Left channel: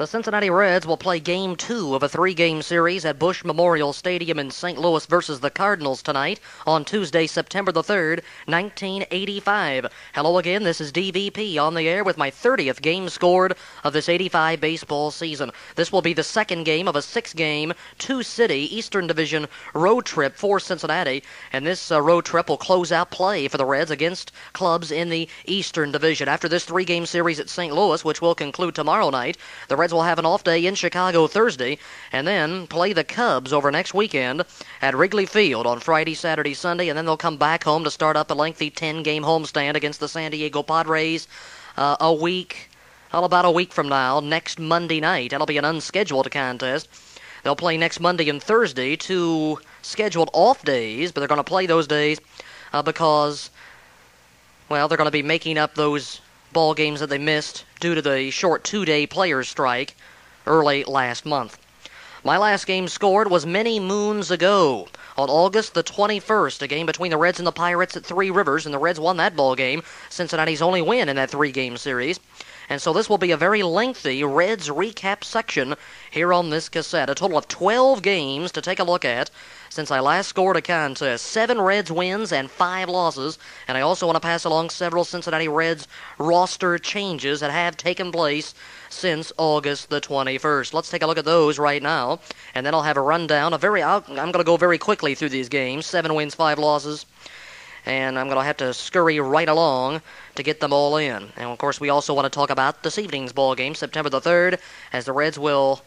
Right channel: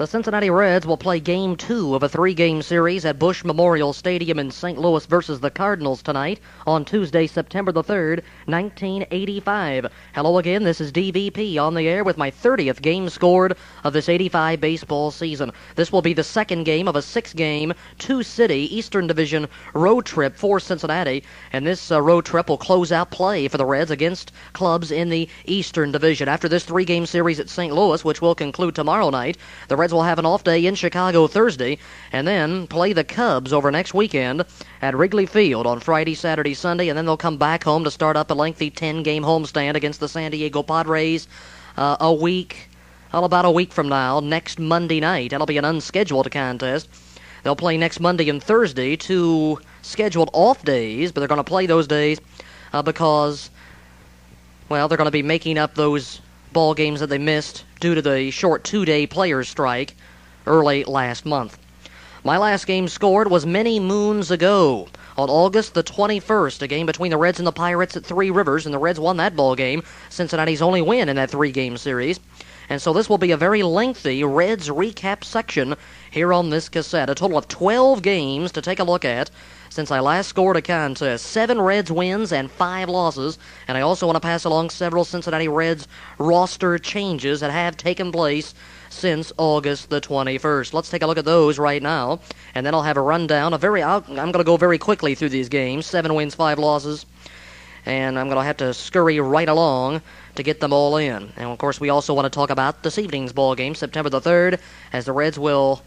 The Cincinnati Reds will play Game 2 of a 3-game series at Busch Memorial Stadium in St. Louis versus the Cardinals tonight on Tuesday, September the 3rd, 1985. Hello again, this is DVP on the air with my 30th game scored of this 85 baseball season. This will be the second game of a 6-game, 2-city Eastern Division road trip for Cincinnati, and this road trip will close out play for the Reds against clubs in the Eastern Division. After this 3-game series at St. Louis, which will conclude tomorrow night, the Reds will have an off day in Chicago Thursday and then play the Cubs over next weekend at Wrigley Field on Friday, Saturday, Sunday, and then they'll come back home to start up a lengthy 10-game homestand against the San Diego Padres about a week from now, next Monday night. That'll be an unscheduled contest. They'll play next Monday and Thursday, 2 scheduled off days, but they're going to play those days because, well, they're going to be making up those ball games that they missed due to the short 2-day players' strike early last month. My last game scored was many moons ago on August the 21st, a game between the Reds and the Pirates at Three Rivers, and the Reds won that ball game, Cincinnati's only win in that 3-game series. And so this will be a very lengthy Reds recap section here on this cassette. A total of 12 games to take a look at since I last scored a contest. 7 Reds wins and 5 losses. And I also want to pass along several Cincinnati Reds roster changes that have taken place since August the 21st. Let's take a look at those right now, and then I'll have a rundown. I'm going to go very quickly through these games. 7 wins, 5 losses. And I'm going to have to scurry right along to get them all in. And, of course, we also want to talk about this evening's ball game, September the 3rd, as the Reds will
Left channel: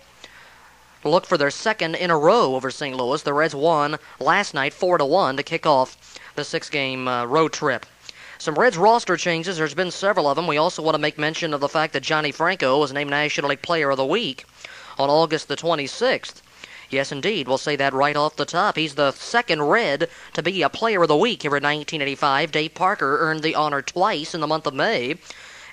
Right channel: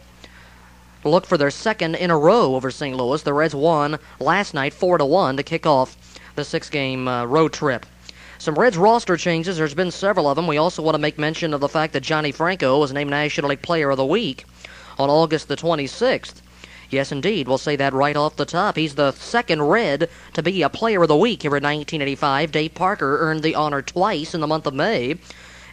look for their second in a row over St. Louis. The Reds won last night 4-1 to kick off the 6-game road trip. Some Reds roster changes. There's been several of them. We also want to make mention of the fact that Johnny Franco was named National League Player of the Week on August the 26th. Yes, indeed. We'll say that right off the top. He's the second Red to be a Player of the Week here in 1985. Dave Parker earned the honor twice in the month of May.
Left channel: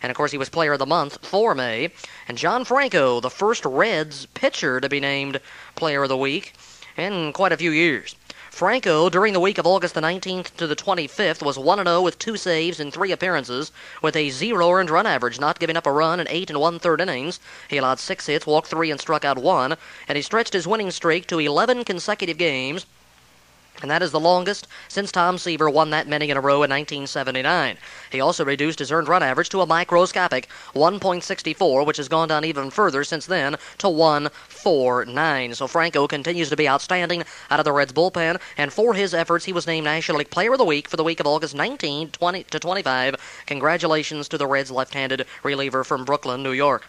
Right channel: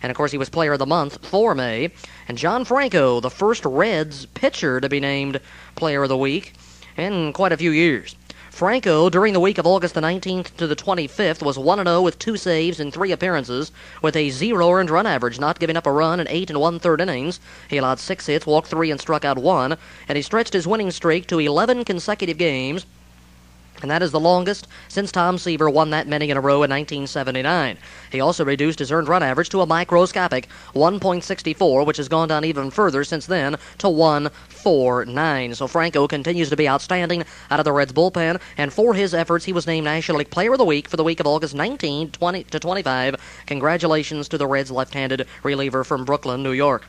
And, of course, he was Player of the Month for May. And John Franco, the first Reds pitcher to be named Player of the Week in quite a few years. Franco, during the week of August the 19th to the 25th, was 1-0 with 2 saves in 3 appearances with a 0 earned run average, not giving up a run in 8 1/3 innings. He allowed 6 hits, walked 3, and struck out 1, and he stretched his winning streak to 11 consecutive games, and that is the longest since Tom Seaver won that many in a row in 1979. He also reduced his earned run average to a microscopic 1.64, which has gone down even further since then to 1.49. So Franco continues to be outstanding out of the Reds bullpen, and for his efforts, he was named National League Player of the Week for the week of August 19 to 25. Congratulations to the Reds left-handed reliever from Brooklyn, New York.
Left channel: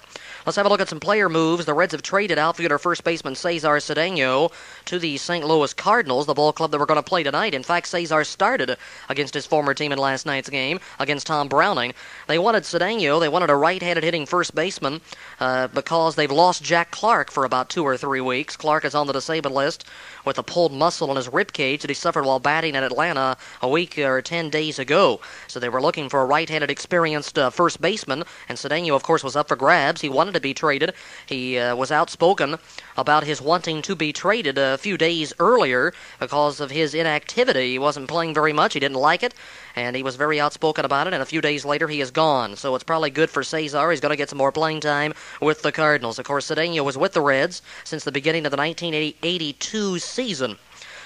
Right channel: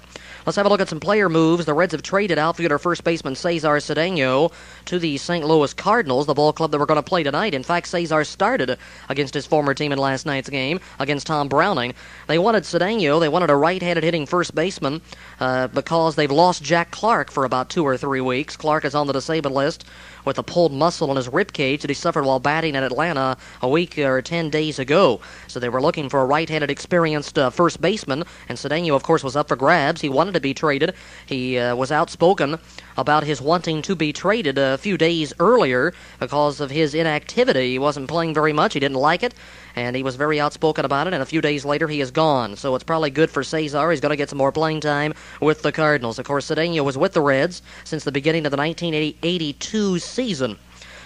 Let's have a look at some player moves. The Reds have traded outfielder first baseman Cesar Cedeno to the St. Louis Cardinals, the ball club that we're going to play tonight. In fact, Cesar started against his former team in last night's game against Tom Browning. They wanted Cedeno. They wanted a right-handed hitting first baseman because they've lost Jack Clark for about 2 or 3 weeks. Clark is on the disabled list with a pulled muscle in his rib cage that he suffered while batting at Atlanta a week or 10 days ago. So they were looking for a right-handed experienced first baseman, and Cedeno, of course, was up for grabs. He wanted to be traded. He was outspoken about his wanting to be traded a few days earlier because of his inactivity. He wasn't playing very much. He didn't like it, and he was very outspoken about it, and a few days later he is gone. So it's probably good for Cesar. He's going to get some more playing time with the Cardinals. Of course, Cedeno was with the Reds since the beginning of the 1982 season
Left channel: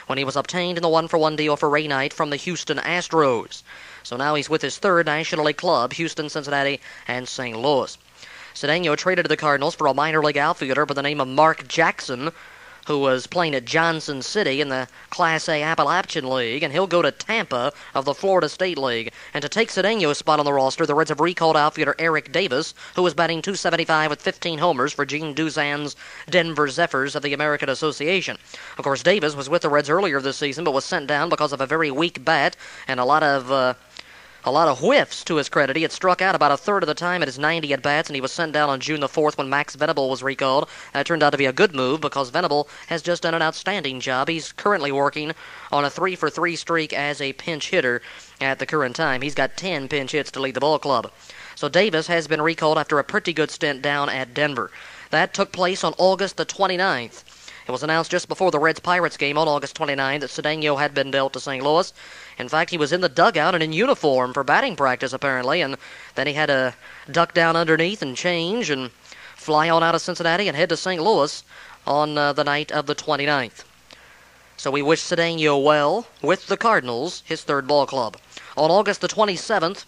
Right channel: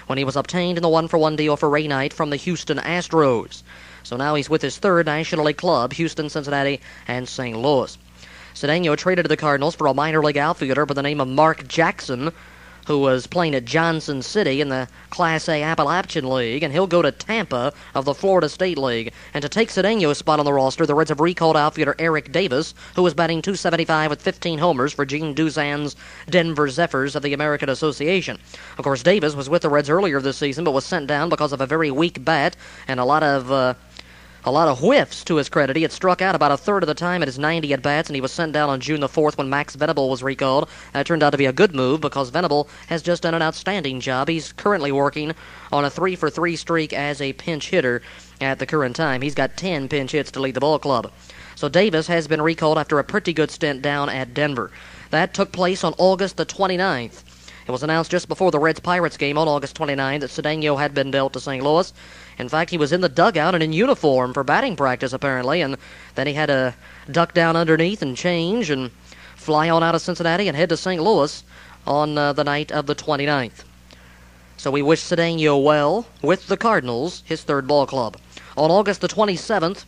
when he was obtained in the 1-for-1 deal for Ray Knight from the Houston Astros. So now he's with his third National League club, Houston, Cincinnati, and St. Louis. Cedeno traded to the Cardinals for a minor league outfielder by the name of Mark Jackson, who was playing at Johnson City in the Class A Appalachian League, and he'll go to Tampa of the Florida State League. And to take Cedeno's spot on the roster, the Reds have recalled outfielder Eric Davis, who was batting .275 with 15 homers for Gene Duzan's Denver Zephyrs of the American Association. Of course, Davis was with the Reds earlier this season, but was sent down because of a very weak bat and a lot of whiffs to his credit. He had struck out about a third of the time at his 90 at-bats, and he was sent down on June the 4th when Max Venable was recalled. That turned out to be a good move because Venable has just done an outstanding job. He's currently working on a 3-for-3 streak as a pinch hitter at the current time. He's got 10 pinch hits to lead the ball club. So Davis has been recalled after a pretty good stint down at Denver. That took place on August the 29th. It was announced just before the Reds-Pirates game on August 29th that Cedeno had been dealt to St. Louis. In fact, he was in the dugout and in uniform for batting practice, apparently, and then he had to duck down underneath and change and fly on out of Cincinnati and head to St. Louis on the night of the 29th. So we wish Cedeno well with the Cardinals, his third ball club. On August the 27th,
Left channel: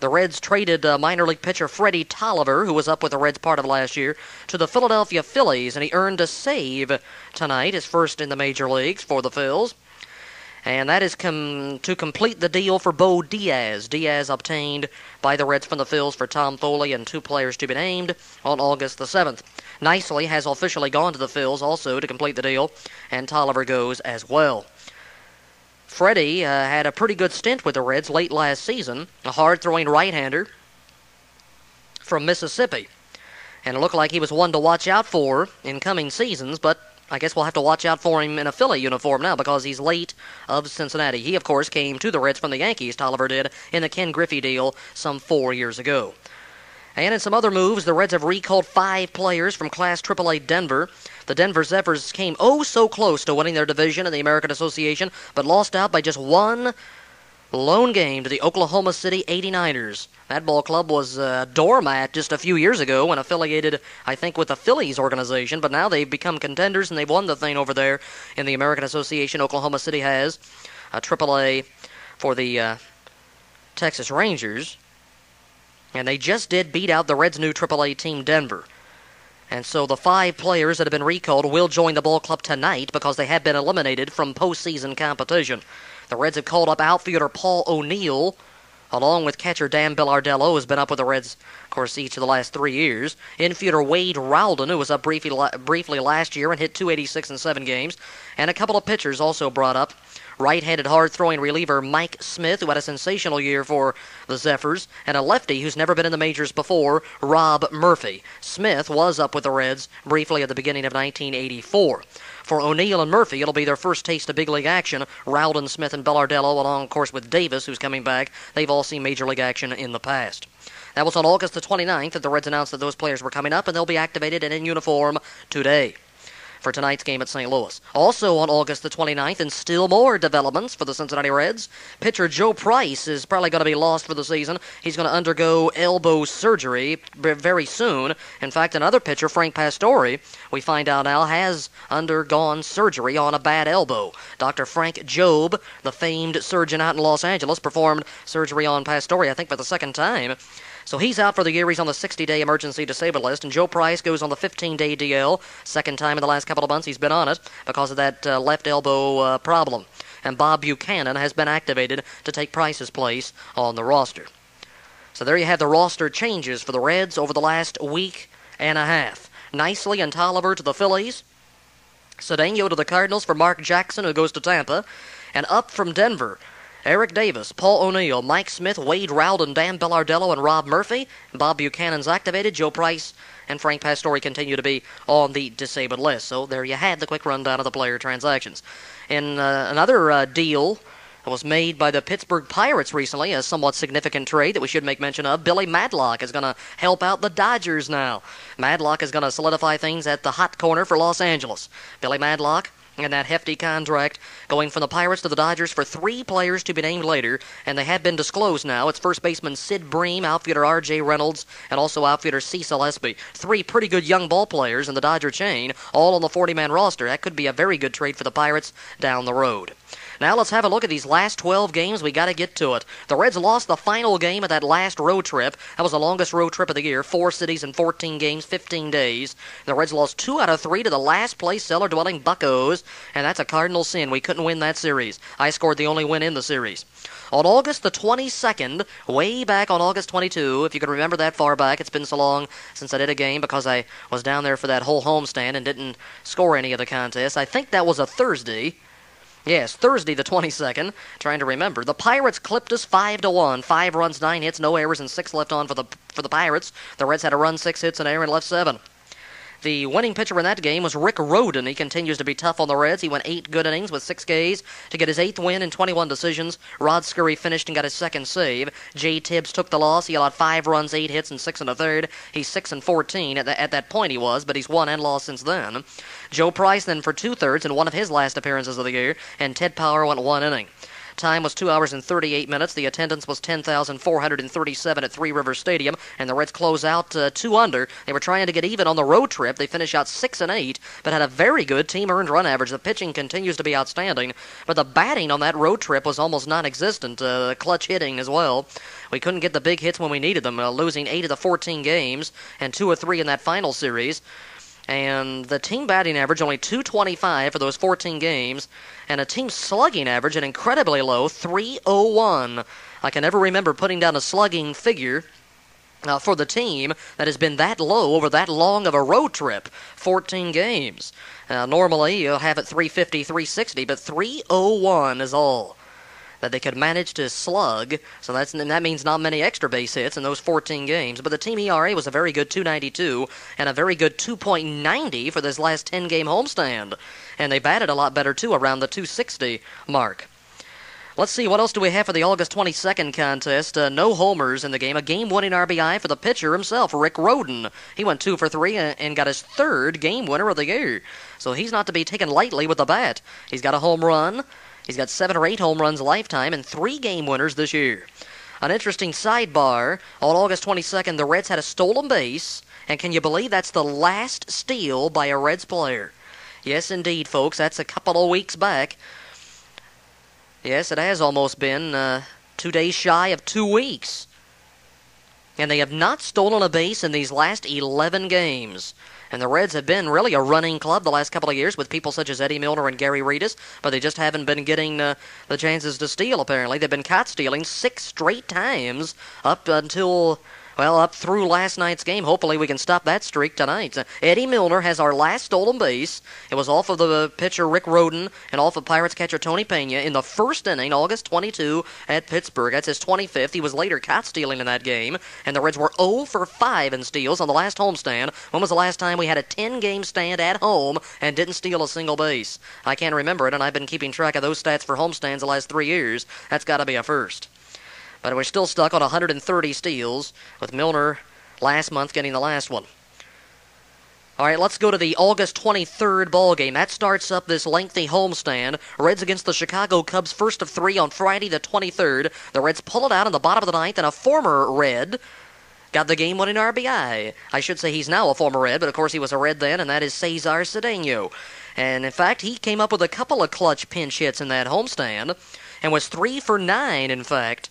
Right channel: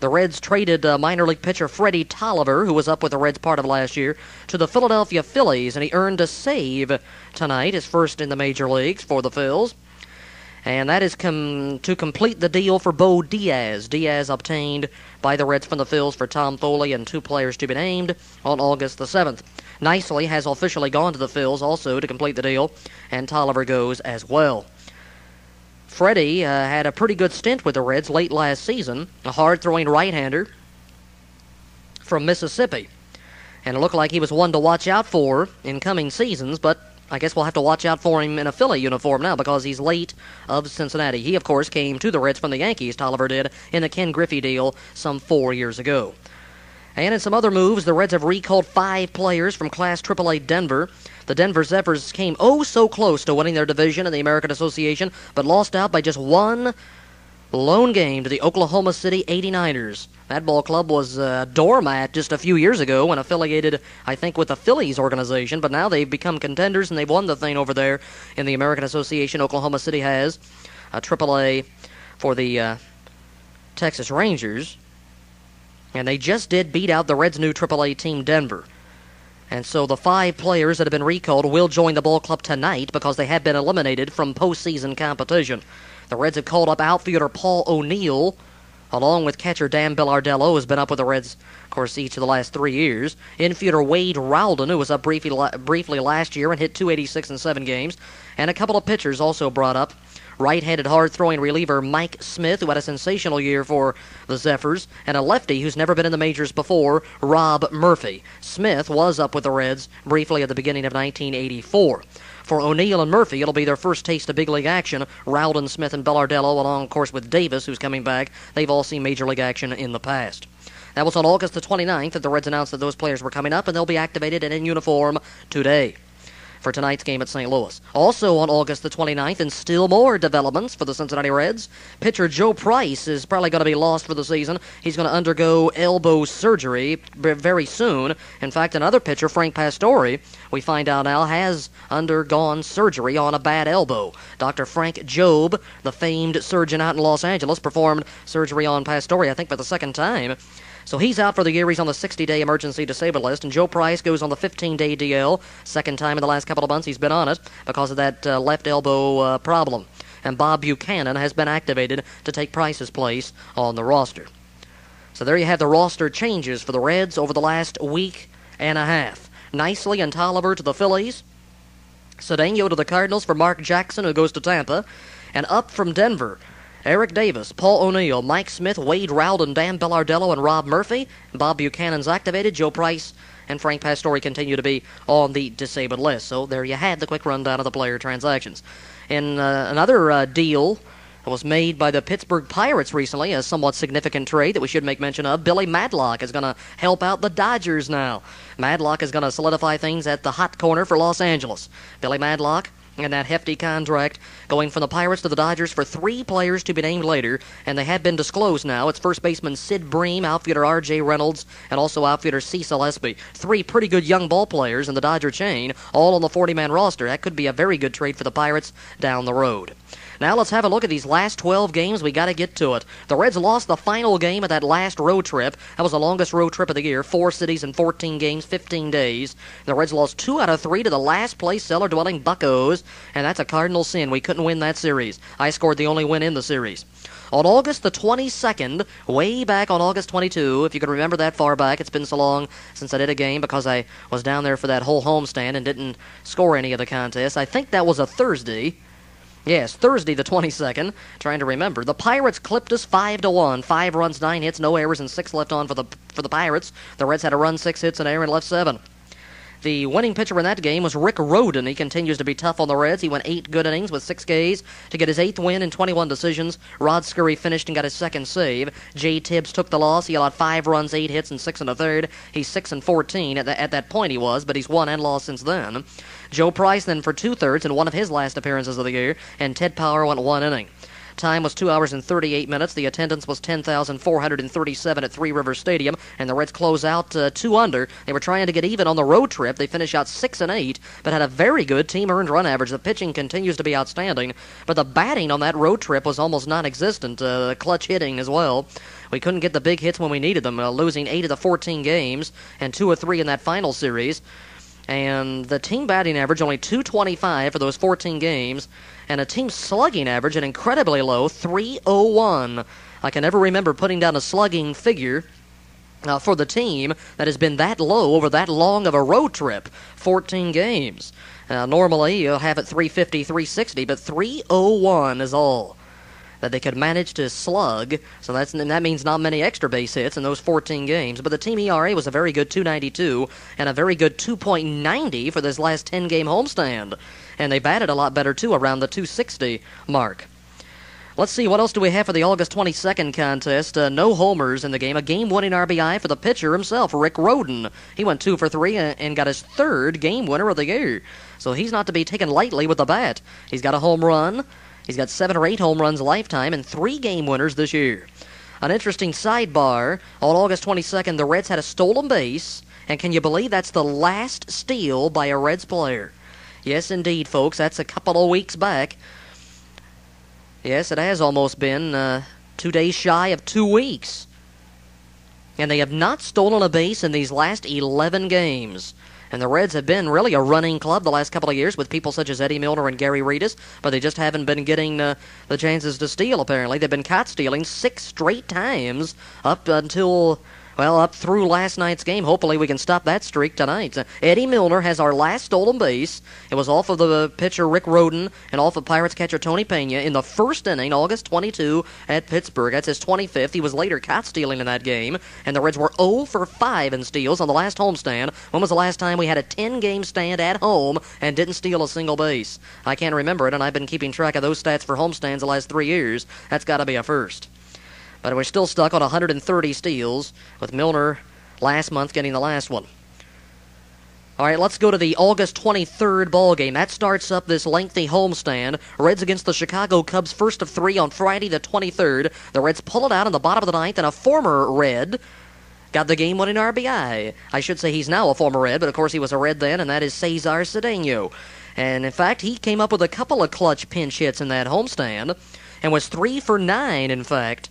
the Reds traded minor league pitcher Freddie Tolliver, who was up with the Reds part of last year, to the Philadelphia Phillies, and he earned a save tonight, his first in the major leagues for the Phils. And that is to complete the deal for Bo Diaz. Diaz obtained by the Reds from the Phils for Tom Foley and 2 players to be named on August the 7th. Nicely has officially gone to the Phils also to complete the deal, and Tolliver goes as well. Freddie had a pretty good stint with the Reds late last season, a hard-throwing right-hander from Mississippi. And it looked like he was one to watch out for in coming seasons, but I guess we'll have to watch out for him in a Philly uniform now because he's late of Cincinnati. He, of course, came to the Reds from the Yankees, Tolliver did, in the Ken Griffey deal some 4 years ago. And in some other moves, the Reds have recalled 5 players from Class AAA Denver. The Denver Zephyrs came so close to winning their division in the American Association, but lost out by just one lone game to the Oklahoma City 89ers. That ball club was a doormat just a few years ago when affiliated, I think, with the Phillies organization, but now they've become contenders and they've won the thing over there in the American Association. Oklahoma City has a AAA for the Texas Rangers, and they just did beat out the Reds' new AAA team, Denver. And so the 5 players that have been recalled will join the ball club tonight because they have been eliminated from postseason competition. The Reds have called up outfielder Paul O'Neill, along with catcher Dan Bellardello, who's been up with the Reds, of course, each of the last 3 years. Infielder Wade Rowden, who was up briefly last year and hit .286 in 7 games. And a couple of pitchers also brought up. Right-handed hard-throwing reliever Mike Smith, who had a sensational year for the Zephyrs, and a lefty who's never been in the majors before, Rob Murphy. Smith was up with the Reds briefly at the beginning of 1984. For O'Neill and Murphy, it'll be their first taste of big league action. Rowden, Smith, and Bellardello, along, of course, with Davis, who's coming back. They've all seen major league action in the past. That was on August the 29th that the Reds announced that those players were coming up, and they'll be activated and in uniform today for tonight's game at St. Louis. Also on August the 29th, and still more developments for the Cincinnati Reds, pitcher Joe Price is probably going to be lost for the season. He's going to undergo elbow surgery very soon. In fact, another pitcher, Frank Pastore, we find out now, has undergone surgery on a bad elbow. Dr. Frank Jobe, the famed surgeon out in Los Angeles, performed surgery on Pastore, I think, for the second time. So he's out for the year. He's on the 60-day emergency disabled list, and Joe Price goes on the 15-day DL. Second time in the last couple of months he's been on it because of that left elbow problem. And Bob Buchanan has been activated to take Price's place on the roster. So there you have the roster changes for the Reds over the last week and a half. Nicely and Tolliver to the Phillies. Cedeno to the Cardinals for Mark Jackson, who goes to Tampa. And up from Denver, Eric Davis, Paul O'Neill, Mike Smith, Wade Rowden, Dan Bellardello, and Rob Murphy. Bob Buchanan's activated. Joe Price and Frank Pastore continue to be on the disabled list. So there you had the quick rundown of the player transactions. In another deal that was made by the Pittsburgh Pirates recently, a somewhat significant trade that we should make mention of, Billy Madlock is going to help out the Dodgers now. Madlock is going to solidify things at the hot corner for Los Angeles. Billy Madlock and that hefty contract going from the Pirates to the Dodgers for 3 players to be named later, and they have been disclosed now. It's first baseman Sid Bream, outfielder R.J. Reynolds, and also outfielder Cecil Espy. 3 pretty good young ball players in the Dodger chain, all on the 40-man roster. That could be a very good trade for the Pirates down the road. Now let's have a look at these last 12 games. We got to get to it. The Reds lost the final game of that last road trip. That was the longest road trip of the year. 4 cities and 14 games, 15 days. The Reds lost 2 out of 3 to the last place cellar-dwelling Buccos, and that's a cardinal sin. We couldn't win that series. I scored the only win in the series. On August the 22nd, way back on August 22, if you can remember that far back, it's been so long since I did a game because I was down there for that whole homestand and didn't score any of the contests. I think that was a Thursday. Yes, Thursday the 22nd. Trying to remember. The Pirates clipped us 5-1. 5 runs, 9 hits, no errors, and 6 left on for the Pirates. The Reds had a run, 6 hits, and error, and left 7. The winning pitcher in that game was Rick Rhoden. He continues to be tough on the Reds. He went 8 good innings with 6 Ks to get his 8th win in 21 decisions. Rod Scurry finished and got his 2nd save. Jay Tibbs took the loss. He allowed 5 runs, 8 hits, and 6 1/3. He's 6-14 at that point he was, but he's won and lost since then. Joe Price then for 2/3 in one of his last appearances of the year, and Ted Power went 1 inning. Time was 2 hours and 38 minutes. The attendance was 10,437 at Three Rivers Stadium, and the Reds close out 2 under. They were trying to get even on the road trip. They finished out 6-8, but had a very good team earned run average. The pitching continues to be outstanding, but the batting on that road trip was almost non-existent. Clutch hitting as well. We couldn't get the big hits when we needed them, losing 8 of the 14 games and 2 of 3 in that final series. And the team batting average only .225 for those 14 games, and a team slugging average an incredibly low .301. I can never remember putting down a slugging figure for the team that has been that low over that long of a road trip, 14 games. Normally you'll have it .350, .360, but .301 is all that they could manage to slug, so that means not many extra base hits in those 14 games. But the team ERA was a very good .292 and a very good .2.90 for this last 10-game homestand. And they batted a lot better, too, around the .260 mark. Let's see, what else do we have for the August 22nd contest? No homers in the game. A game-winning RBI for the pitcher himself, Rick Rhoden. He went 2 for 3 and got his 3rd game winner of the year. So he's not to be taken lightly with the bat. He's got a home run. He's got 7 or 8 home runs lifetime and 3 game winners this year. An interesting sidebar, on August 22nd, the Reds had a stolen base, and can you believe that's the last steal by a Reds player? Yes, indeed, folks, that's a couple of weeks back. Yes, it has almost been 2 days shy of 2 weeks. And they have not stolen a base in these last 11 games. And the Reds have been really a running club the last couple of years with people such as Eddie Milner and Gary Reedus, but they just haven't been getting the chances to steal, apparently. They've been caught stealing 6 straight times up through last night's game. Hopefully we can stop that streak tonight. Eddie Milner has our last stolen base. It was off of the pitcher Rick Rhoden and off of Pirates catcher Tony Pena in the first inning, August 22 at Pittsburgh. That's his 25th. He was later caught stealing in that game, and the Reds were 0 for 5 in steals on the last homestand. When was the last time we had a 10-game stand at home and didn't steal a single base? I can't remember it, and I've been keeping track of those stats for homestands the last 3 years. That's got to be a first. But we're still stuck on 130 steals, with Milner last month getting the last one. All right, let's go to the August 23rd ball game. That starts up this lengthy homestand. Reds against the Chicago Cubs, first of 3 on Friday the 23rd. The Reds pull it out in the bottom of the ninth, and a former Red got the game-winning RBI. I should say he's now a former Red, but of course he was a Red then, and that is Cesar Cedeno. And in fact, he came up with a couple of clutch pinch hits in that homestand, and was 3 for 9, in fact,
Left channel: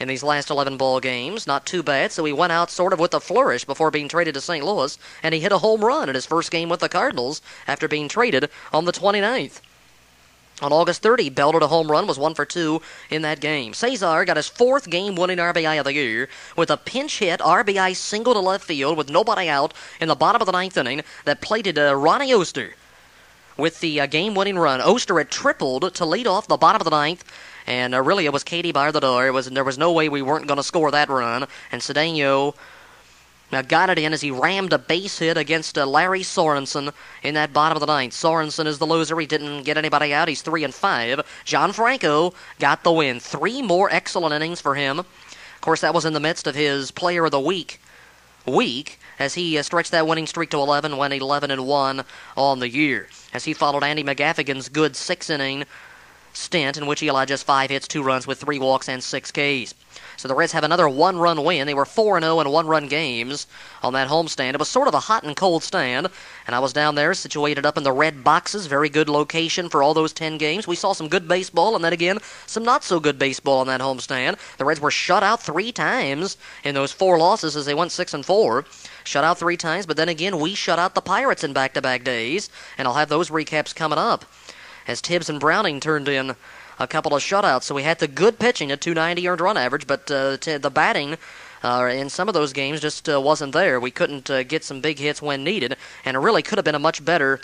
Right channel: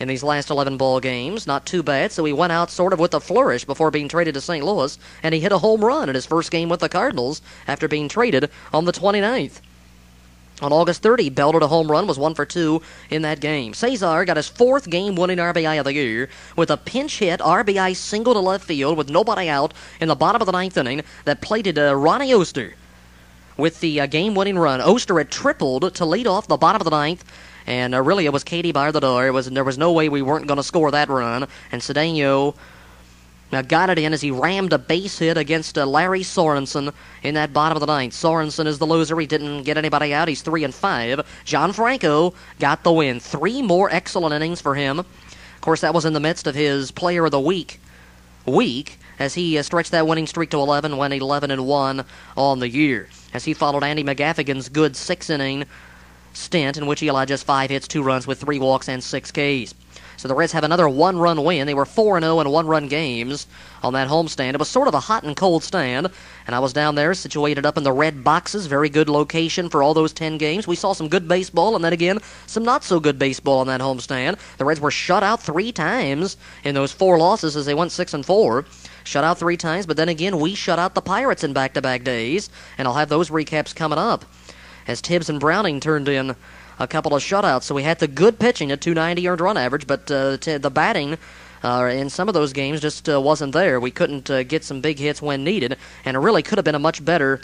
in these last 11 ball games. Not too bad, so he went out sort of with a flourish before being traded to St. Louis, and he hit a home run in his first game with the Cardinals after being traded on the 29th. On August 30, he belted a home run, was 1 for 2 in that game. Cesar got his 4th game-winning RBI of the year with a pinch hit RBI single to left field with nobody out in the bottom of the 9th inning that plated Ronnie Oster with the game-winning run. Oster had tripled to lead off the bottom of the 9th, and really it was Katie bar the door. There was no way we weren't going to score that run, and Cedeno got it in as he rammed a base hit against Larry Sorensen in that bottom of the 9th. Sorensen is the loser. He didn't get anybody out. He's 3 and 5. John Franco got the win. 3 more excellent innings for him. Of course, that was in the midst of his Player of the Week as he stretched that winning streak to 11, went 11-1 on the year, as he followed Andy McGaffigan's good 6-inning stint in which he allowed just 5 hits, 2 runs with 3 walks and 6 Ks. So the Reds have another 1-run win. They were 4-0 in 1-run games on that homestand. It was sort of a hot and cold stand, and I was down there situated up in the Red boxes. Very good location for all those 10 games. We saw some good baseball, and then again, some not so good baseball on that homestand. The Reds were shut out 3 times in those 4 losses as they went 6-4. Shut out 3 times, but then again, we shut out the Pirates in back-to-back days, and I'll have those recaps coming up, as Tibbs and Browning turned in a couple of shutouts. So we had the good pitching at 290 earned run average, but the batting in some of those games just wasn't there. We couldn't get some big hits when needed, and it really could have been a much better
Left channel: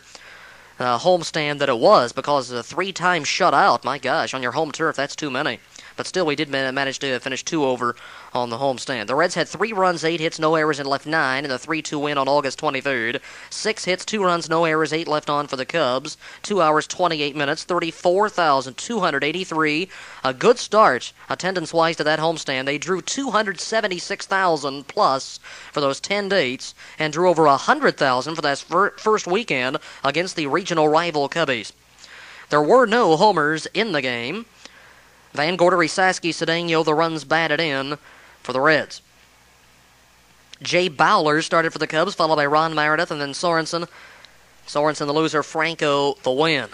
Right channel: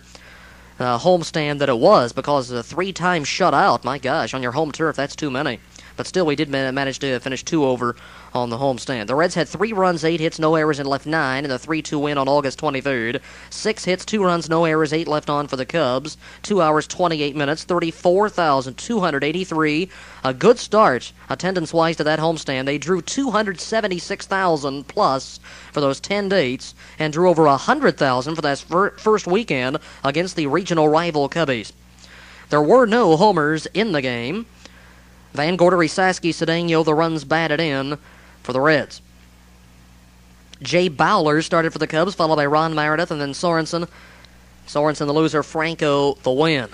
homestand than it was, because 3 times shut out, my gosh, on your home turf, that's too many. But still, we did manage to finish 2 over on the homestand. The Reds had 3 runs, 8 hits, no errors, and left 9 in the 3-2 win on August 23rd. 6 hits, 2 runs, no errors, 8 left on for the Cubs. 2 hours, 28 minutes, 34,283. A good start, attendance-wise, to that homestand. They drew 276,000 plus for those 10 dates, and drew over 100,000 for that first weekend against the regional rival Cubbies. There were no homers in the game. Van Gorder, Saski, Cedeno, the runs batted in for the Reds. Jay Bowler started for the Cubs, followed by Ron Meredith, and then Sorensen. Sorensen the loser, Franco the win.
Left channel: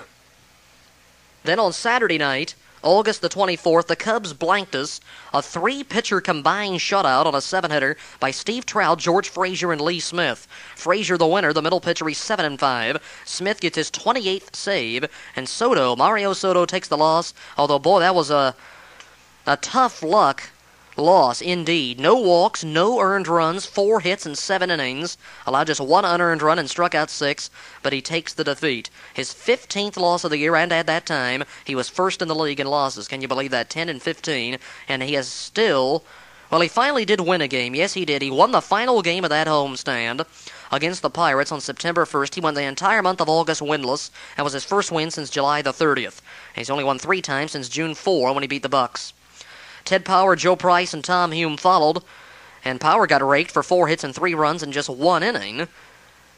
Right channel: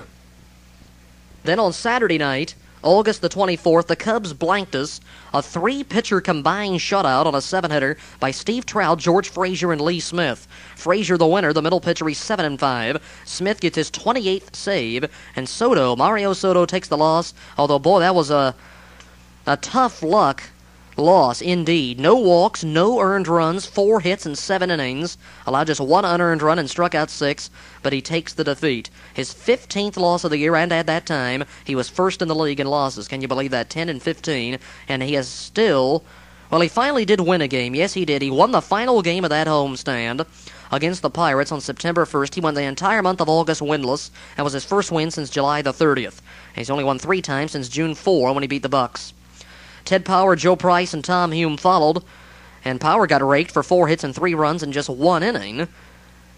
Then on Saturday night, August the 24th, the Cubs blanked us. A three-pitcher combined shutout on a seven-hitter by Steve Trout, George Frazier, and Lee Smith. Frazier the winner, the middle pitcher, he's 7-5. Smith gets his 28th save, and Mario Soto takes the loss. Although, boy, that was a tough luck loss indeed. No walks, no earned runs, 4 hits in 7 innings. Allowed just 1 unearned run and struck out 6, but he takes the defeat. His 15th loss of the year, and at that time, he was first in the league in losses. Can you believe that? 10-15, and he has still... Well, he finally did win a game. Yes, he did. He won the final game of that homestand against the Pirates on September 1st. He went the entire month of August winless. That was his first win since July the 30th. He's only won 3 times since June 4 when he beat the Bucks. Ted Power, Joe Price, and Tom Hume followed, and Power got raked for 4 hits and 3 runs in just 1 inning.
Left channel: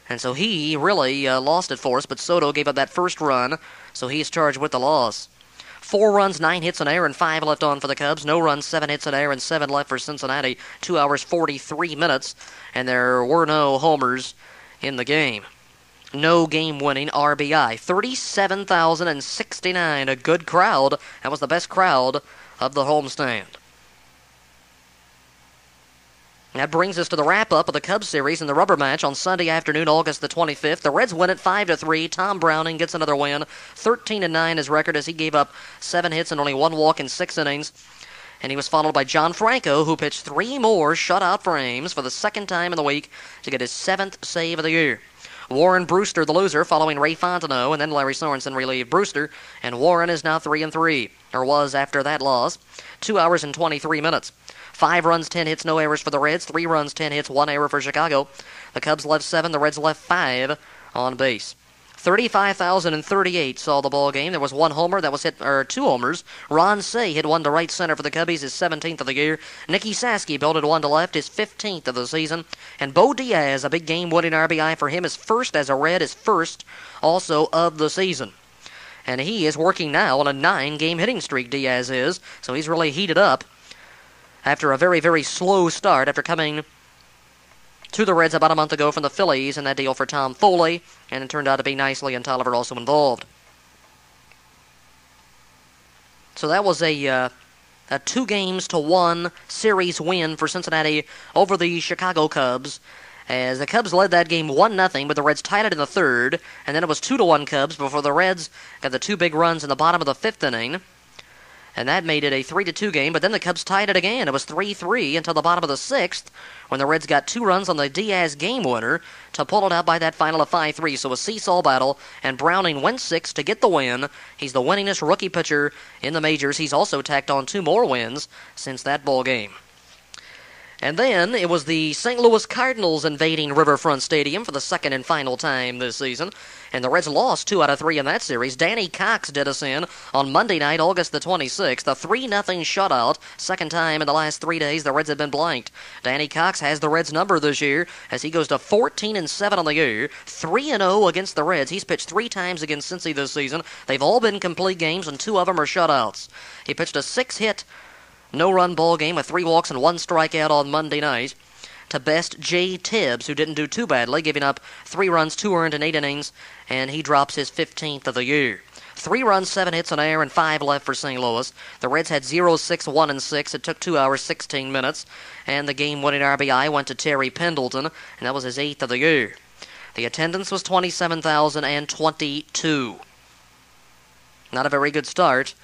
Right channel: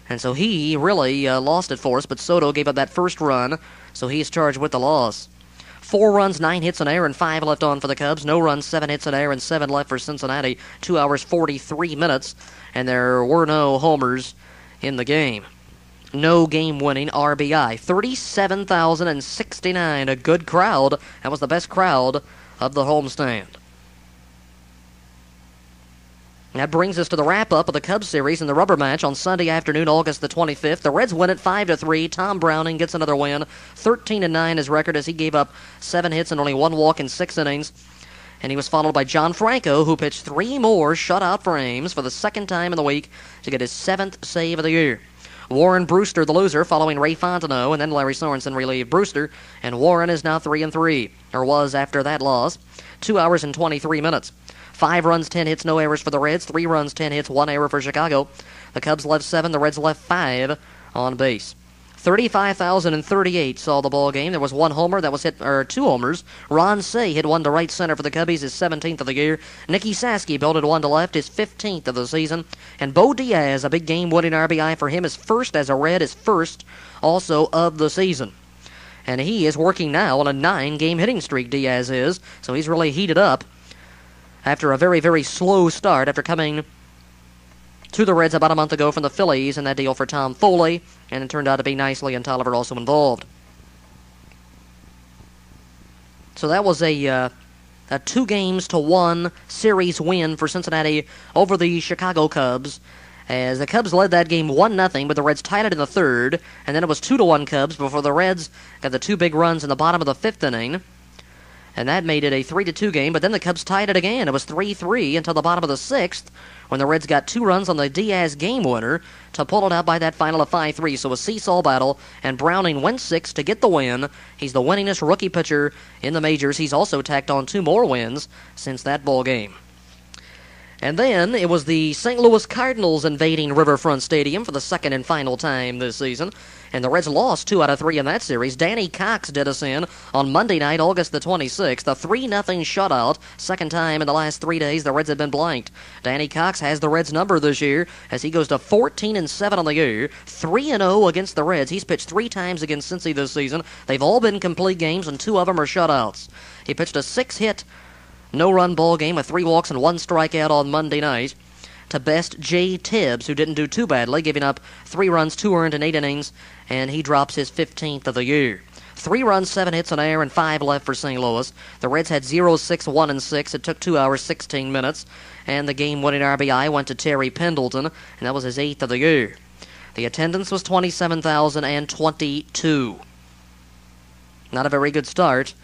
And so he really lost it for us, but Soto gave up that first run, so he's charged with the loss. 4 runs, 9 hits in air, and 5 left on for the Cubs. No runs, 7 hits in air, and 7 left for Cincinnati. 2 hours, 43 minutes, and there were no homers in the game. No game-winning RBI. 37,069, a good crowd. That was the best crowd of the homestand. That brings us to the wrap-up of the Cubs series in the rubber match on Sunday afternoon, August the 25th. The Reds win it 5-3. Tom Browning gets another win. 13-9 his record as he gave up 7 hits and only 1 walk in 6 innings. And he was followed by John Franco, who pitched 3 more shutout frames for the second time in the week to get his 7th save of the year. Warren Brewster, the loser, following Ray Fontenot, and then Larry Sorensen relieved Brewster, and Warren is now 3-3, or was after that loss. 2 hours and 23 minutes. 5 runs, 10 hits, no errors for the Reds. 3 runs, 10 hits, 1 error for Chicago. The Cubs left 7, the Reds left 5 on base. 35,038 saw the ball game. There was 1 homer that was hit, or 2 homers. Ron Say hit 1 to right center for the Cubbies, his 17th of the year. Nicky Saski belted 1 to left, his 15th of the season. And Bo Diaz, a big game-winning RBI for him, his first as a Red, his first also of the season. And he is working now on a 9-game hitting streak, Diaz is. So he's really heated up after a very, very slow start after coming to the Reds about a month ago from the Phillies in that deal for Tom Foley, and it turned out to be nicely, and Tolliver also involved. So that was a 2-1 series win for Cincinnati over the Chicago Cubs, as the Cubs led that game 1-0, but the Reds tied it in the third, and then it was 2-1 Cubs before the Reds got the 2 big runs in the bottom of the 5th inning, and that made it a 3-2 game, but then the Cubs tied it again. It was 3-3 until the bottom of the 6th, when the Reds got 2 runs on the Diaz game winner to pull it out by that final of 5-3. So a seesaw battle, and Browning went 6 to get the win. He's the winningest rookie pitcher in the majors. He's also tacked on 2 more wins since that ball game. And then it was the St. Louis Cardinals invading Riverfront Stadium for the second and final time this season. And the Reds lost 2 out of 3 in that series. Danny Cox did us in on Monday night, August the 26th. A 3-0 shutout. Second time in the last 3 days the Reds have been blanked. Danny Cox has the Reds number this year as he goes to 14-7 on the year. 3-0 against the Reds. He's pitched 3 times against Cincy this season. They've all been complete games, and 2 of them are shutouts. He pitched a 6-hit, no-run ball game with 3 walks and 1 strikeout on Monday night to best Jay Tibbs, who didn't do too badly, giving up 3 runs, 2 earned in 8 innings, and he drops his 15th of the year. 3 runs, 7 hits in air, and 5 left for St. Louis. The Reds had 0-6-1-6. It took 2 hours, 16 minutes, and the game-winning RBI went to Terry Pendleton, and that was his 8th of the year. The attendance was 27,022. Not a very good start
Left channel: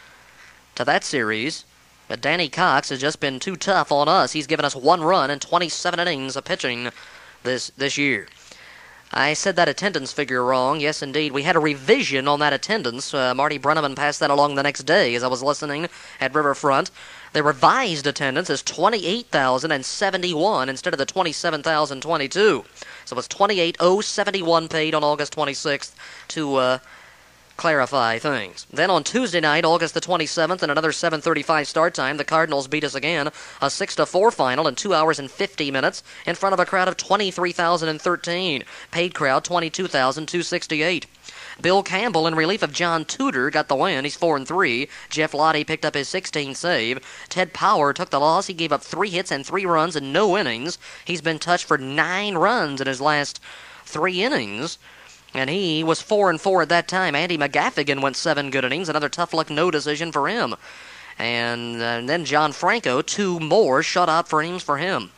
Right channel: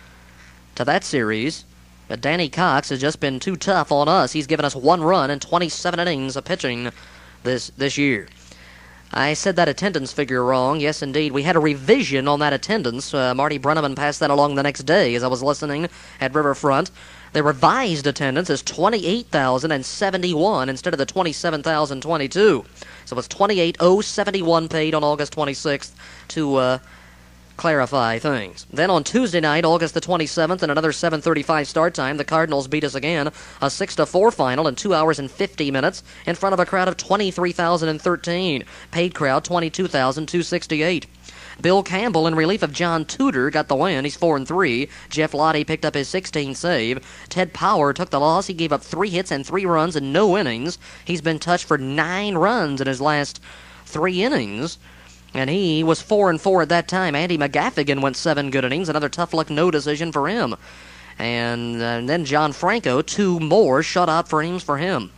to that series. But Danny Cox has just been too tough on us. He's given us 1 run in 27 innings of pitching this year. I said that attendance figure wrong. Yes, indeed. We had a revision on that attendance. Marty Brenneman passed that along the next day as I was listening at Riverfront. The revised attendance is 28,071 instead of the 27,022. So it's 28,071 paid on August 26th to clarify things. Then on Tuesday night, August the 27th, and another 7:35 start time, the Cardinals beat us again, a 6-4 final in 2 hours and 50 minutes in front of a crowd of 23,013. Paid crowd, 22,268. Bill Campbell, in relief of John Tudor, got the win. He's 4-3. Jeff Lottie picked up his 16th save. Ted Power took the loss. He gave up 3 hits and 3 runs in no innings. He's been touched for 9 runs in his last 3 innings. And he was 4-4 at that time. Andy McGaffigan went 7 good innings. Another tough luck no decision for him. And then John Franco, 2 more shutout frames for him.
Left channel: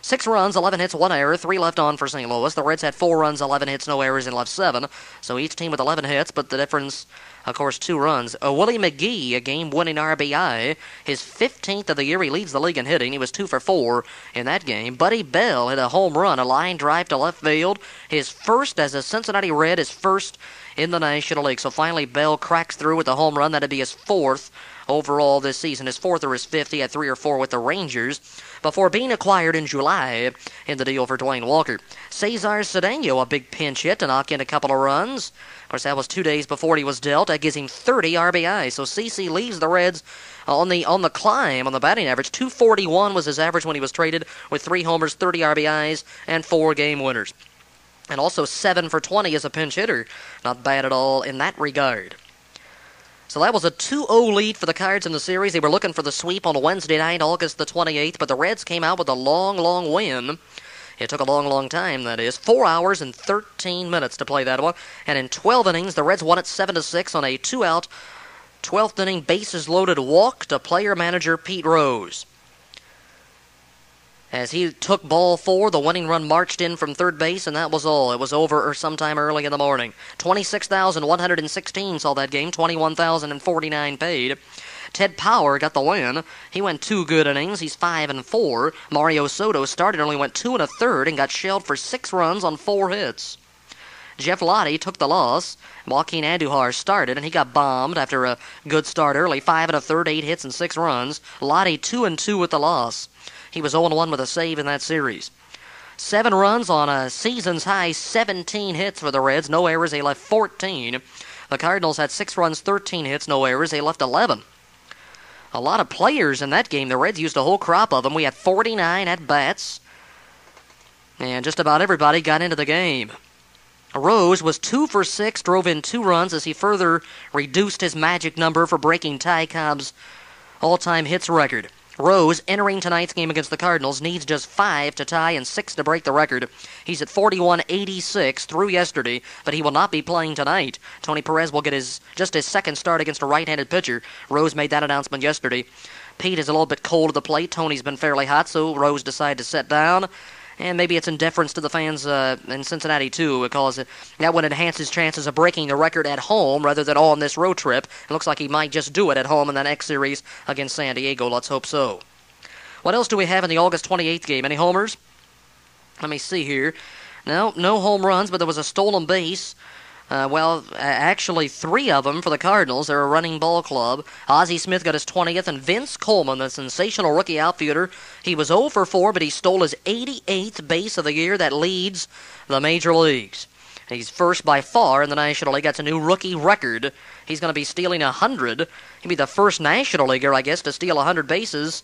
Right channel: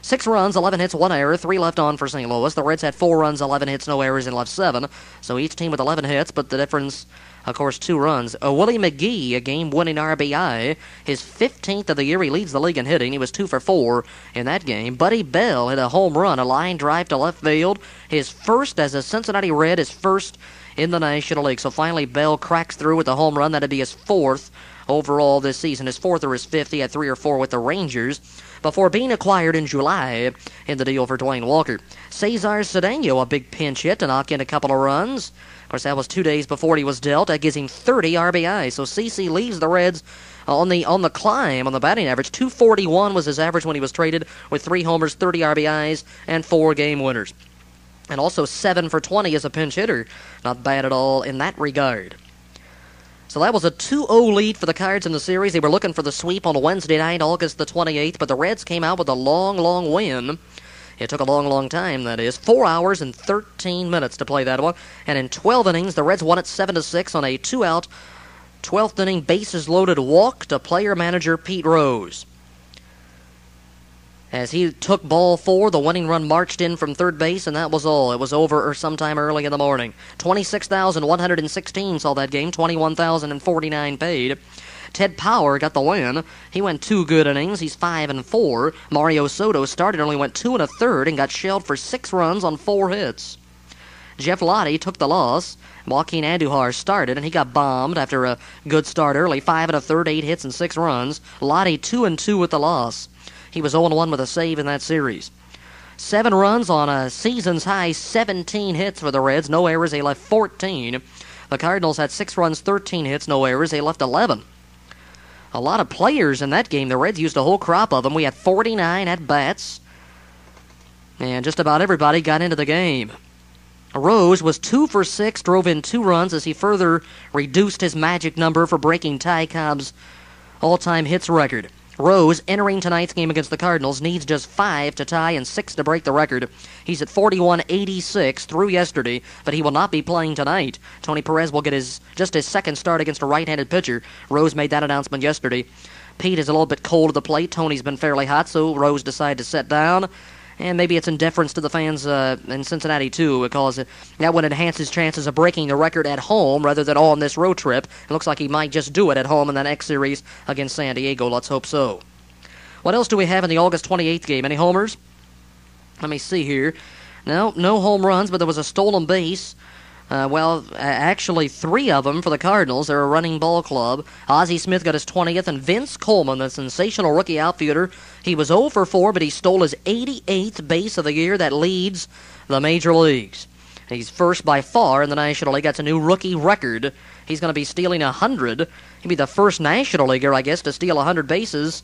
6 runs, 11 hits, 1 error, 3 left on for St. Louis. The Reds had 4 runs, 11 hits, no errors, and left 7. So each team with 11 hits, but the difference, of course, 2 runs. Willie McGee, a game-winning RBI, his 15th of the year. He leads the league in hitting. He was 2 for 4 in that game. Buddy Bell hit a home run, a line drive to left field. His first as a Cincinnati Red, his first in the National League. So finally, Bell cracks through with a home run. That'd be his 4th overall this season. His 4th or his 5th. He had 3 or 4 with the Rangers before being acquired in July in the deal for Dwayne Walker. Cesar Cedeno, a big pinch hit to knock in a couple of runs. Of course, that was 2 days before he was dealt. That gives him 30 RBI. So CC leaves the Reds on the climb on the batting average. 241 was his average when he was traded, with 3 homers, 30 RBIs, and 4 game winners. And also 7 for 20 as a pinch hitter. Not bad at all in that regard. So that was a 2-0 lead for the Cards in the series. They were looking for the sweep on Wednesday night, August the 28th, but the Reds came out with a long win. It took a long time, that is. 4 hours and 13 minutes to play that one. And in 12 innings, the Reds won it 7-6 on a 2-out, 12th inning bases-loaded walk to player-manager Pete Rose. As he took ball 4, the winning run marched in from third base, and that was all. It was over sometime early in the morning. 26,116 saw that game, 21,049 paid. Ted Power got the win. He went 2 good innings. He's 5-4. Mario Soto started, only went 2 1/3 and got shelled for 6 runs on 4 hits. Jeff Lottie took the loss. Joaquin Andujar started, and he got bombed after a good start early. 5 1/3, 8 hits and 6 runs. Lottie 2-2 with the loss. He was 0-1 with a save in that series. 7 runs on a season's high 17 hits for the Reds. No errors. They left 14. The Cardinals had 6 runs, 13 hits, no errors. They left 11. A lot of players in that game. The Reds used a whole crop of them. We had 49 at-bats. And just about everybody got into the game. Rose was 2 for 6, drove in 2 runs as he further reduced his magic number for breaking Ty Cobb's all-time hits record. Rose, entering tonight's game against the Cardinals, needs just 5 to tie and 6 to break the record. He's at 41.86 through yesterday, but he will not be playing tonight. Tony Perez will get just his second start against a right-handed pitcher. Rose made that announcement yesterday. Pete is a little bit cold at the plate. Tony's been fairly hot, so Rose decided to sit down. And maybe it's in deference to the fans in Cincinnati, too, because that would enhance his chances of breaking the record at home rather than on this road trip. It looks like he might just do it at home in the next series against San Diego. Let's hope so. What else do we have in the August 28th game? Any homers? Let me see here. No home runs, but there was a stolen base. Actually 3 of them for the Cardinals. They're a running ball club. Ozzie Smith got his 20th, and Vince Coleman, the sensational rookie outfielder, he was 0 for 4, but he stole his 88th base of the year. That leads the major leagues. He's first by far in the National League. That's a new rookie record. He's going to be stealing 100. He'll be the first National Leaguer, I guess, to steal 100 bases,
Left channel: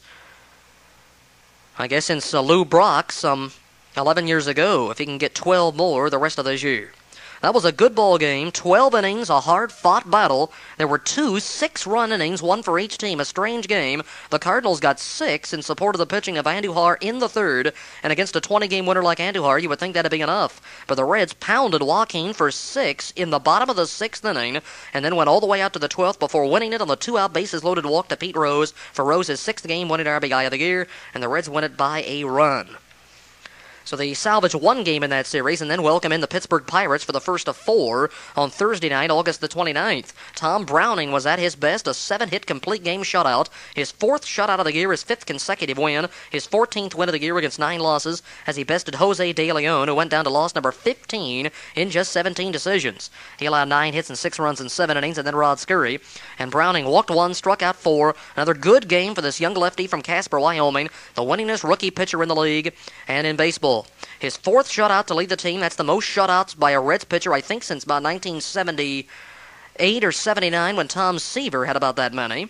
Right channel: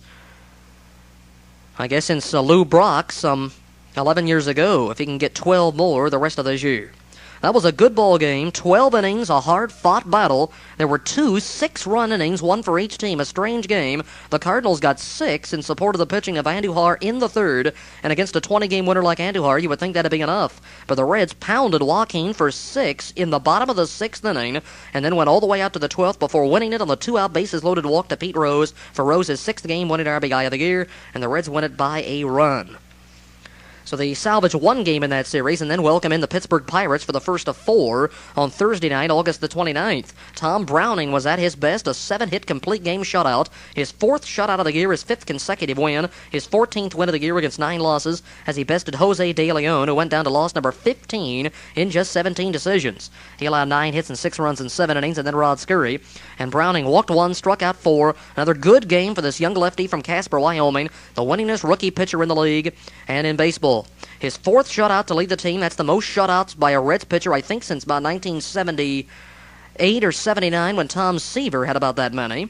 I guess, since Lou Brock some 11 years ago, if he can get 12 more the rest of this year. That was a good ball game. 12 innings, a hard-fought battle. There were 2 6-run innings, 1 for each team. A strange game. The Cardinals got 6 in support of the pitching of Andujar in the 3rd. And against a 20-game winner like Andujar, you would think that'd be enough. But the Reds pounded Joaquin for 6 in the bottom of the 6th inning, and then went all the way out to the 12th before winning it on the 2-out bases-loaded walk to Pete Rose for Rose's 6th game-winning RBI of the year, and the Reds win it by a run. So they salvage 1 game in that series and then welcome in the Pittsburgh Pirates for the first of 4 on Thursday night, August the 29th. Tom Browning was at his best, a 7-hit complete game shutout. His 4th shutout of the year, his 5th consecutive win, his 14th win of the year against 9 losses as he bested Jose De Leon, who went down to loss number 15 in just 17 decisions. He allowed 9 hits and 6 runs in 7 innings, and then Rod Scurry. And Browning walked 1, struck out 4. Another good game for this young lefty from Casper, Wyoming, the winningest rookie pitcher in the league and in baseball. His 4th shutout to lead the team. That's the most shutouts by a Reds pitcher, I think, since about 1978 or 79 when Tom Seaver had about that many.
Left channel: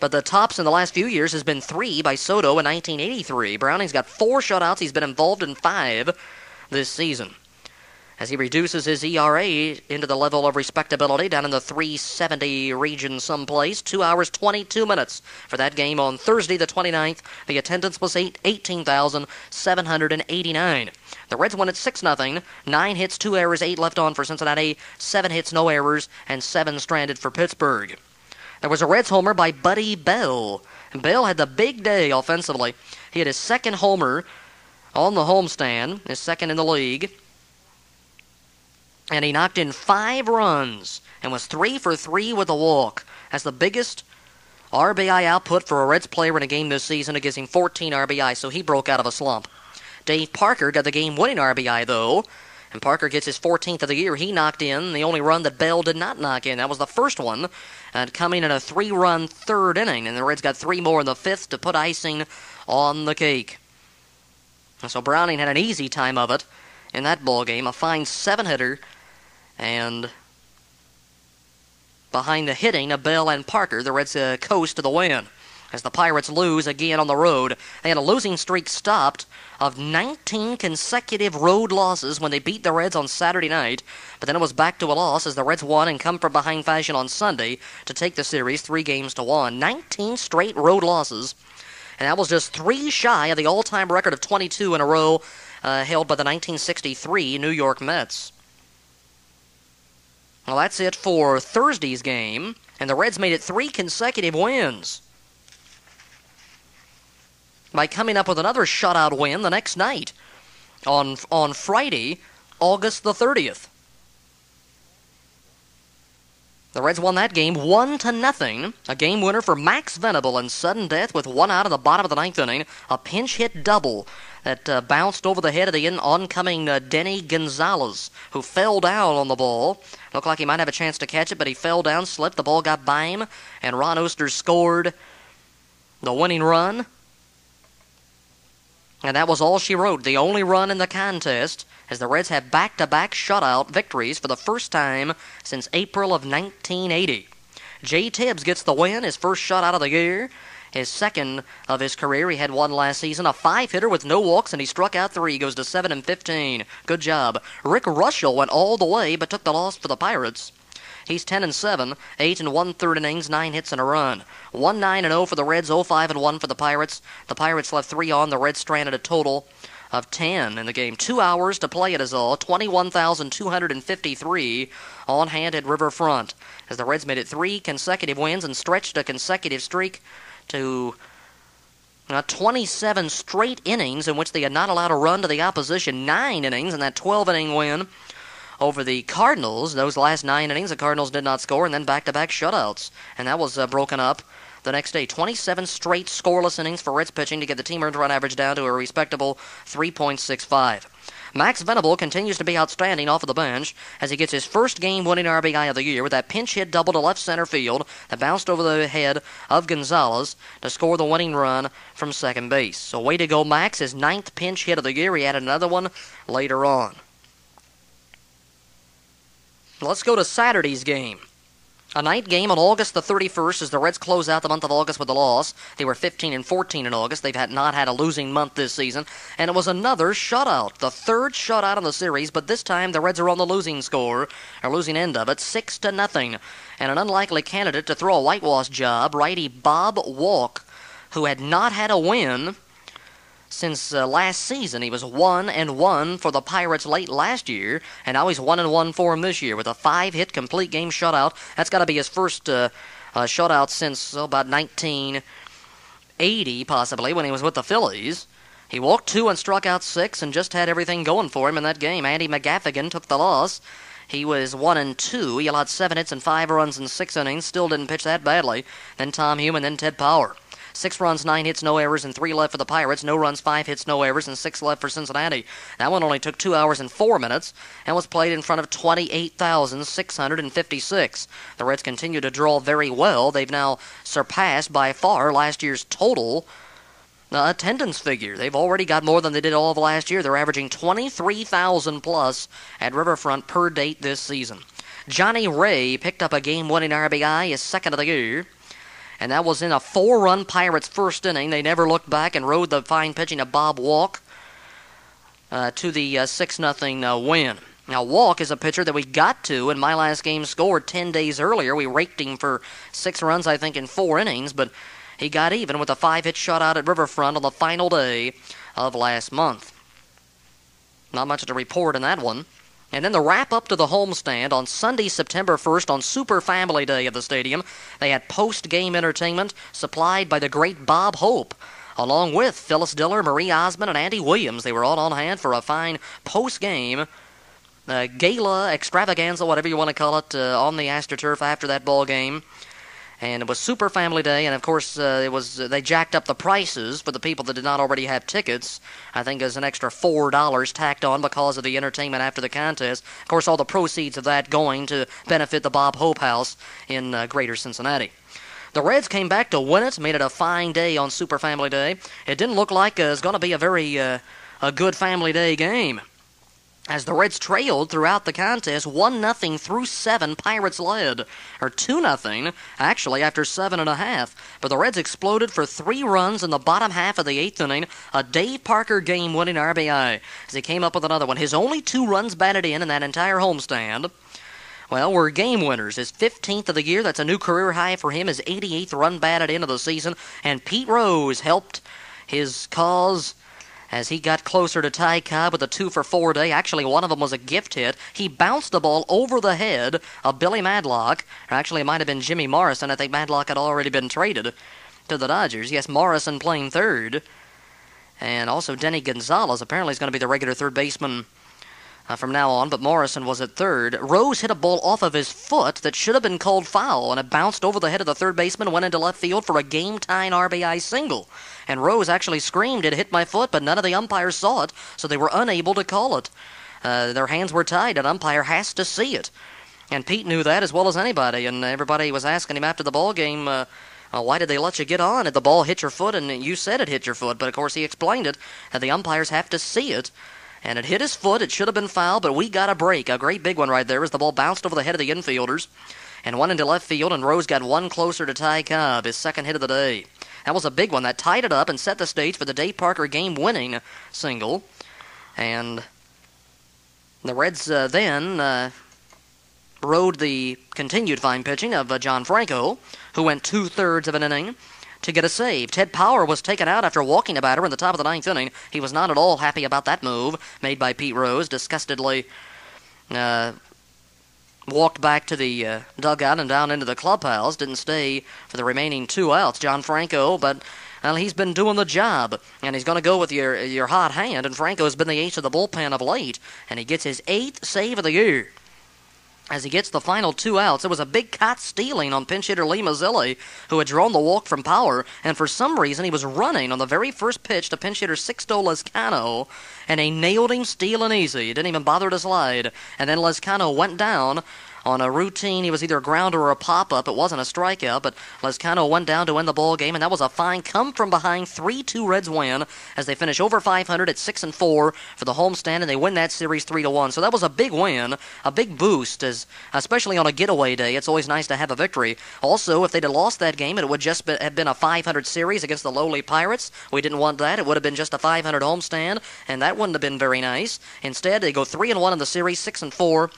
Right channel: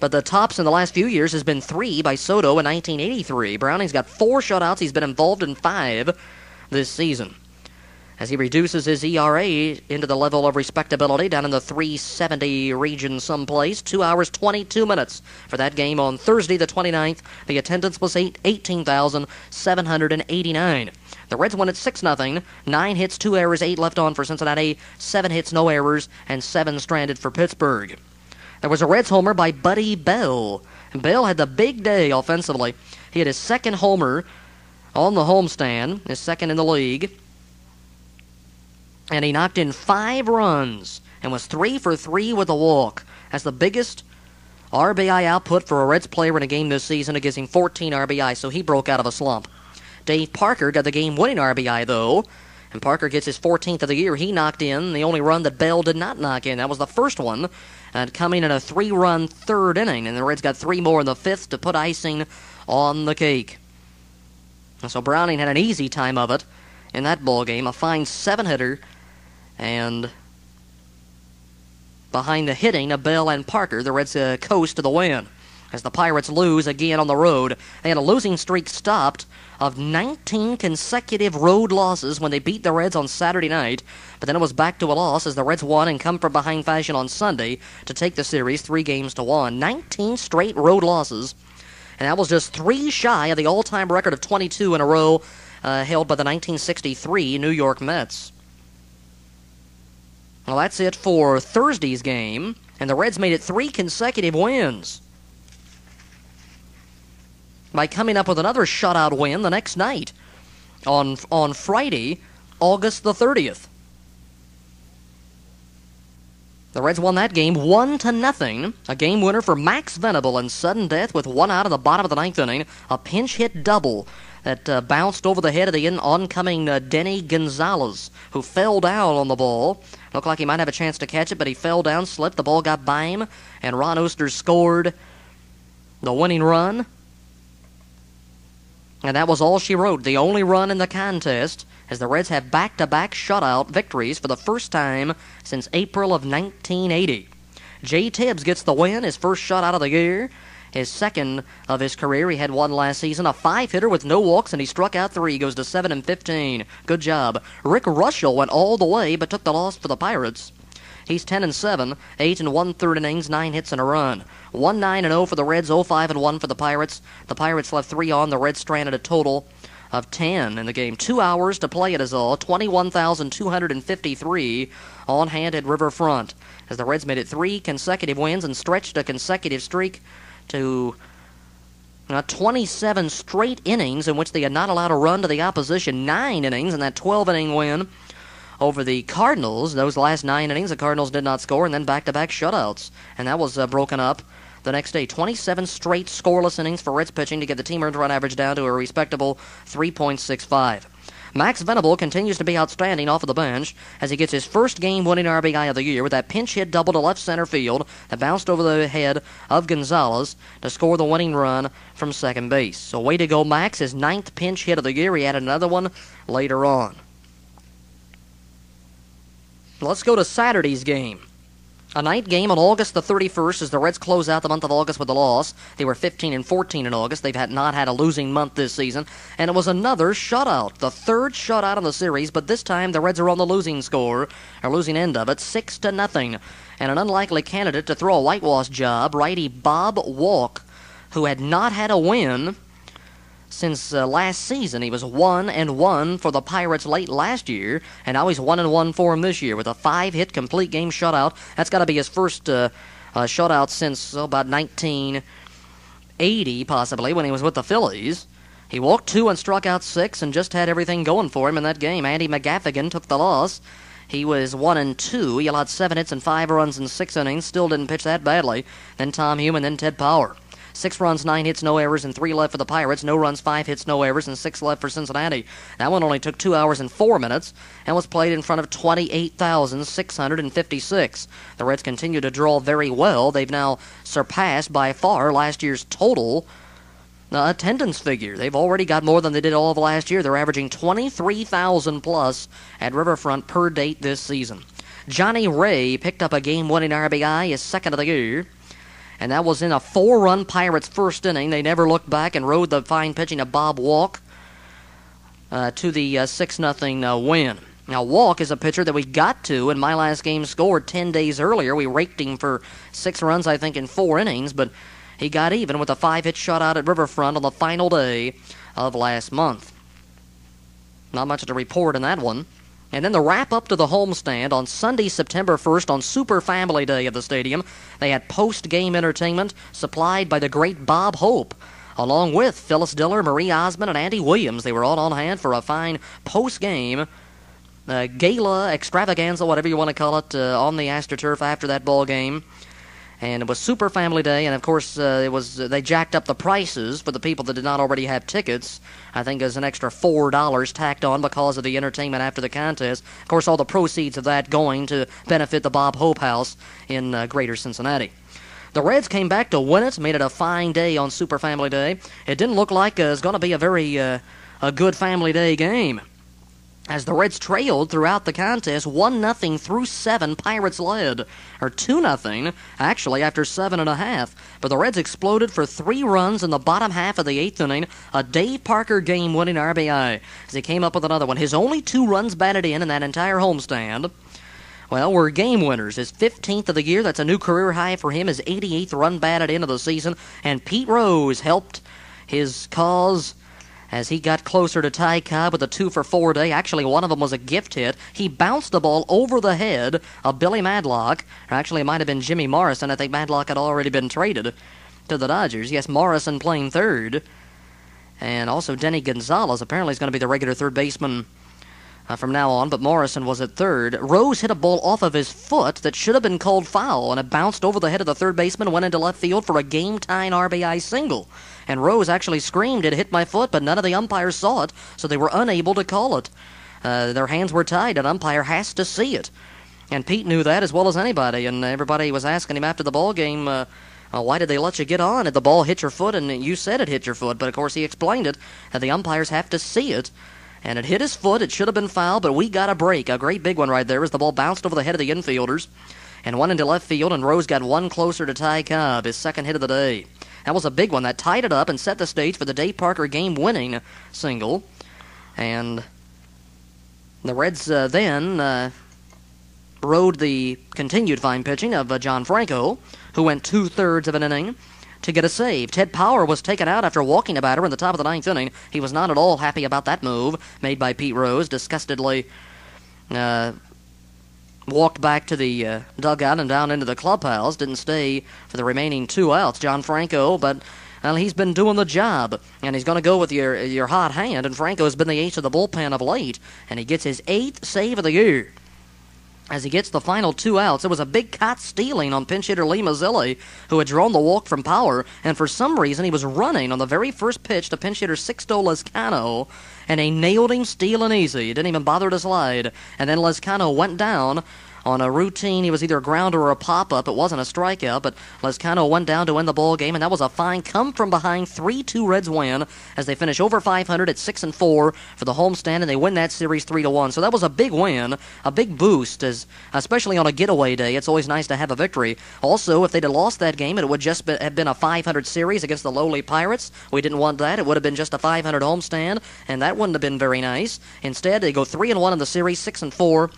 But the tops in the last few years has been 3 by Soto in 1983. Browning's got 4 shutouts. He's been involved in 5 this season. as he reduces his ERA into the level of respectability down in the 370 region someplace. 2 hours, 22 minutes for that game on Thursday the 29th. The attendance was 18,789. The Reds won at 6-0. 9 hits, 2 errors, 8 left on for Cincinnati, 7 hits, no errors, and 7 stranded for Pittsburgh. There was a Reds homer by Buddy Bell. And Bell had the big day offensively. He had his second homer on the homestand, his second in the league. And he knocked in 5 runs and was 3 for 3 with a walk. That's the biggest RBI output for a Reds player in a game this season. It gives him 14 RBI, so he broke out of a slump. Dave Parker got the game-winning RBI, though, and Parker gets his 14th of the year. He knocked in the only run that Bell did not knock in. That was the first one, coming in a 3-run third inning, and the Reds got 3 more in the 5th to put icing on the cake. And so Browning had an easy time of it in that ball game, a fine 7-hitter. And behind the hitting of Bell and Parker, the Reds coast to the win as the Pirates lose again on the road. They had a losing streak stopped of 19 consecutive road losses when they beat the Reds on Saturday night. But then it was back to a loss as the Reds won in come-from-behind fashion on Sunday to take the series 3-1. 19 straight road losses. And that was just 3 shy of the all-time record of 22 in a row held by the 1963 New York Mets. Well, that's it for Thursday's game, and the Reds made it 3 consecutive wins by coming up with another shutout win the next night on Friday, August the 30th. The Reds won that game 1-0, a game winner for Max Venable in sudden death with 1 out of the bottom of the 9th inning, a pinch hit double that bounced over the head of the oncoming Denny Gonzalez, who fell down on the ball. Looked like he might have a chance to catch it, but he fell down, slipped, the ball got by him, and Ron Oester scored the winning run. And that was all she wrote, the only run in the contest, as the Reds have back-to-back shutout victories for the first time since April of 1980. Jay Tibbs gets the win, his first shutout of the year. His second of his career. He had 1 last season, a 5-hitter with no walks, and he struck out 3. Goes to 7-15. Good job. Rick Rushell went all the way, but took the loss for the Pirates. He's 10-7, 8 1/3 innings, 9 hits and a run. 1-9-0 for the Reds, 0-5-1 for the Pirates. The Pirates left 3 on. The Reds stranded a total of 10 in the game. 2 hours to play it is all. 21,253 on hand at Riverfront, as the Reds made it 3 consecutive wins and stretched a consecutive streak to 27 straight innings in which they had not allowed a run to the opposition. 9 innings in that 12-inning win over the Cardinals. Those last 9 innings, the Cardinals did not score, and then back-to-back shutouts. And that was broken up the next day. 27 straight scoreless innings for Reds pitching to get the team earned run average down to a respectable 3.65. Max Venable continues to be outstanding off of the bench as he gets his first game-winning RBI of the year with that pinch-hit double to left center field that bounced over the head of Gonzalez to score the winning run from second base. So way to go, Max. His 9th pinch hit of the year. He had another one later on. Let's go to Saturday's game. A night game on August the 31st as the Reds close out the month of August with a loss. They were 15-14 in August. They've not had a losing month this season. And it was another shutout. The 3rd shutout of the series, but this time the Reds are on the losing score, or losing end of it, 6-0. And an unlikely candidate to throw a whitewash job, righty Bob Walk, who had not had a win since last season. He was 1-1 for the Pirates late last year, and now he's 1-1 for him this year with a 5-hit complete game shutout. That's got to be his first shutout since about 1980, possibly, when he was with the Phillies. He walked 2 and struck out 6 and just had everything going for him in that game. Andy McGaffigan took the loss. He was 1-2. He allowed 7 hits and 5 runs in 6 innings. Still didn't pitch that badly. Then Tom Hume and then Ted Power. 6 runs, 9 hits, no errors, and 3 left for the Pirates. No runs, 5 hits, no errors, and 6 left for Cincinnati. That one only took 2 hours and 4 minutes and was played in front of 28,656. The Reds continue to draw very well. They've now surpassed by far last year's total attendance figure. They've already got more than they did all of last year. They're averaging 23,000 plus at Riverfront per date this season. Johnny Ray picked up a game-winning RBI, his 2nd of the year. And that was in a 4-run Pirates first inning. They never looked back and rode the fine pitching of Bob Walk to the 6-0 win. Now, Walk is a pitcher that we got to in My Last Game Scored 10 days earlier. We raked him for 6 runs, I think, in 4 innings, but he got even with a 5-hit shutout at Riverfront on the final day of last month. Not much to report in that one. And then the wrap-up to the homestand on Sunday, September 1st, on Super Family Day at the stadium. They had post-game entertainment supplied by the great Bob Hope, along with Phyllis Diller, Marie Osmond, and Andy Williams. They were all on hand for a fine post-game gala, extravaganza, whatever you want to call it, on the AstroTurf after that ball game. And it was Super Family Day, and of course they jacked up the prices for the people that did not already have tickets. I think there's an extra $4 tacked on because of the entertainment after the contest. Of course, all the proceeds of that going to benefit the Bob Hope House in Greater Cincinnati. The Reds came back to win it, made it a fine day on Super Family Day. It didn't look like it was going to be a very a good Family Day game, as the Reds trailed throughout the contest 1-0 through 7. Pirates led, or 2-0, actually, after 7.5. But the Reds exploded for 3 runs in the bottom half of the 8th inning, a Dave Parker game-winning RBI, as he came up with another one. His only 2 runs batted in that entire homestand, well, were game winners. His 15th of the year, that's a new career high for him, his 88th run batted in of the season, and Pete Rose helped his cause as he got closer to Ty Cobb with a 2-for-4 day. Actually, one of them was a gift hit. He bounced the ball over the head of Billy Madlock. Or actually, it might have been Jimmy Morrison. I think Madlock had already been traded to the Dodgers. Yes, Morrison playing third. And also Denny Gonzalez apparently is going to be the regular third baseman from now on, but Morrison was at third. Rose hit a ball off of his foot that should have been called foul, and it bounced over the head of the third baseman, went into left field for a game-tying RBI single. And Rose actually screamed, "It hit my foot," but none of the umpires saw it, so they were unable to call it. Their hands were tied. An umpire has to see it. And Pete knew that as well as anybody, and everybody was asking him after the ball game, why did they let you get on? Did the ball hit your foot? And you said it hit your foot, but of course he explained it, that the umpires have to see it. And it hit his foot. It should have been foul, but we got a break. A great big one right there as the ball bounced over the head of the infielders and went into left field, and Rose got one closer to Ty Cobb, his second hit of the day. That was a big one. That tied it up and set the stage for the Dave Parker game-winning single. And the Reds then rode the continued fine pitching of John Franco, who went 2/3 of an inning to get a save. Ted Power was taken out after walking a batter in the top of the 9th inning. He was not at all happy about that move made by Pete Rose. Disgustedly walked back to the dugout and down into the clubhouse. Didn't stay for the remaining 2 outs. John Franco, but well, he's been doing the job, and he's going to go with your hot hand. And Franco's been the ace of the bullpen of late, and he gets his 8th save of the year. As he gets the final 2 outs, it was a big caught stealing on pinch hitter Lee Mazzilli, who had drawn the walk from Power, and for some reason he was running on the very first pitch to pinch hitter Sixto Lezcano, and he nailed him stealing easy. He didn't even bother to slide. And then Lezcano went down on a routine. He was either a grounder or a pop-up. It wasn't a strikeout, but Lezcano went down to win the ball game, and that was a fine come-from-behind 3-2 Reds win as they finish over 500 at 6-4 for the homestand, and they win that series 3-1. So that was a big win, a big boost, especially on a getaway day. It's always nice to have a victory. Also, if they'd have lost that game, it would just have been a 500 series against the lowly Pirates. We didn't want that. It would have been just a 500 homestand, and that wouldn't have been very nice. Instead, they go 3-1 in the series, 6-4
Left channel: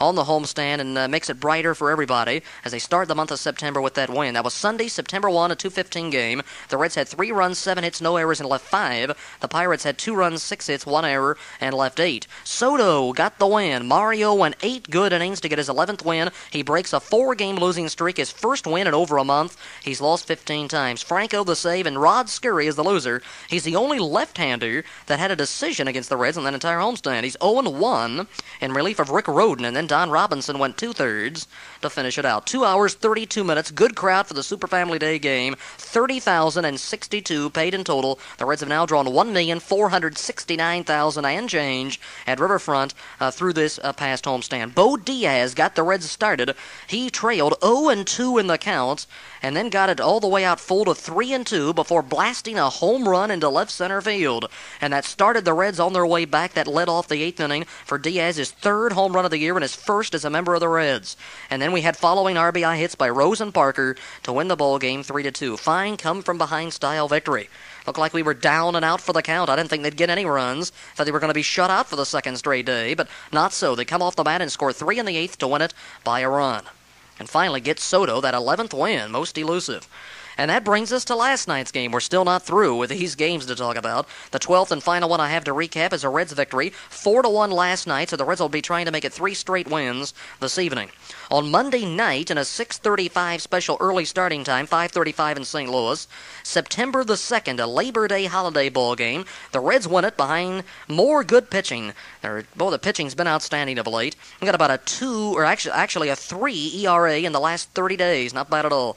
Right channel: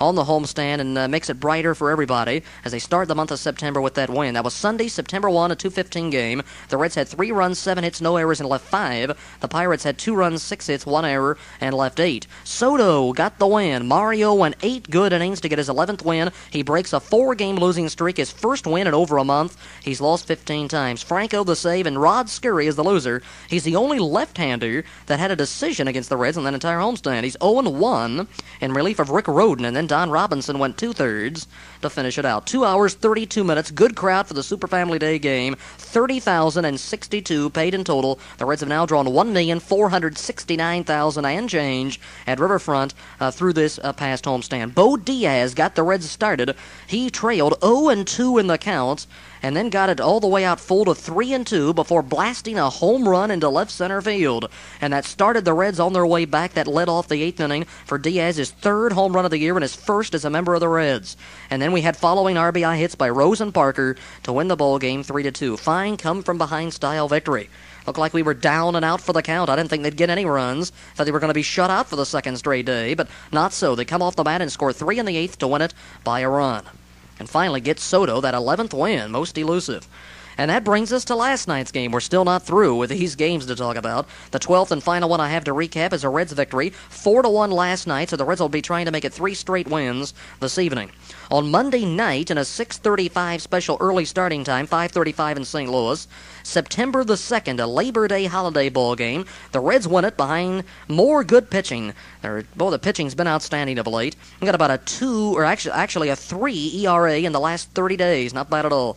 on the homestand, and makes it brighter for everybody as they start the month of September with that win. That was Sunday, September 1, a 2:15 game. The Reds had 3 runs, 7 hits, no errors, and left 5. The Pirates had 2 runs, 6 hits, 1 error, and left 8. Soto got the win. Mario went 8 good innings to get his 11th win. He breaks a 4-game losing streak, his first win in over a month. He's lost 15 times. Franco the save, and Rod Scurry is the loser. He's the only left-hander that had a decision against the Reds in that entire homestand. He's 0-1 in relief of Rick Rhoden, and then Don Robinson went 2/3 to finish it out. 2 hours, 32 minutes. Good crowd for the Super Family Day game. 30,062 paid in total. The Reds have now drawn 1,469,000 and change at Riverfront through this past homestand. Bo Diaz got the Reds started. He trailed 0-2 in the count, and then got it all the way out full to 3-2 before blasting a home run into left center field. And that started the Reds on their way back. That led off the 8th inning for Diaz's 3rd home run of the year and his first as a member of the Reds. And then we had following RBI hits by Rose and Parker to win the ball game 3-2. Fine come-from-behind style victory. Looked like we were down and out for the count. I didn't think they'd get any runs. Thought they were going to be shut out for the second straight day, but not so. They come off the bat and score 3 in the 8th to win it by a run. And finally get Soto that 11th win, most elusive. And that brings us to last night's game. We're still not through with these games to talk about. The 12th and final one I have to recap is a Reds victory, 4-1 last night, so the Reds will be trying to make it 3 straight wins this evening. On Monday night, in a 6:35 special early starting time, 5:35 in St. Louis, September the 2nd, a Labor Day holiday ball game. The Reds win it behind more good pitching. The pitching's been outstanding of late. We got about a 2, or actually a 3 ERA in the last 30 days. Not bad at all.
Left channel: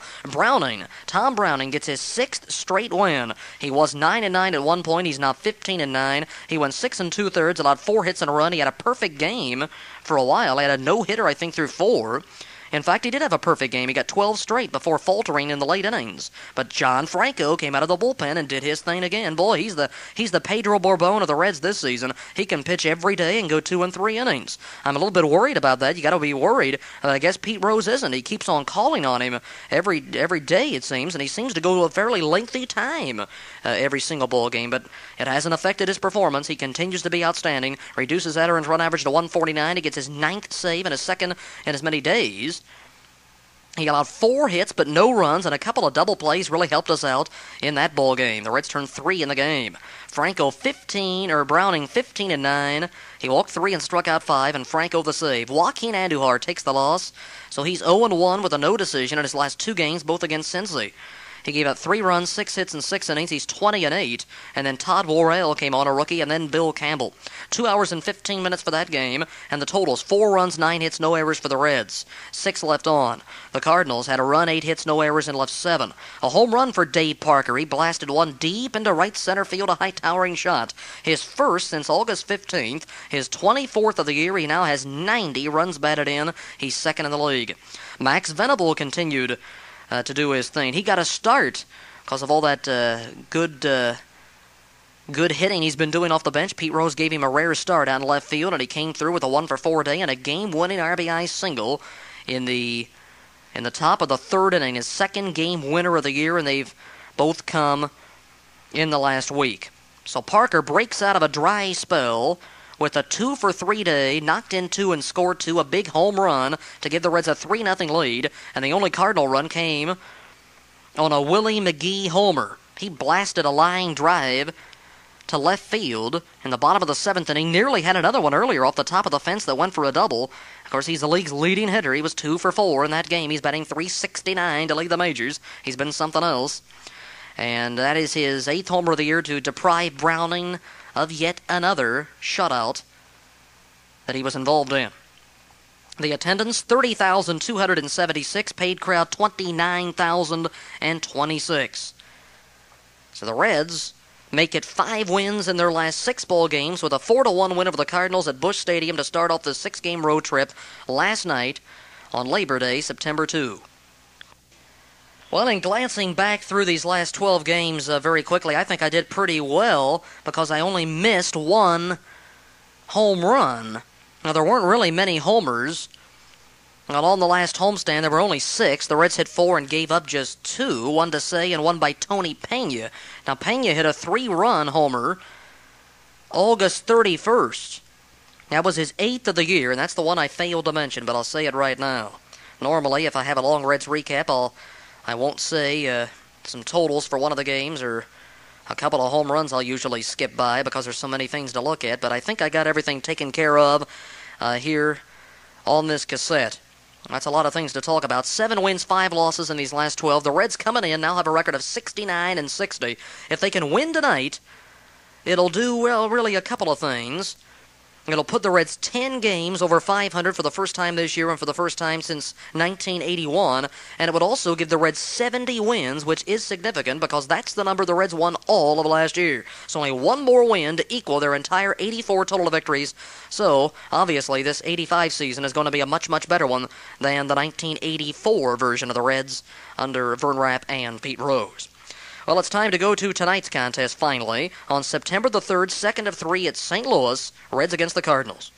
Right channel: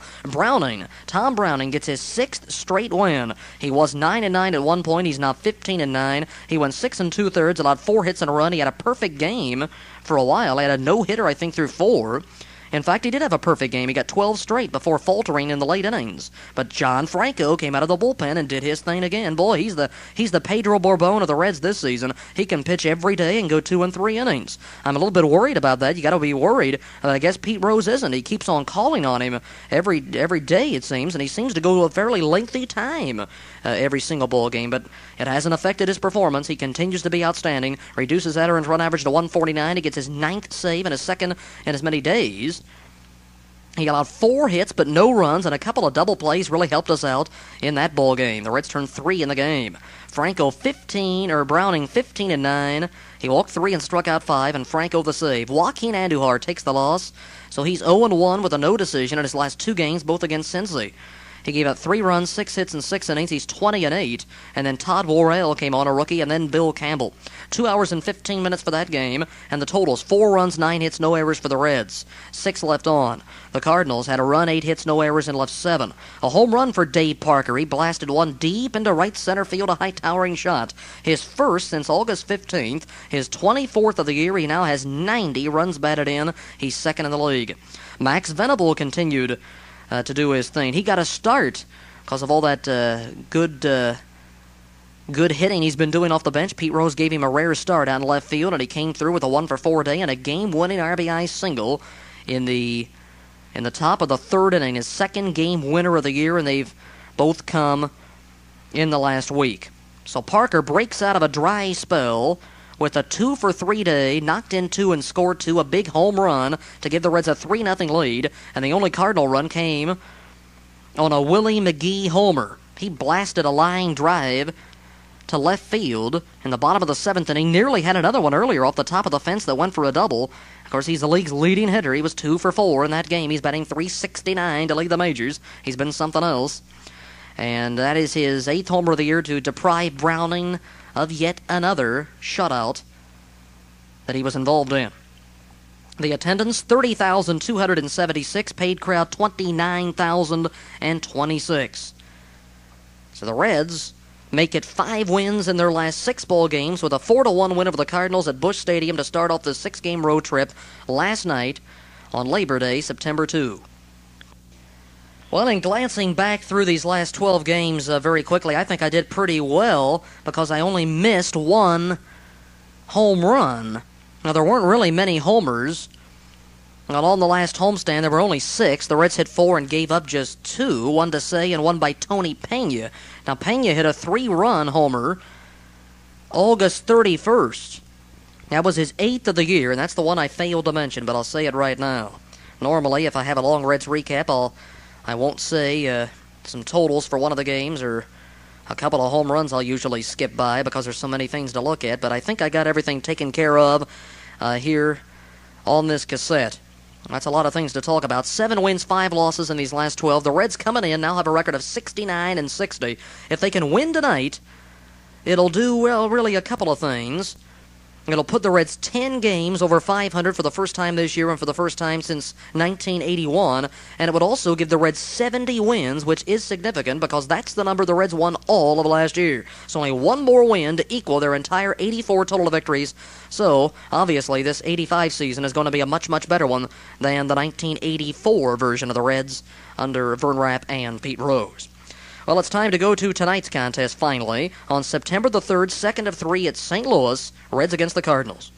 Tom Browning gets his 6th straight win. He was 9-9 at one point. He's now 15-9. He went 6 2/3, allowed 4 hits in a run. He had a perfect game for a while. He had a no-hitter, I think, through 4. In fact, he did have a perfect game. He got 12 straight before faltering in the late innings. But John Franco came out of the bullpen and did his thing again. Boy, he's the Pedro Borbon of the Reds this season. He can pitch every day and go 2 and 3 innings. I'm a little bit worried about that. You got to be worried. I guess Pete Rose isn't. He keeps on calling on him every day, it seems, and he seems to go to a fairly lengthy time every single ball game. But it hasn't affected his performance. He continues to be outstanding. Reduces that earned run average to 149. He gets his 9th save and his 2nd in as many days. He allowed 4 hits but no runs, and a couple of double plays really helped us out in that ball game. The Reds turned 3 in the game. Browning 15-9. He walked 3 and struck out 5, and Franco the save. Joaquin Andujar takes the loss, so he's 0-1 with a no decision in his last 2 games, both against Cincy. He gave up 3 runs, 6 hits, and 6 innings. He's 20-8. And then Todd Worrell came on, a rookie, and then Bill Campbell. 2 hours and 15 minutes for that game. And the totals, 4 runs, 9 hits, no errors for the Reds. 6 left on. The Cardinals had a run, 8 hits, no errors, and left 7. A home run for Dave Parker. He blasted one deep into right center field, a high-towering shot. His first since August 15th. His 24th of the year. He now has 90 runs batted in. He's 2nd in the league. Max Venable continued to do his thing. He got a start because of all that good hitting he's been doing off the bench. Pete Rose gave him a rare start out in left field, and he came through with a 1-for-4 day and a game-winning RBI single in the top of the 3rd inning. His 2nd game winner of the year, and they've both come in the last week. So Parker breaks out of a dry spell with a 2-for-3 day, knocked in 2 and scored 2, a big home run to give the Reds a 3-0 lead, and the only Cardinal run came on a Willie McGee homer. He blasted a line drive to left field in the bottom of the 7th inning, nearly had another one earlier off the top of the fence that went for a double. Of course, he's the league's leading hitter. He was 2-for-4 in that game. He's batting .369 to lead the majors. He's been something else. And that is his 8th homer of the year to deprive Browning of yet another shutout that he was involved in. The attendance, 30,276. Paid crowd, 29,026. So the Reds make it 5 wins in their last 6 ball games with a 4-1 win over the Cardinals at Busch Stadium to start off the 6-game road trip last night on Labor Day, September 2. Well, in glancing back through these last 12 games very quickly, I think I did pretty well because I only missed 1 home run. Now, there weren't really many homers. Well, on the last homestand, there were only 6. The Reds hit 4 and gave up just 2, one to Say and one by Tony Pena. Now, Pena hit a 3-run homer August 31st. That was his 8th of the year, and that's the one I failed to mention, but I'll say it right now. Normally, if I have a long Reds recap, I won't say some totals for one of the games or a couple of home runs I'll usually skip by because there's so many things to look at, but I think I got everything taken care of here on this cassette. That's a lot of things to talk about. 7 wins, 5 losses in these last 12. The Reds coming in now have a record of 69 and 60. If they can win tonight, it'll do, well, really a couple of things. It'll put the Reds 10 games over 500 for the first time this year and for the first time since 1981. And it would also give the Reds 70 wins, which is significant because that's the number the Reds won all of last year. So only 1 more win to equal their entire 84 total victories. So, obviously, this 85 season is going to be a much, much better one than the 1984 version of the Reds under Vern Rapp and Pete Rose. Well, it's time to go to tonight's contest, finally. On September the 3rd, 2nd of 3 at St. Louis, Reds against the Cardinals.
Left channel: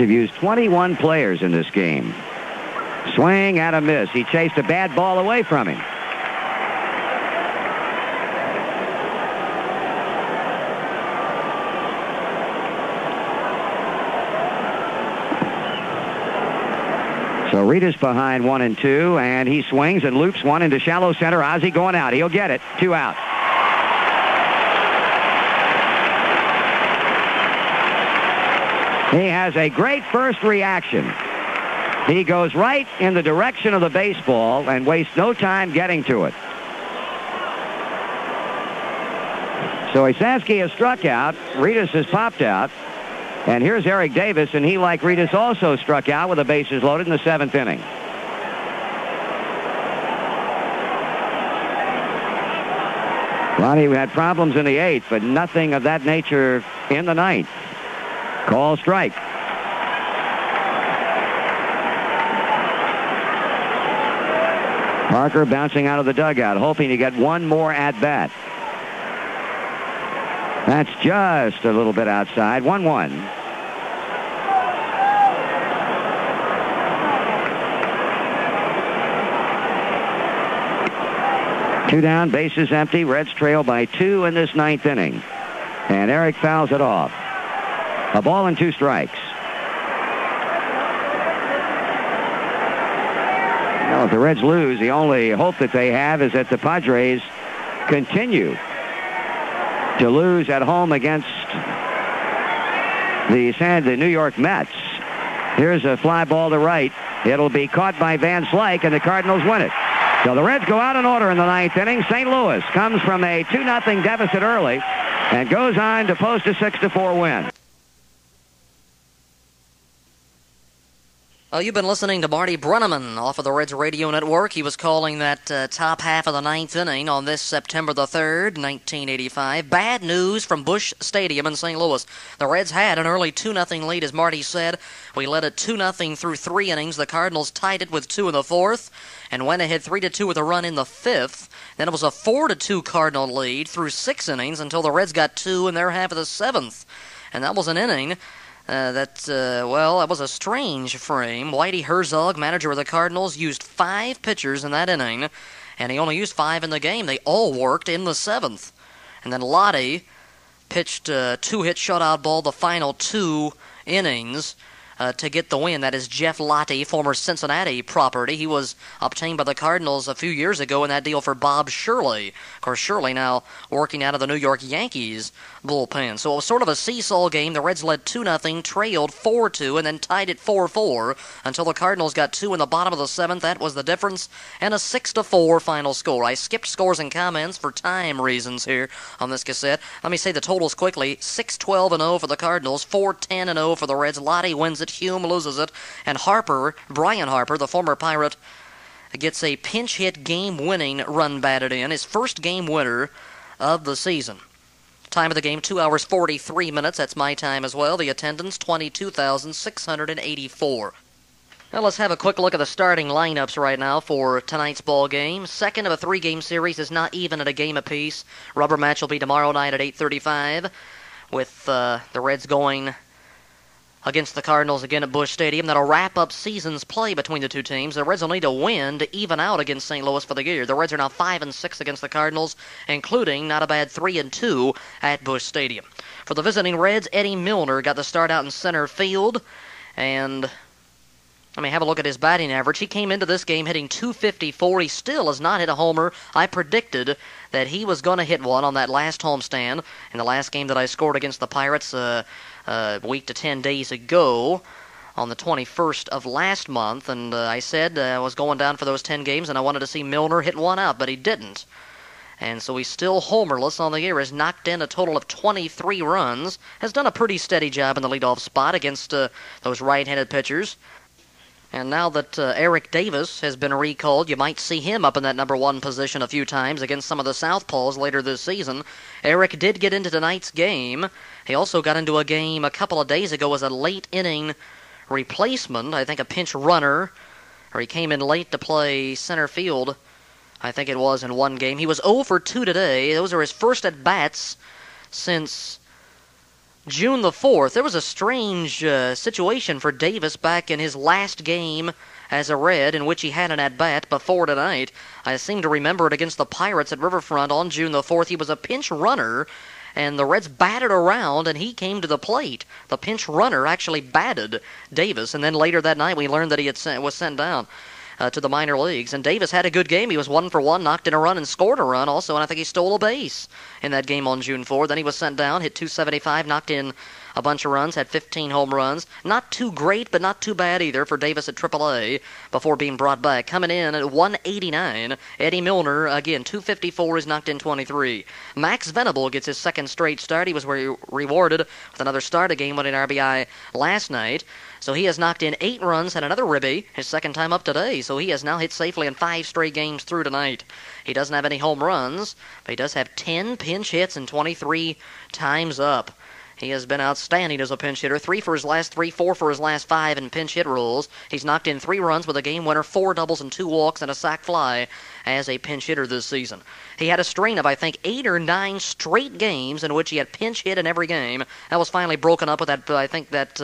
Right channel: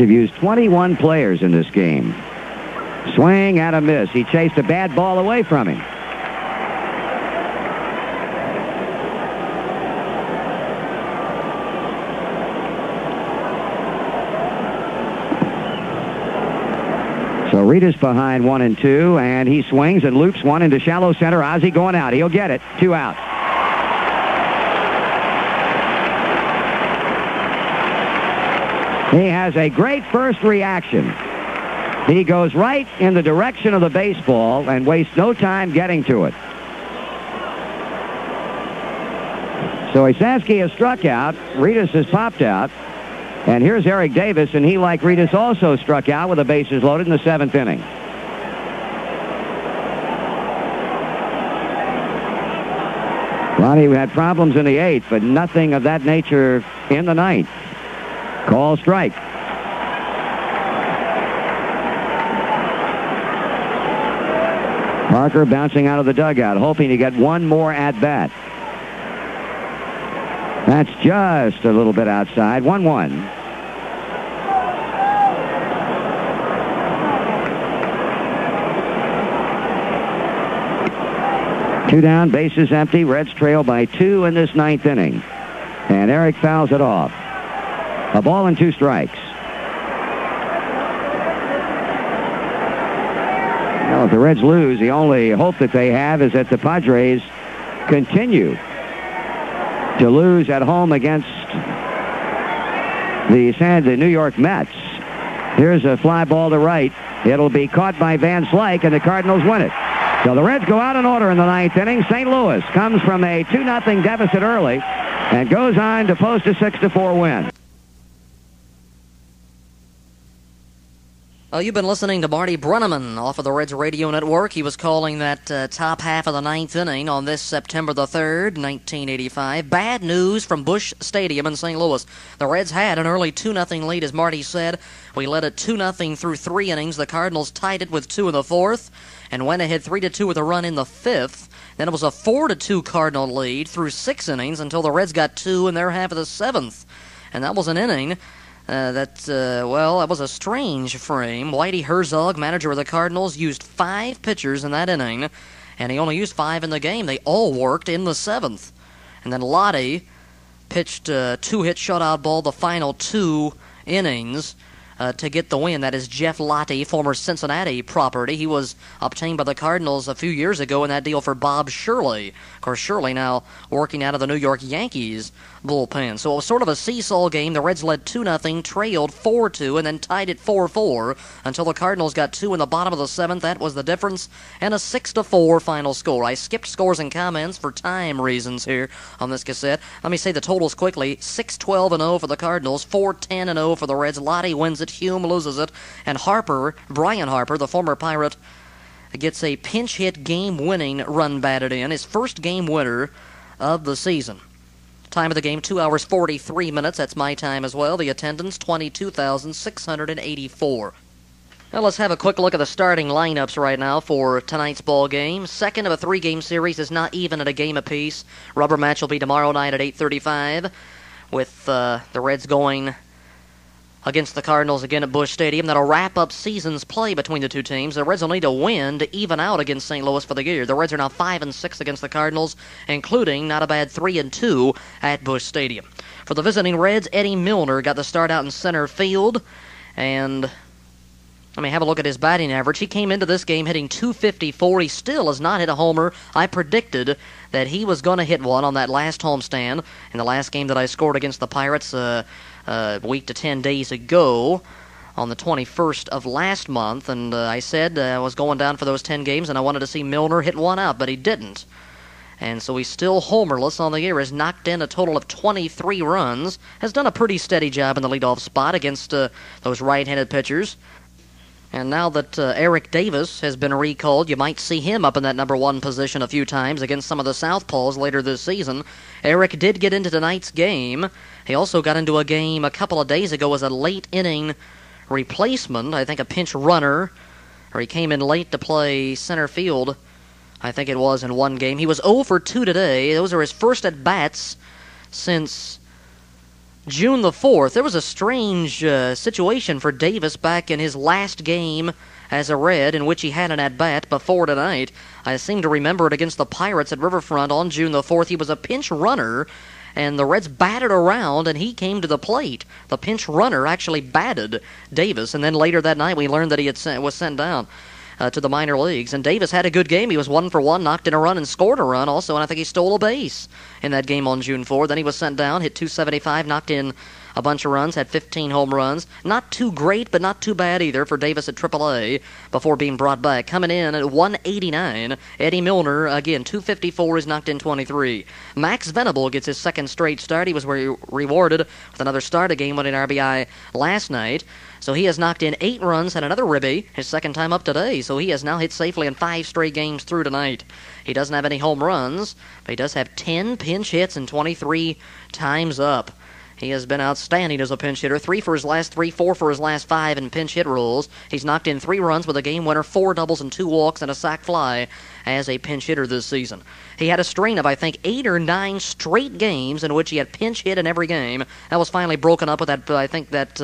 have used 21 players in this game. Swing and a miss. He chased a bad ball away from him. So Rita's behind 1-2, and he swings and loops one into shallow center. Ozzie going out. He'll get it. 2 out. He has a great first reaction. He goes right in the direction of the baseball and wastes no time getting to it. So Isansky has struck out. Ritas has popped out. And here's Eric Davis, and he, like Ritas, also struck out with the bases loaded in the 7th inning. Ronnie had problems in the 8th, but nothing of that nature in the 9th. Call strike. Parker bouncing out of the dugout, hoping to get one more at-bat. That's just a little bit outside. 1-1. Two down, bases empty. Reds trail by 2 in this 9th inning. And Eric fouls it off. A ball and 2 strikes. Well, if the Reds lose, the only hope that they have is that the Padres continue to lose at home against the New York Mets. Here's a fly ball to right. It'll be caught by Van Slyke, and the Cardinals win it. So the Reds go out in order in the 9th inning. St. Louis comes from a 2-0 deficit early and goes on to post a 6-4 win. You've been listening to Marty Brenneman off of the Reds Radio Network. He was calling that top half of the 9th inning on this September the 3rd, 1985. Bad news from Busch Stadium in St. Louis. The Reds had an early 2-0 lead, as Marty said. We led it 2-0 through 3 innings. The Cardinals tied it with 2 in the 4th and went ahead 3-2 with a run in the 5th. Then it was a 4-2 Cardinal lead through 6 innings until the Reds got 2 in their half of the 7th. And that was an inning. That was a strange frame. Whitey Herzog, manager of the Cardinals, used 5 pitchers in that inning, and he only used 5 in the game. They all worked in the 7th. And then Lottie pitched a 2-hit shutout ball the final 2 innings to get the win. That is Jeff Lottie, former Cincinnati property. He was obtained by the Cardinals a few years ago in that deal for Bob Shirley. Of course, Shirley now working out of the New York Yankees bullpen. So it was sort of a seesaw game. The Reds led 2-0, trailed 4-2, and then tied it 4-4 until the Cardinals got 2 in the bottom of the 7th. That was the difference, and a 6-4 final score. I skipped scores and comments for time reasons here on this cassette. Let me say the totals quickly. 6-12-0 for the Cardinals, 4-10-0 for the Reds. Lottie wins it, Hume loses it, and Brian Harper, the former Pirate, gets a pinch hit game-winning run batted in, his first game winner of the season. Time of the game, 2 hours, 43 minutes. That's my time as well. The attendance, 22,684. Now let's have a quick look at the starting lineups right now for tonight's ball game. Second of a 3-game series is not even at a game apiece. Rubber match will be tomorrow night at 8:35 with the Reds going against the Cardinals again at Busch Stadium. That'll wrap up season's play between the two teams. The Reds will need a win to even out against St. Louis for the year. The Reds are now 5-6 against the Cardinals, including not a bad 3-2 at Busch Stadium. For the visiting Reds, Eddie Milner got the start out in center field, and have a look at his batting average. He came into this game hitting .254. He still has not hit a homer. I predicted that he was going to hit one on that last homestand in the last game that I scored against the Pirates a week to 10 days ago on the 21st of last month, and I said I was going down for those 10 games and I wanted to see Milner hit one out, but he didn't. And so he's still homerless on the year, has knocked in a total of 23 runs, has done a pretty steady job in the leadoff spot against those right-handed pitchers. And now that Eric Davis has been recalled, you might see him up in that number 1 position a few times against some of the southpaws later this season. Eric did get into tonight's game. He also got into a game a couple of days ago as a late-inning replacement, I think a pinch runner, or he came in late to play center field, I think it was, in one game. He was 0 for 2 today. Those are his first at-bats since June the 4th, there was a strange situation for Davis back in his last game as a Red, in which he had an at-bat before tonight. I seem to remember it against the Pirates at Riverfront on June the 4th. He was a pinch runner, and the Reds batted around, and he came to the plate. The pinch runner actually batted Davis, and then later that night we learned that he was sent down to the minor leagues. And Davis had a good game. He was 1 for 1, knocked in a run, and scored a run also, and I think he stole a base in that game on June 4th. Then he was sent down, hit .275, knocked in a bunch of runs, had 15 home runs. Not too great, but not too bad either for Davis at AAA before being brought back. Coming in at 189, Eddie Milner, again, 254, he's knocked in 23. Max Venable gets his second straight start. He was rewarded with another start, a game-winning RBI last night. So he has knocked in 8 runs and another ribby, his second time up today. So he has now hit safely in 5 straight games through tonight. He doesn't have any home runs, but he does have 10 pinch hits and 23 times up. He has been outstanding as a pinch hitter. 3 for his last 3, 4 for his last 5 in pinch hit rules. He's knocked in 3 runs with a game winner, 4 doubles and 2 walks, and a sac fly as a pinch hitter this season. He had a string of, I think, 8 or 9 straight games in which he had pinch hit in every game. That was finally broken up with that, I think, that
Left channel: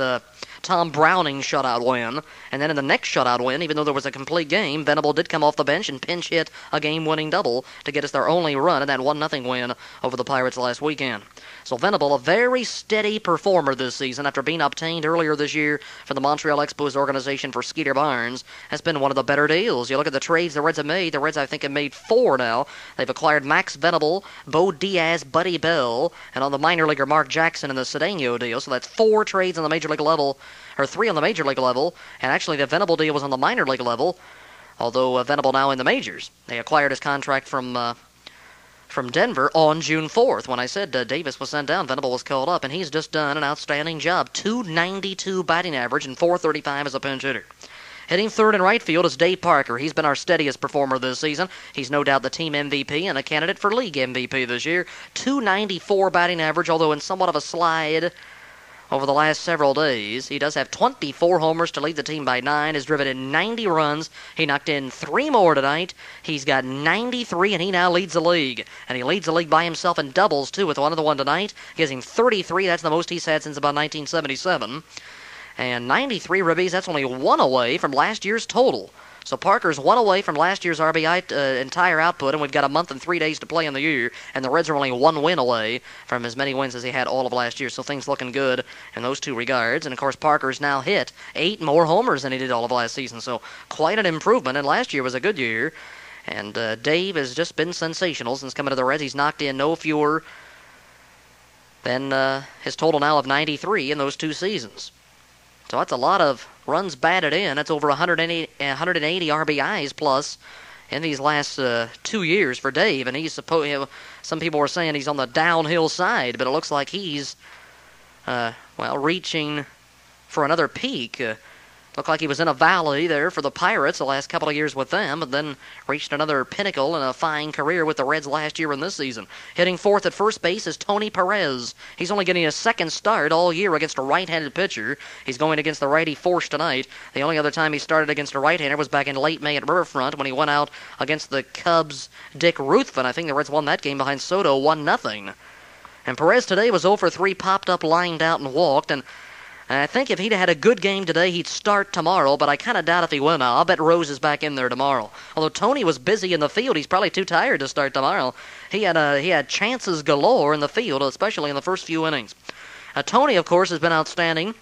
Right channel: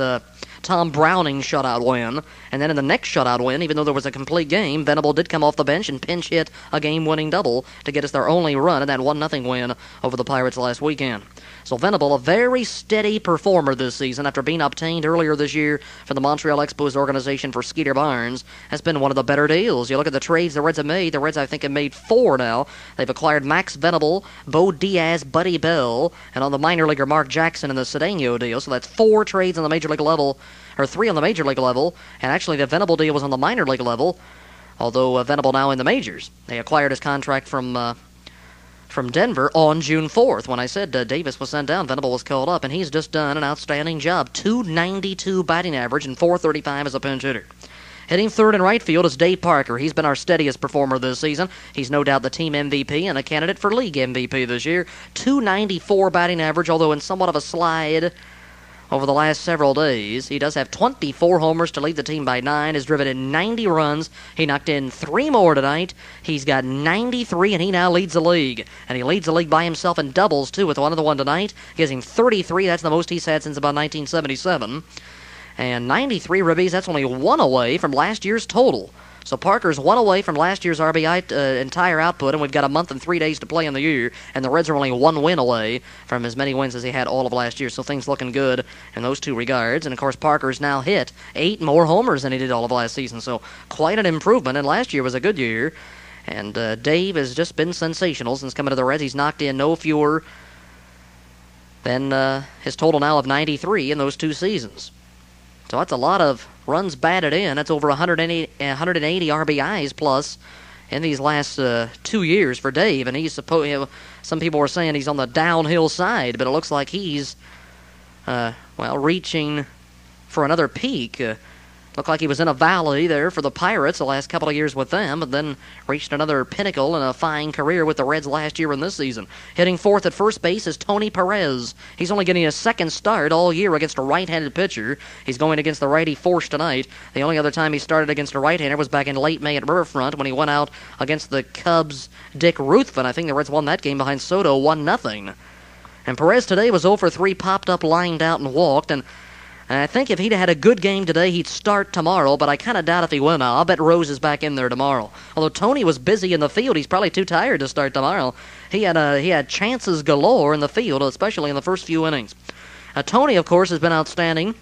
Tom Browning shutout win. And then in the next shutout win, even though there was a complete game, Venable did come off the bench and pinch hit a game-winning double to get us their only run in that 1-0 win over the Pirates last weekend. So Venable, a very steady performer this season after being obtained earlier this year from the Montreal Expos organization for Skeeter Barnes, has been one of the better deals. You look at the trades the Reds have made. The Reds, I think, have made 4 now. They've acquired Max Venable, Bo Diaz, Buddy Bell, and on the minor leaguer Mark Jackson in the Cedeno deal. So that's 4 trades on the major league level, or 3 on the major league level, and actually the Venable deal was on the minor league level, although Venable now in the majors. They acquired his contract from Denver on June 4th. When I said Davis was sent down, Venable was called up, and he's just done an outstanding job. .292 batting average and .435 as a pinch hitter. Hitting third and right field is Dave Parker. He's been our steadiest performer this season. He's no doubt the team MVP and a candidate for league MVP this year. .294 batting average, although in somewhat of a slide over the last several days. He does have 24 homers to lead the team by 9, has driven in 90 runs. He knocked in 3 more tonight. He's got 93, and he now leads the league. And he leads the league by himself in doubles, too, with another one tonight. Gives him 33. That's the most he's had since about 1977. And 93 ribbies, that's only 1 away from last year's total. So Parker's 1 away from last year's RBI entire output, and we've got a month and 3 days to play in the year, and the Reds are only 1 win away from as many wins as he had all of last year, so things looking good in those 2 regards. And, of course, Parker's now hit 8 more homers than he did all of last season, so quite an improvement, and last year was a good year. And Dave has just been sensational since coming to the Reds. He's knocked in no fewer than his total now of 93 in those 2 seasons. So that's a lot of runs batted in. That's over 180 RBIs plus in these last 2 years for Dave. And he's some people are saying he's on the downhill side, but it looks like he's, reaching for another peak. Looked like he was in a valley there for the Pirates the last couple of years with them, but then reached another pinnacle in a fine career with the Reds last year and this season. Hitting fourth at first base is Tony Perez. He's only getting a second start all year against a right-handed pitcher. He's going against the righty Force tonight. The only other time he started against a right-hander was back in late May at Riverfront when he went out against the Cubs' Dick Ruthven. I think the Reds won that game behind Soto 1-0. And Perez today was 0 for 3, popped up, lined out, and walked, and I think if he'd had a good game today, he'd start tomorrow, but I kind of doubt if he will now. I'll bet Rose is back in there tomorrow. Although Tony was busy in the field, he's probably too tired to start tomorrow. He had chances galore in the field, especially in the first few innings. Tony, of course, has been outstanding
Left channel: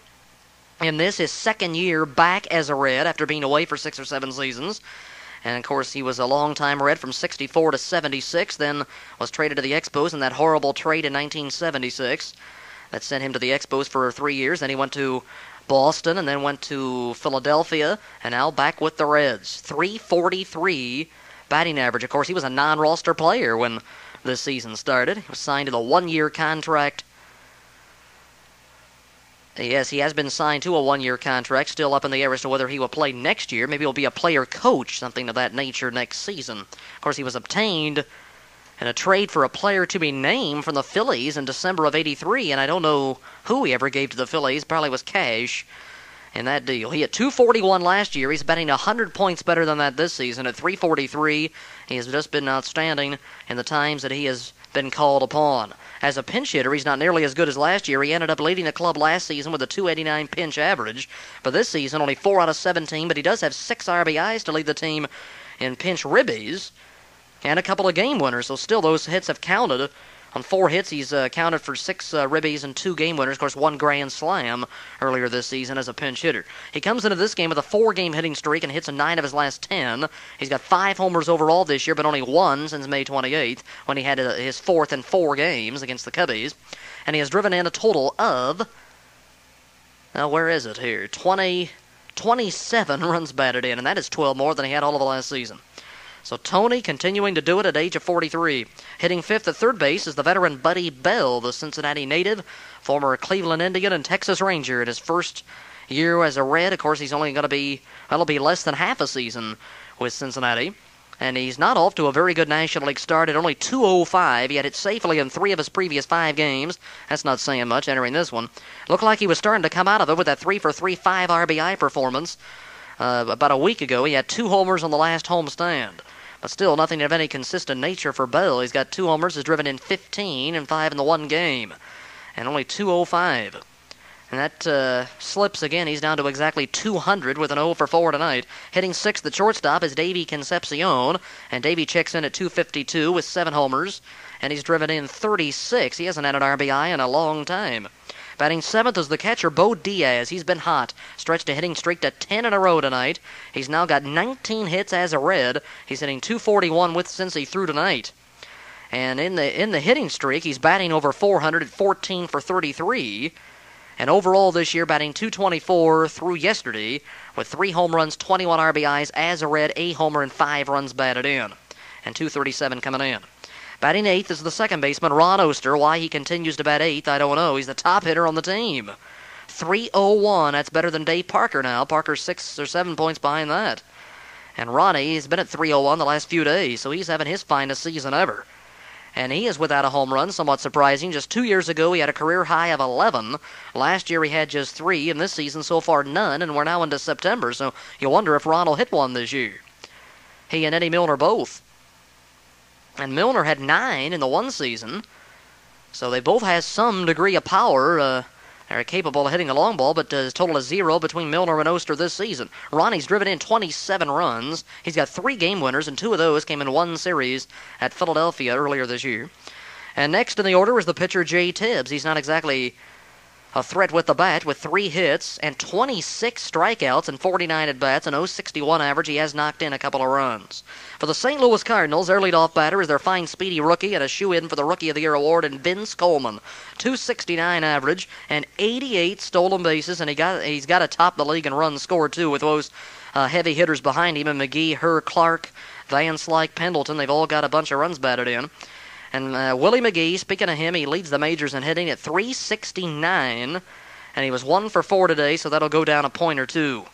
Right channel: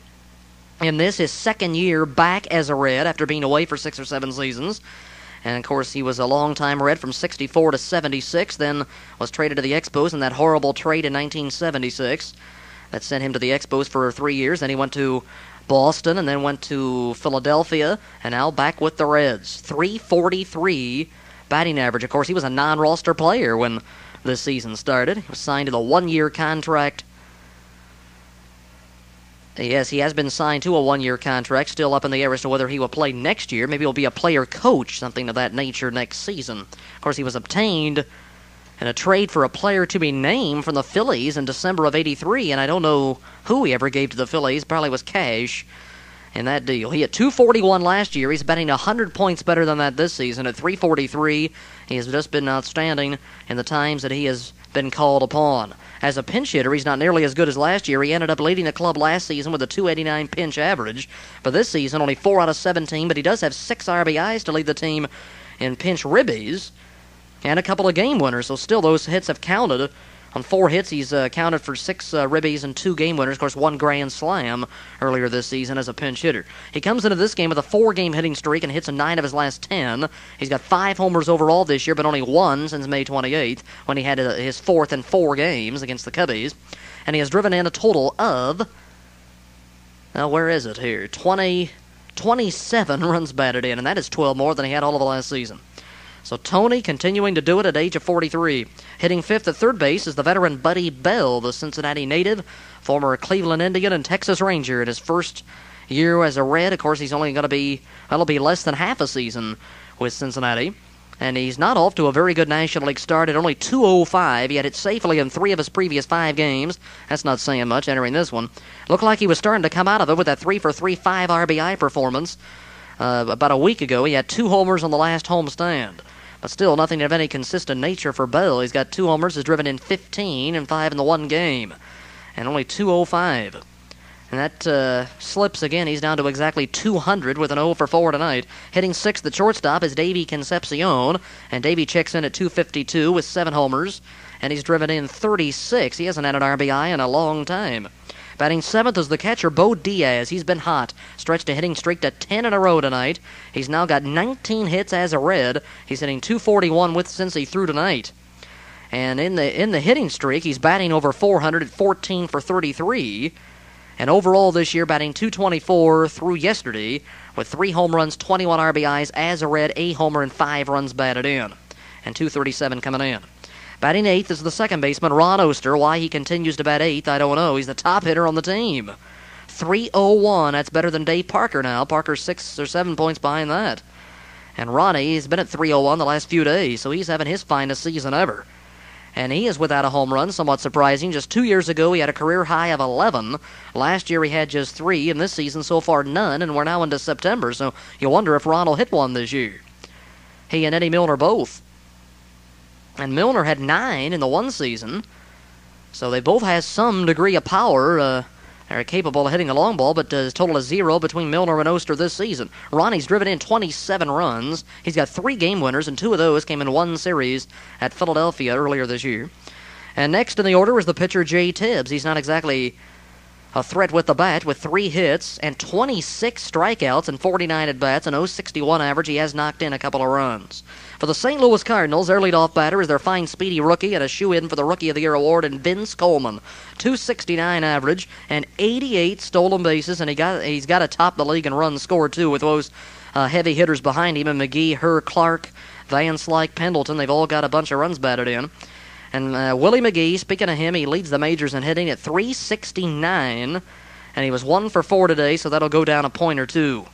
in this, his second year back as a Red after being away for 6 or 7 seasons. And, of course, he was a long-time Red from 64 to 76, then was traded to the Expos in that horrible trade in 1976. That sent him to the Expos for 3 years. Then he went to Boston and then went to Philadelphia, and now back with the Reds. .343 batting average. Of course, he was a non-roster player when this season started. He was signed to the 1-year contract. Yes, he has been signed to a 1-year contract. Still up in the air as to whether he will play next year. Maybe he'll be a player coach, something of that nature next season. Of course, he was obtained in a trade for a player to be named from the Phillies in December of '83, and I don't know who he ever gave to the Phillies. Probably was cash in that deal. He had .241 last year. He's batting 100 points better than that this season at .343. He has just been outstanding in the times that he has been called upon. As a pinch hitter, he's not nearly as good as last year. He ended up leading the club last season with a .289 pinch average. But this season, only 4 out of 17, but he does have 6 RBIs to lead the team in pinch ribbies and a couple of game winners. So still, those hits have counted. On 4 hits, he's counted for 6 ribbies and 2 game winners. Of course, 1 grand slam earlier this season as a pinch hitter. He comes into this game with a 4-game hitting streak and hits in 9 of his last 10. He's got 5 homers overall this year, but only 1 since May 28th, when he had his 4th in 4 games against the Cubbies. And he has driven in a total of, now where is it here, 27 runs batted in, and that is 12 more than he had all of the last season. So Tony continuing to do it at age of 43. Hitting 5th at third base is the veteran Buddy Bell, the Cincinnati native, former Cleveland Indian and Texas Ranger. In his first year as a Red, of course, he's only going to be, it'll be less than half a season with Cincinnati. And he's not off to a very good National League start at only .205. He had it safely in 3 of his previous 5 games. That's not saying much entering this one. Looked like he was starting to come out of it with that 3-for-3 5 RBI performance. About a week ago, he had 2 homers on the last homestand. But still, nothing of any consistent nature for Bell. He's got 2 homers, has driven in 15 and 5 in the 1 game. And only .205. And that slips again. He's down to exactly 200 with an 0-for-4 tonight. Hitting 6th at shortstop is Davey Concepcion. And Davey checks in at .252 with 7 homers. And he's driven in 36. He hasn't had an RBI in a long time. Batting 7th is the catcher, Bo Diaz. He's been hot. Stretched a hitting streak to 10 in a row tonight. He's now got 19 hits as a Red. He's hitting .241 with since he threw tonight. And in the hitting streak, he's batting over 400 at 14 for 33. And overall this year, batting .224 through yesterday with 3 home runs, 21 RBIs as a Red, a homer, and 5 runs batted in. And .237 coming in. Batting 8th is the second baseman, Ron Oster. Why he continues to bat 8th, I don't know. He's the top hitter on the team. .301, that's better than Dave Parker now. Parker's 6 or 7 points behind that. And Ronnie has been at .301 the last few days, so he's having his finest season ever. And he is without a home run, somewhat surprising. Just 2 years ago, he had a career high of 11. Last year, he had just 3, and this season, so far, none, and we're now into September, so you wonder if Ron will hit one this year. He and Eddie Milner both. And Milner had 9 in the 1 season, so they both have some degree of power. Are capable of hitting a long ball, but a total of 0 between Milner and Oster this season. Ronnie's driven in 27 runs. He's got 3 game winners, and 2 of those came in 1 series at Philadelphia earlier this year. And next in the order is the pitcher Jay Tibbs. He's not exactly a threat with the bat, with 3 hits and 26 strikeouts and 49 at-bats, an .061 average. He has knocked in a couple of runs. For the St. Louis Cardinals, their leadoff batter is their fine, speedy rookie and a shoe-in for the Rookie of the Year award in Vince Coleman. .269 average and 88 stolen bases, and he's got to top the league in runs scored, too, with those heavy hitters behind him, and McGee, Herr, Clark, Van Slyke, Pendleton. They've all got a bunch of runs batted in. And Willie McGee, speaking of him, he leads the majors in hitting at .369, and he was 1 for 4 today, so that'll go down a point or 2.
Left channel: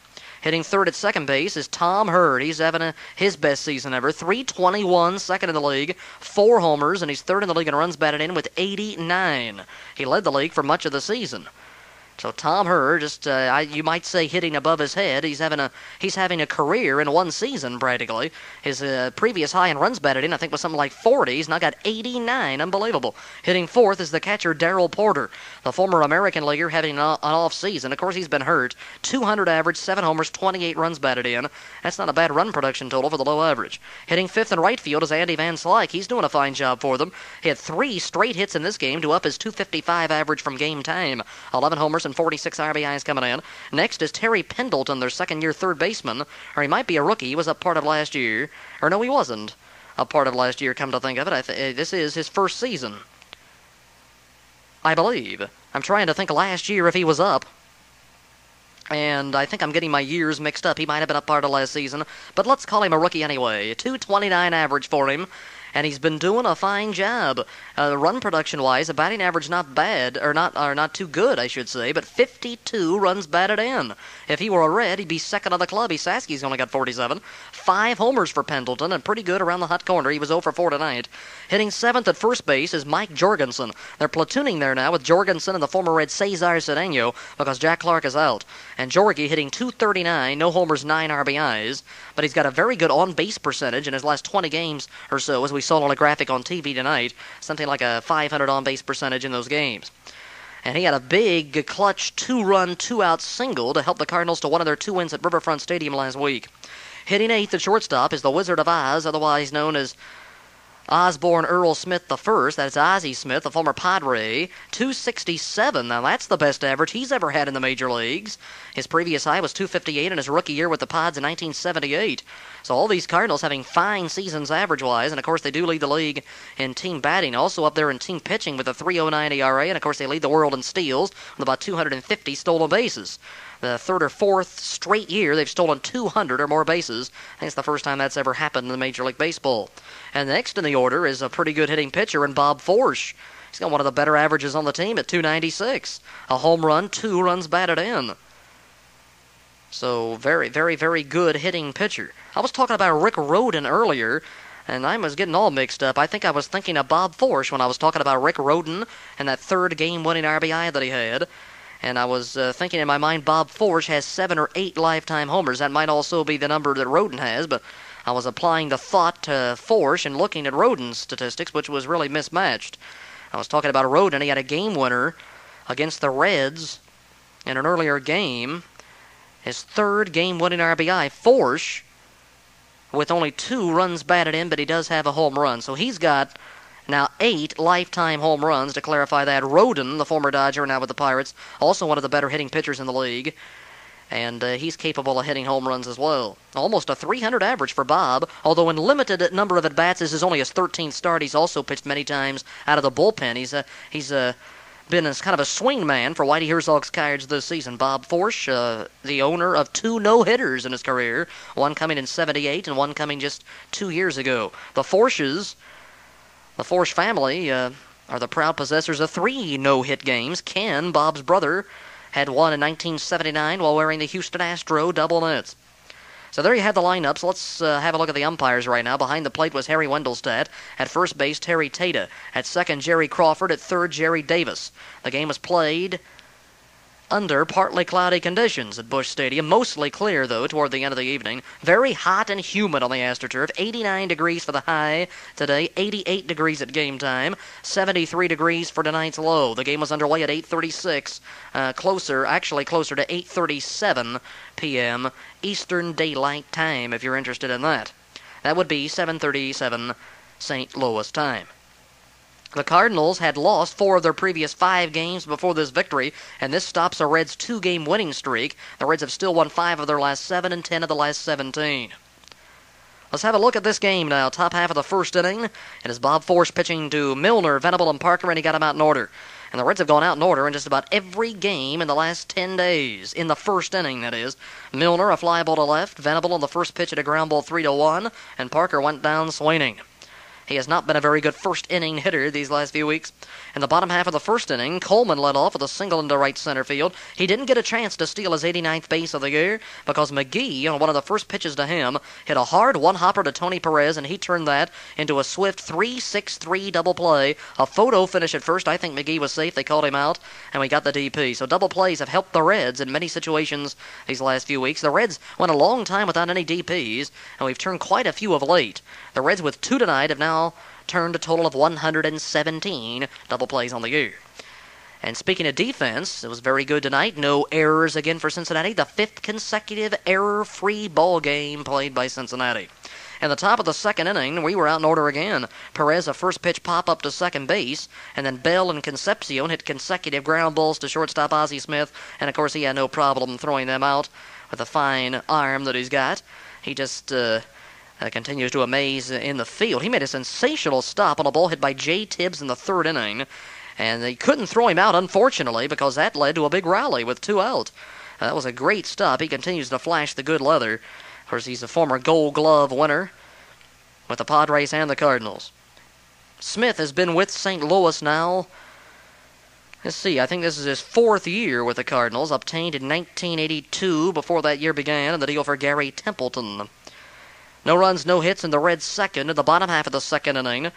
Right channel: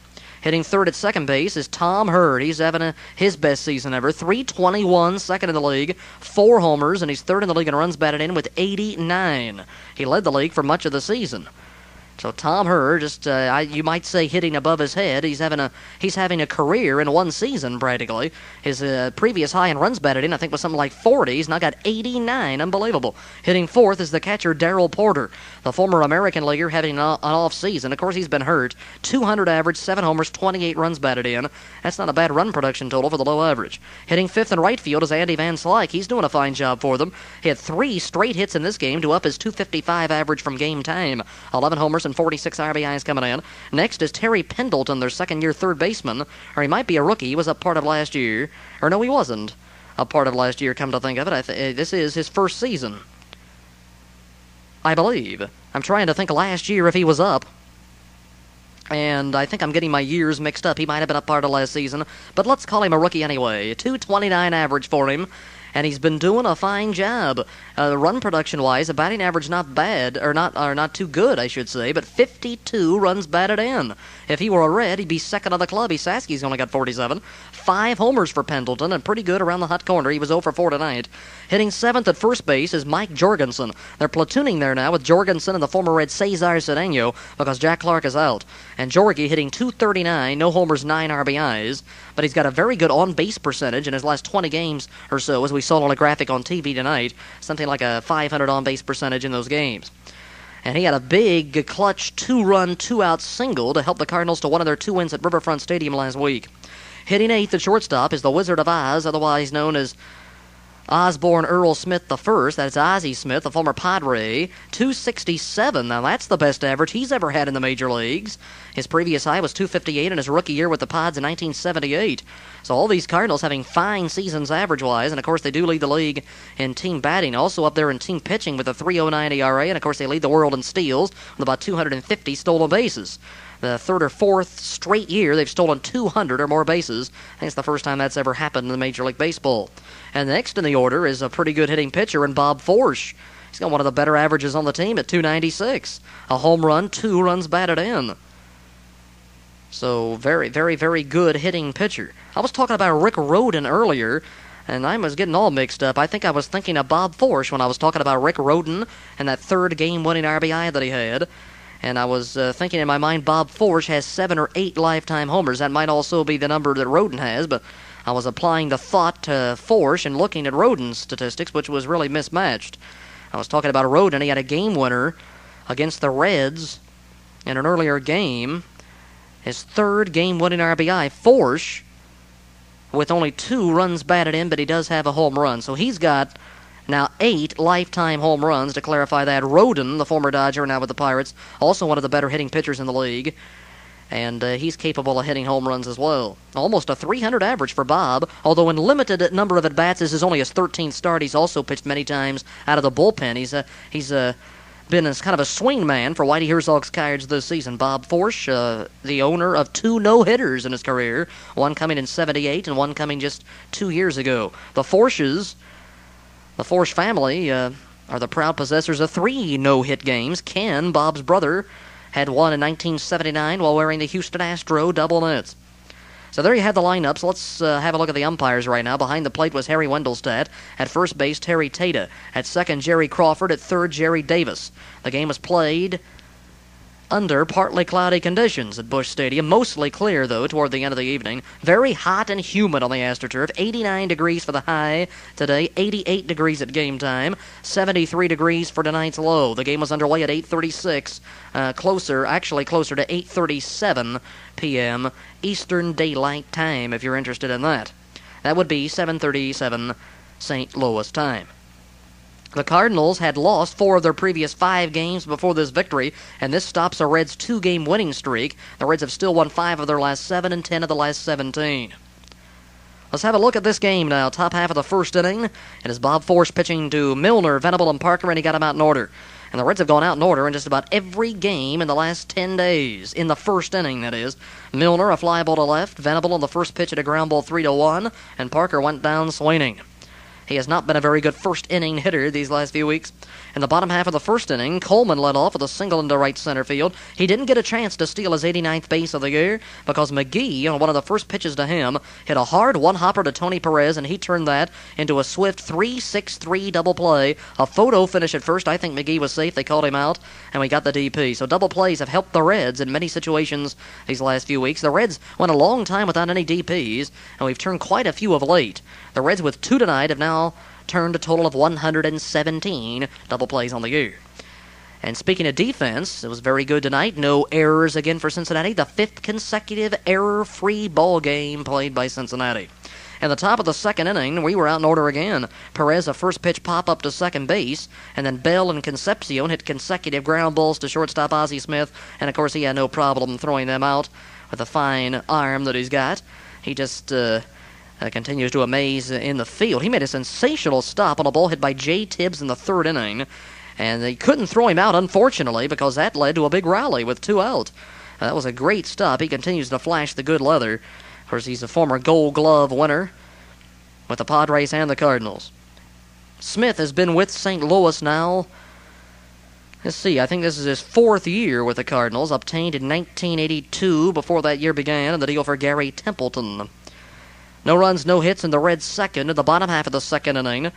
Hitting third at second base is Tom Hurd. He's having his best season ever. .321, second in the league, 4 homers, and he's third in the league in runs batted in with 89. He led the league for much of the season. So Tom Hurd, just you might say hitting above his head. He's having a career in 1 season practically. His previous high in runs batted in, I think, was something like 40. He's now got 89. Unbelievable. Hitting fourth is the catcher Darrell Porter, the former American leaguer, having an off season. Of course, he's been hurt. 200 average, 7 homers, 28 runs batted in. That's not a bad run production total for the low average. Hitting fifth in right field is Andy Van Slyke. He's doing a fine job for them. He had 3 straight hits in this game to up his .255 average from game time. 11 homers and 46 RBIs coming in. Next is Terry Pendleton, their second-year third baseman. Or he might be a rookie. He was up part of last year. Or no, he wasn't a part of last year, come to think of it. This is his first season, I believe. I'm trying to think last year if he was up. And I think I'm getting my years mixed up. He might have been up part of last season. But let's call him a rookie anyway. .229 average for him. And he's been doing a fine job. Run production-wise, a batting average not bad, or not too good, I should say, but 52 runs batted in. If he were a Red, he'd be second on the club. Saski's only got 47. 5 homers for Pendleton, and pretty good around the hot corner. He was 0 for 4 tonight. Hitting 7th at first base is Mike Jorgensen. They're platooning there now with Jorgensen and the former Red Cesar Cedeno because Jack Clark is out. And Jorgie hitting .239, no homers, 9 RBIs. But he's got a very good on-base percentage in his last 20 games or so, as we saw on a graphic on TV tonight. Something like a .500 on-base percentage in those games. And he had a big, clutch 2-run, 2-out single to help the Cardinals to one of their 2 wins at Riverfront Stadium last week. Hitting 8th at shortstop is the Wizard of Oz, otherwise known as Osborne Earl Smith I. That's Ozzie Smith, the former Padre. .267. Now that's the best average he's ever had in the major leagues. His previous high was .258 in his rookie year with the Pods in 1978. So all these Cardinals having fine seasons average-wise, and of course they do lead the league in team batting, also up there in team pitching with a .309 ERA, and of course they lead the world in steals with about 250 stolen bases. The 3rd or 4th straight year they've stolen 200 or more bases. I think it's the first time that's ever happened in Major League Baseball. And next in the order is a pretty good hitting pitcher in Bob Forsch. He's got one of the better averages on the team at .296. A home run, 2 runs batted in. So very, very, very good hitting pitcher. I was talking about Rick Rhoden earlier, and I was getting all mixed up. I think I was thinking of Bob Forsch when I was talking about Rick Rhoden and that 3rd game-winning RBI that he had. And I was thinking in my mind Bob Forsch has 7 or 8 lifetime homers. That might also be the number that Rhoden has, but I was applying the thought to Forsch and looking at Rhoden's statistics, which was really mismatched. I was talking about Rhoden. He had a game winner against the Reds in an earlier game. His 3rd game-winning RBI. Forsch, with only 2 runs batted in, but he does have a home run. So he's got now 8 lifetime home runs, to clarify that. Rhoden, the former Dodger, now with the Pirates, also one of the better hitting pitchers in the league. And he's capable of hitting home runs as well. Almost a .300 average for Bob, although in limited number of at-bats, this is only his 13th start. He's also pitched many times out of the bullpen. He's been as kind of a swing man for Whitey Herzog's Cards this season. Bob Forsch, the owner of 2 no-hitters in his career, one coming in '78 and one coming just 2 years ago. The Forsches, the Forsch family, are the proud possessors of 3 no-hit games. Ken, Bob's brother, had one in 1979 while wearing the Houston Astro double nets. So there you have the lineups. Let's have a look at the umpires right now. Behind the plate was Harry Wendelstedt. At first base, Terry Tata. At second, Jerry Crawford. At third, Jerry Davis. The game was played under partly cloudy conditions at Busch Stadium. Mostly clear, though, toward the end of the evening. Very hot and humid on the AstroTurf. 89 degrees for the high today. 88 degrees at game time. 73 degrees for tonight's low. The game was underway at 8:36. Closer to 8:37 p.m. Eastern Daylight Time, if you're interested in that. That would be 7:37 St. Louis time. The Cardinals had lost 4 of their previous 5 games before this victory, and this stops the Reds' 2-game winning streak. The Reds have still won 5 of their last 7 and 10 of the last 17. Let's have a look at this game now. Top half of the first inning, and it's Bob Forsch pitching to Milner, Venable, and Parker, and he got them out in order. And the Reds have gone out in order in just about every game in the last 10 days. In the first inning, that is. Milner, a fly ball to left. Venable on the first pitch at a ground ball 3-1. And Parker went down swinging. He has not been a very good first inning hitter these last few weeks. In the bottom half of the first inning, Coleman led off with a single into right center field. He didn't get a chance to steal his 89th base of the year because McGee, on one of the first pitches to him, hit a hard one-hopper to Tony Perez, and he turned that into a swift 3-6-3 double play. A photo finish at first. I think McGee was safe. They called him out, and we got the DP. So double plays have helped the Reds in many situations these last few weeks. The Reds went a long time without any DPs, and we've turned quite a few of late. The Reds with 2 tonight have now turned a total of 117 double plays on the year. And speaking of defense, it was very good tonight. No errors again for Cincinnati. The 5th consecutive error-free ball game played by Cincinnati. In the top of the second inning, we were out in order again. Perez, a first pitch pop-up to second base, and then Bell and Concepcion hit consecutive ground balls to shortstop Ozzie Smith, and of course he had no problem throwing them out with a fine arm that he's got. He just continues to amaze in the field. He made a sensational stop on a ball hit by Jay Tibbs in the 3rd inning, and they couldn't throw him out, unfortunately, because that led to a big rally with 2 out. That was a great stop. He continues to flash the good leather. Of course, he's a former Gold Glove winner with the Padres and the Cardinals. Smith has been with St. Louis now Let's see, I think this is his 4th year with the Cardinals, obtained in 1982 before that year began, and the deal for Gary Templeton. No runs, no hits in the Reds' second. In the bottom half of the second inning,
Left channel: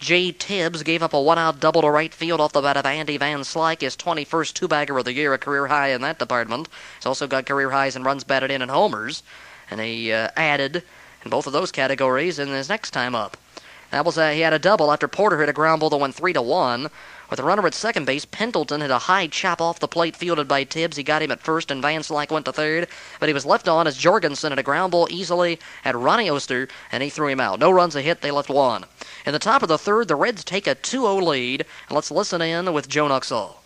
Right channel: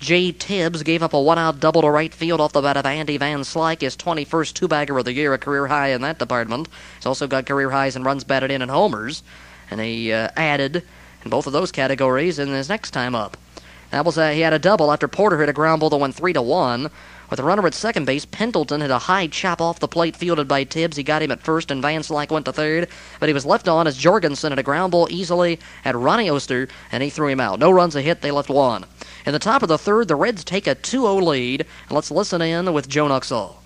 Jay Tibbs gave up a one-out double to right field off the bat of Andy Van Slyke, his 21st two-bagger of the year, a career high in that department. He's also got career highs in runs batted in and homers, and he added in both of those categories in his next time up. That was he had a double after Porter hit a ground ball that went 3-1. With a runner at second base, Pendleton hit a high chop off the plate fielded by Tibbs. He got him at first, and Van Slyke went to third. But he was left on as Jorgensen hit a ground ball easily at Ronnie Oster, and he threw him out. No runs, a hit, they left one. In the top of the third, the Reds take a 2-0 lead. And let's listen in with Joe Nuxall.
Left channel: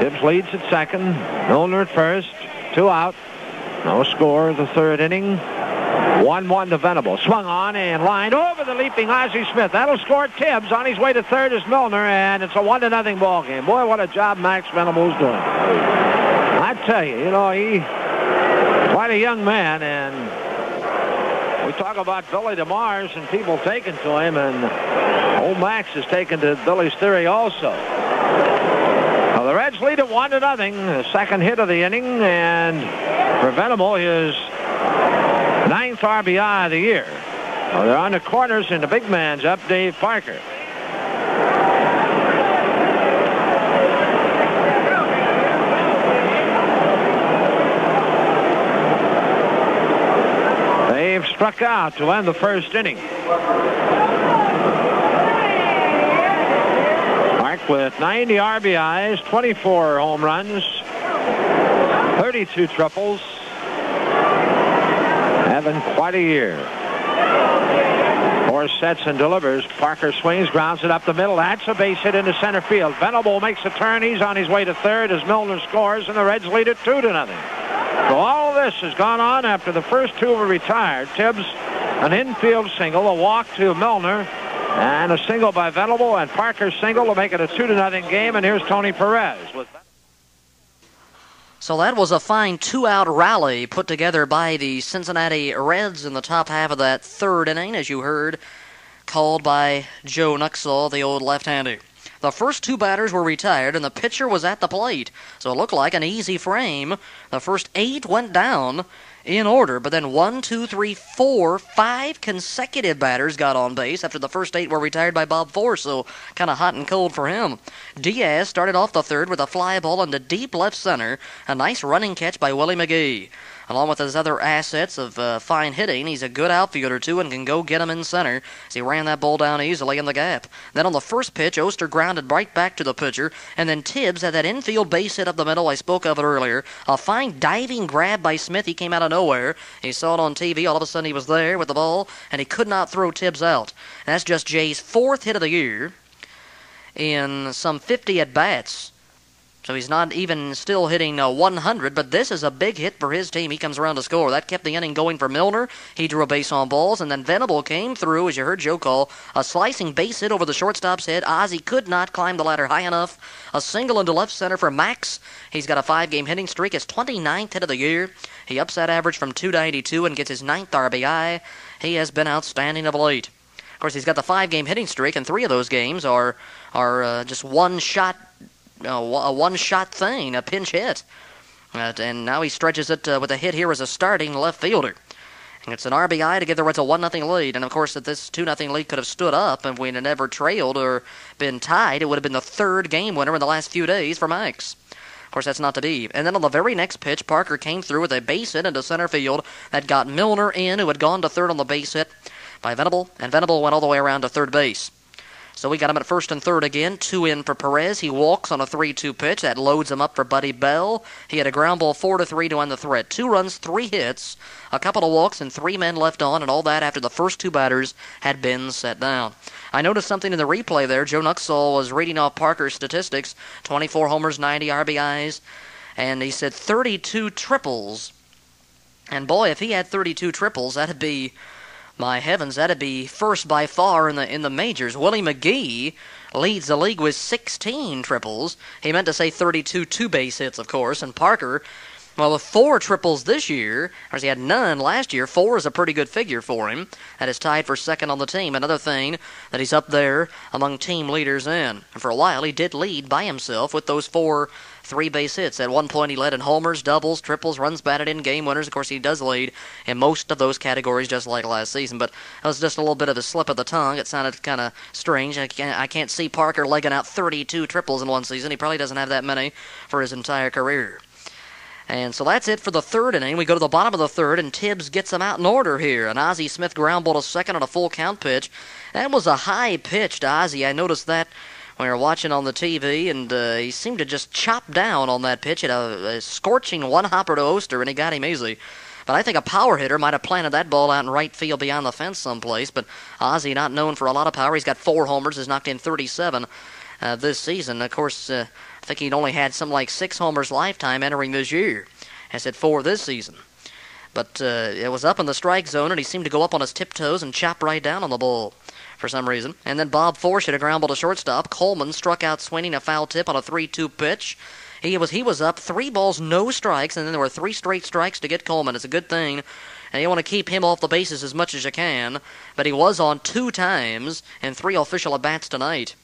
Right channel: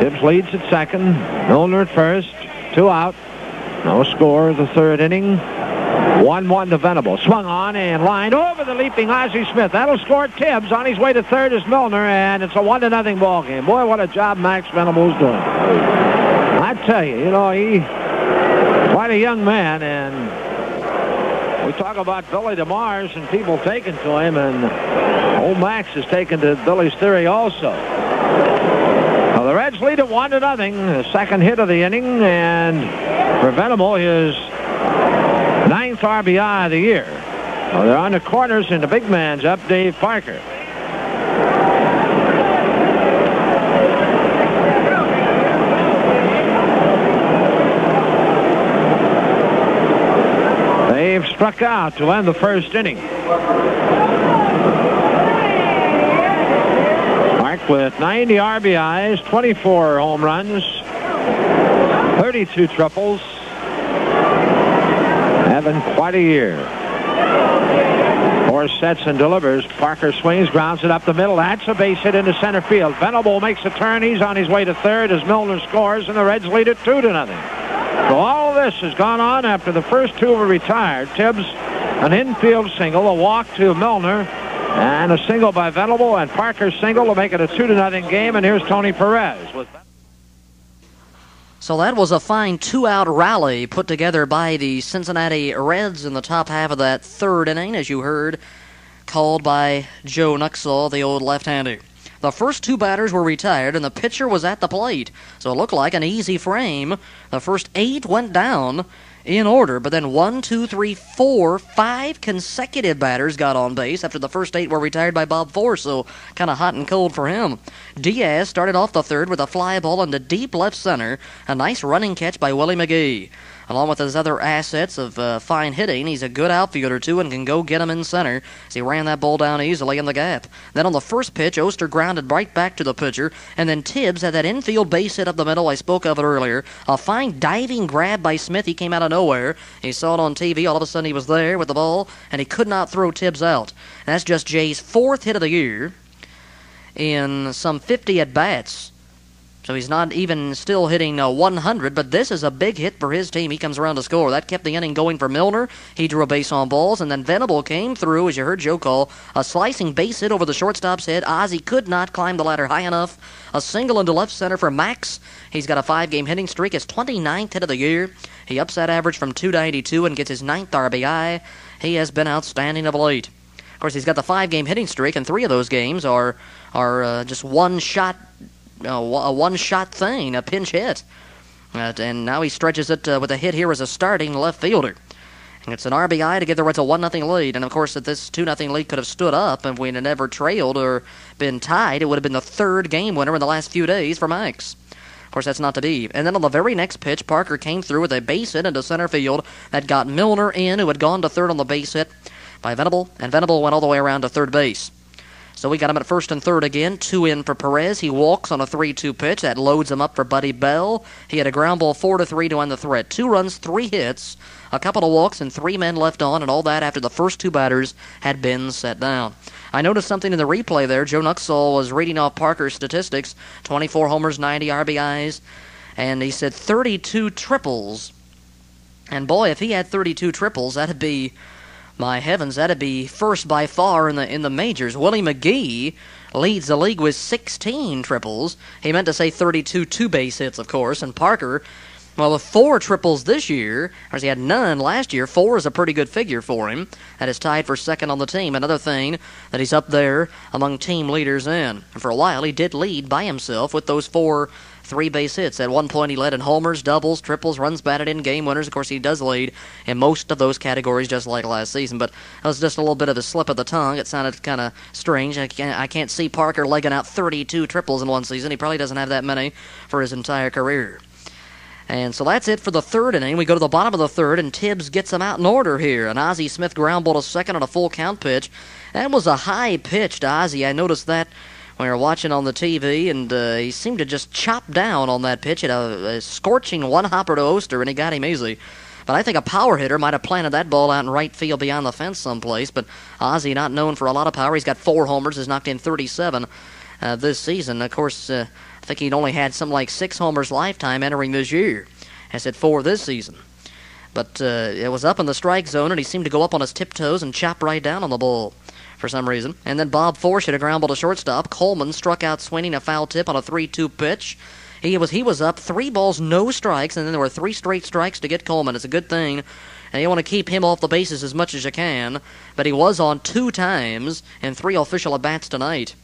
Tibbs leads at second. Milner at first. 2 out. No score the third inning. 1-1 to Venable. Swung on and lined over the leaping Ozzie Smith. That'll score Tibbs. On his way to third is Milner, and it's a 1-0 ball game. Boy, what a job Max Venable's doing. I tell you, he's quite a young man, and we talk about Billy DeMars and people taking to him, and old Max is taken to Billy's theory also. Well, the Reds lead at 1-0. The second hit of the inning, and for Venable, his 9th RBI of the year. Well, they're on the corners, and the big man's up, Dave Parker. They've struck out to end the first inning. Park with 90 RBIs, 24 home runs, 32 triples. Having quite a year. 4 sets and delivers. Parker swings, grounds it up the middle. That's a base hit into center field. Venable makes a turn. He's on his way to third as Milner scores, and the Reds lead it 2-0. So all of this has gone on after the first two were retired. Tibbs, an infield single, a walk to Milner, and a single by Venable, and Parker's single to make it a 2-0 game. And here's Tony Perez with. So that was a fine 2-out rally put together by the Cincinnati Reds in the top half of that third inning, as you heard, called by Joe Nuxall, the old left-hander. The first 2 batters were retired, and the pitcher was at the plate, so it looked like an easy frame. The first 8 went down in order, but then 1, 2, 3, 4, 5 consecutive batters got on base after the first 8 were retired by Bob Force, so kind of hot and cold for him. Diaz started off the third with a fly ball into deep left center, a nice running catch by Willie McGee. Along with his other assets of fine hitting, he's a good outfielder, too, and can go get him in center as he ran that ball down easily in the gap. Then on the first pitch, Oster grounded right back to the pitcher, and then Tibbs had that infield base hit up the middle. I spoke of it earlier. A fine diving grab by Smith. He came out of nowhere. He saw it on TV. All of a sudden, he was there with the ball, and he could not throw Tibbs out. And that's just Jay's 4th hit of the year in some 50 at-bats. So he's not even still hitting 100, but this is a big hit for his team. He comes around to score. That kept the inning going for Milner. He drew a base on balls, and then Venable came through, as you heard Joe call, a slicing base hit over the shortstop's head. Ozzie could not climb the ladder high enough. A single into left center for Max. He's got a 5-game hitting streak, his 29th hit of the year. He ups that average from 292 and gets his 9th RBI. He has been outstanding of late. Of course, he's got the 5-game hitting streak, and 3 of those games are just one-shot a one-shot thing, a pinch hit. And now he stretches it with a hit here as a starting left fielder. And it's an RBI to give the Reds a 1-0 lead. And, of course, if this 2-0 lead could have stood up and we had never trailed or been tied, it would have been the 3rd game winner in the last few days for Max. Of course, that's not the D. And then on the very next pitch, Parker came through with a base hit into center field that got Milner in, who had gone to third on the base hit by Venable. And Venable went all the way around to third base. So we got him at first and third again. 2 in for Perez. He walks on a 3-2 pitch. That loads him up for Buddy Bell. He had a ground ball 4-3 to end the threat. 2 runs, 3 hits, a couple of walks, and 3 men left on, and all that after the first 2 batters had been set down. I noticed something in the replay there. Joe Nuxall was reading off Parker's statistics. 24 homers, 90 RBIs, and he said 32 triples. And boy, if he had 32 triples, that'd be... My heavens, that'd be first by far in the majors. Willie McGee leads the league with 16 triples. He meant to say 32 two-base hits, of course, and Parker Well, with 4 triples this year, whereas he had none last year, 4 is a pretty good figure for him. That is tied for second on the team. Another thing that he's up there among team leaders in. And for a while, he did lead by himself with those 4 3-base hits. At one point, he led in homers, doubles, triples, runs batted in, game winners. Of course, he does lead in most of those categories, just like last season. But that was just a little bit of a slip of the tongue. It sounded kind of strange. I can't see Parker legging out 32 triples in one season. He probably doesn't have that many for his entire career. And so that's it for the third inning. We go to the bottom of the third, and Tibbs gets them out in order here. An Ozzie Smith ground ball to second on a full count pitch. That was a high pitch to Ozzie. I noticed that when we were watching on the TV, and he seemed to just chop down on that pitch. It had a scorching one-hopper to Oster, and he got him easily. But I think a power hitter might have planted that ball out in right field beyond the fence someplace. But Ozzie, not known for a lot of power. He's got 4 homers, has knocked in 37 this season. Of course, I think he'd only had something like 6 homers lifetime entering this year. Has hit 4 this season. But it was up in the strike zone, and he seemed to go up on his tiptoes and chop right down on the ball for some reason. And then Bob Forsch hit a ground ball to shortstop. Coleman struck out swinging a foul tip on a 3-2 pitch. He was up 3 balls, no strikes, and then there were 3 straight strikes to get Coleman. It's a good thing. And you want to keep him off the bases as much as you can. But he was on 2 times in 3 official at-bats tonight,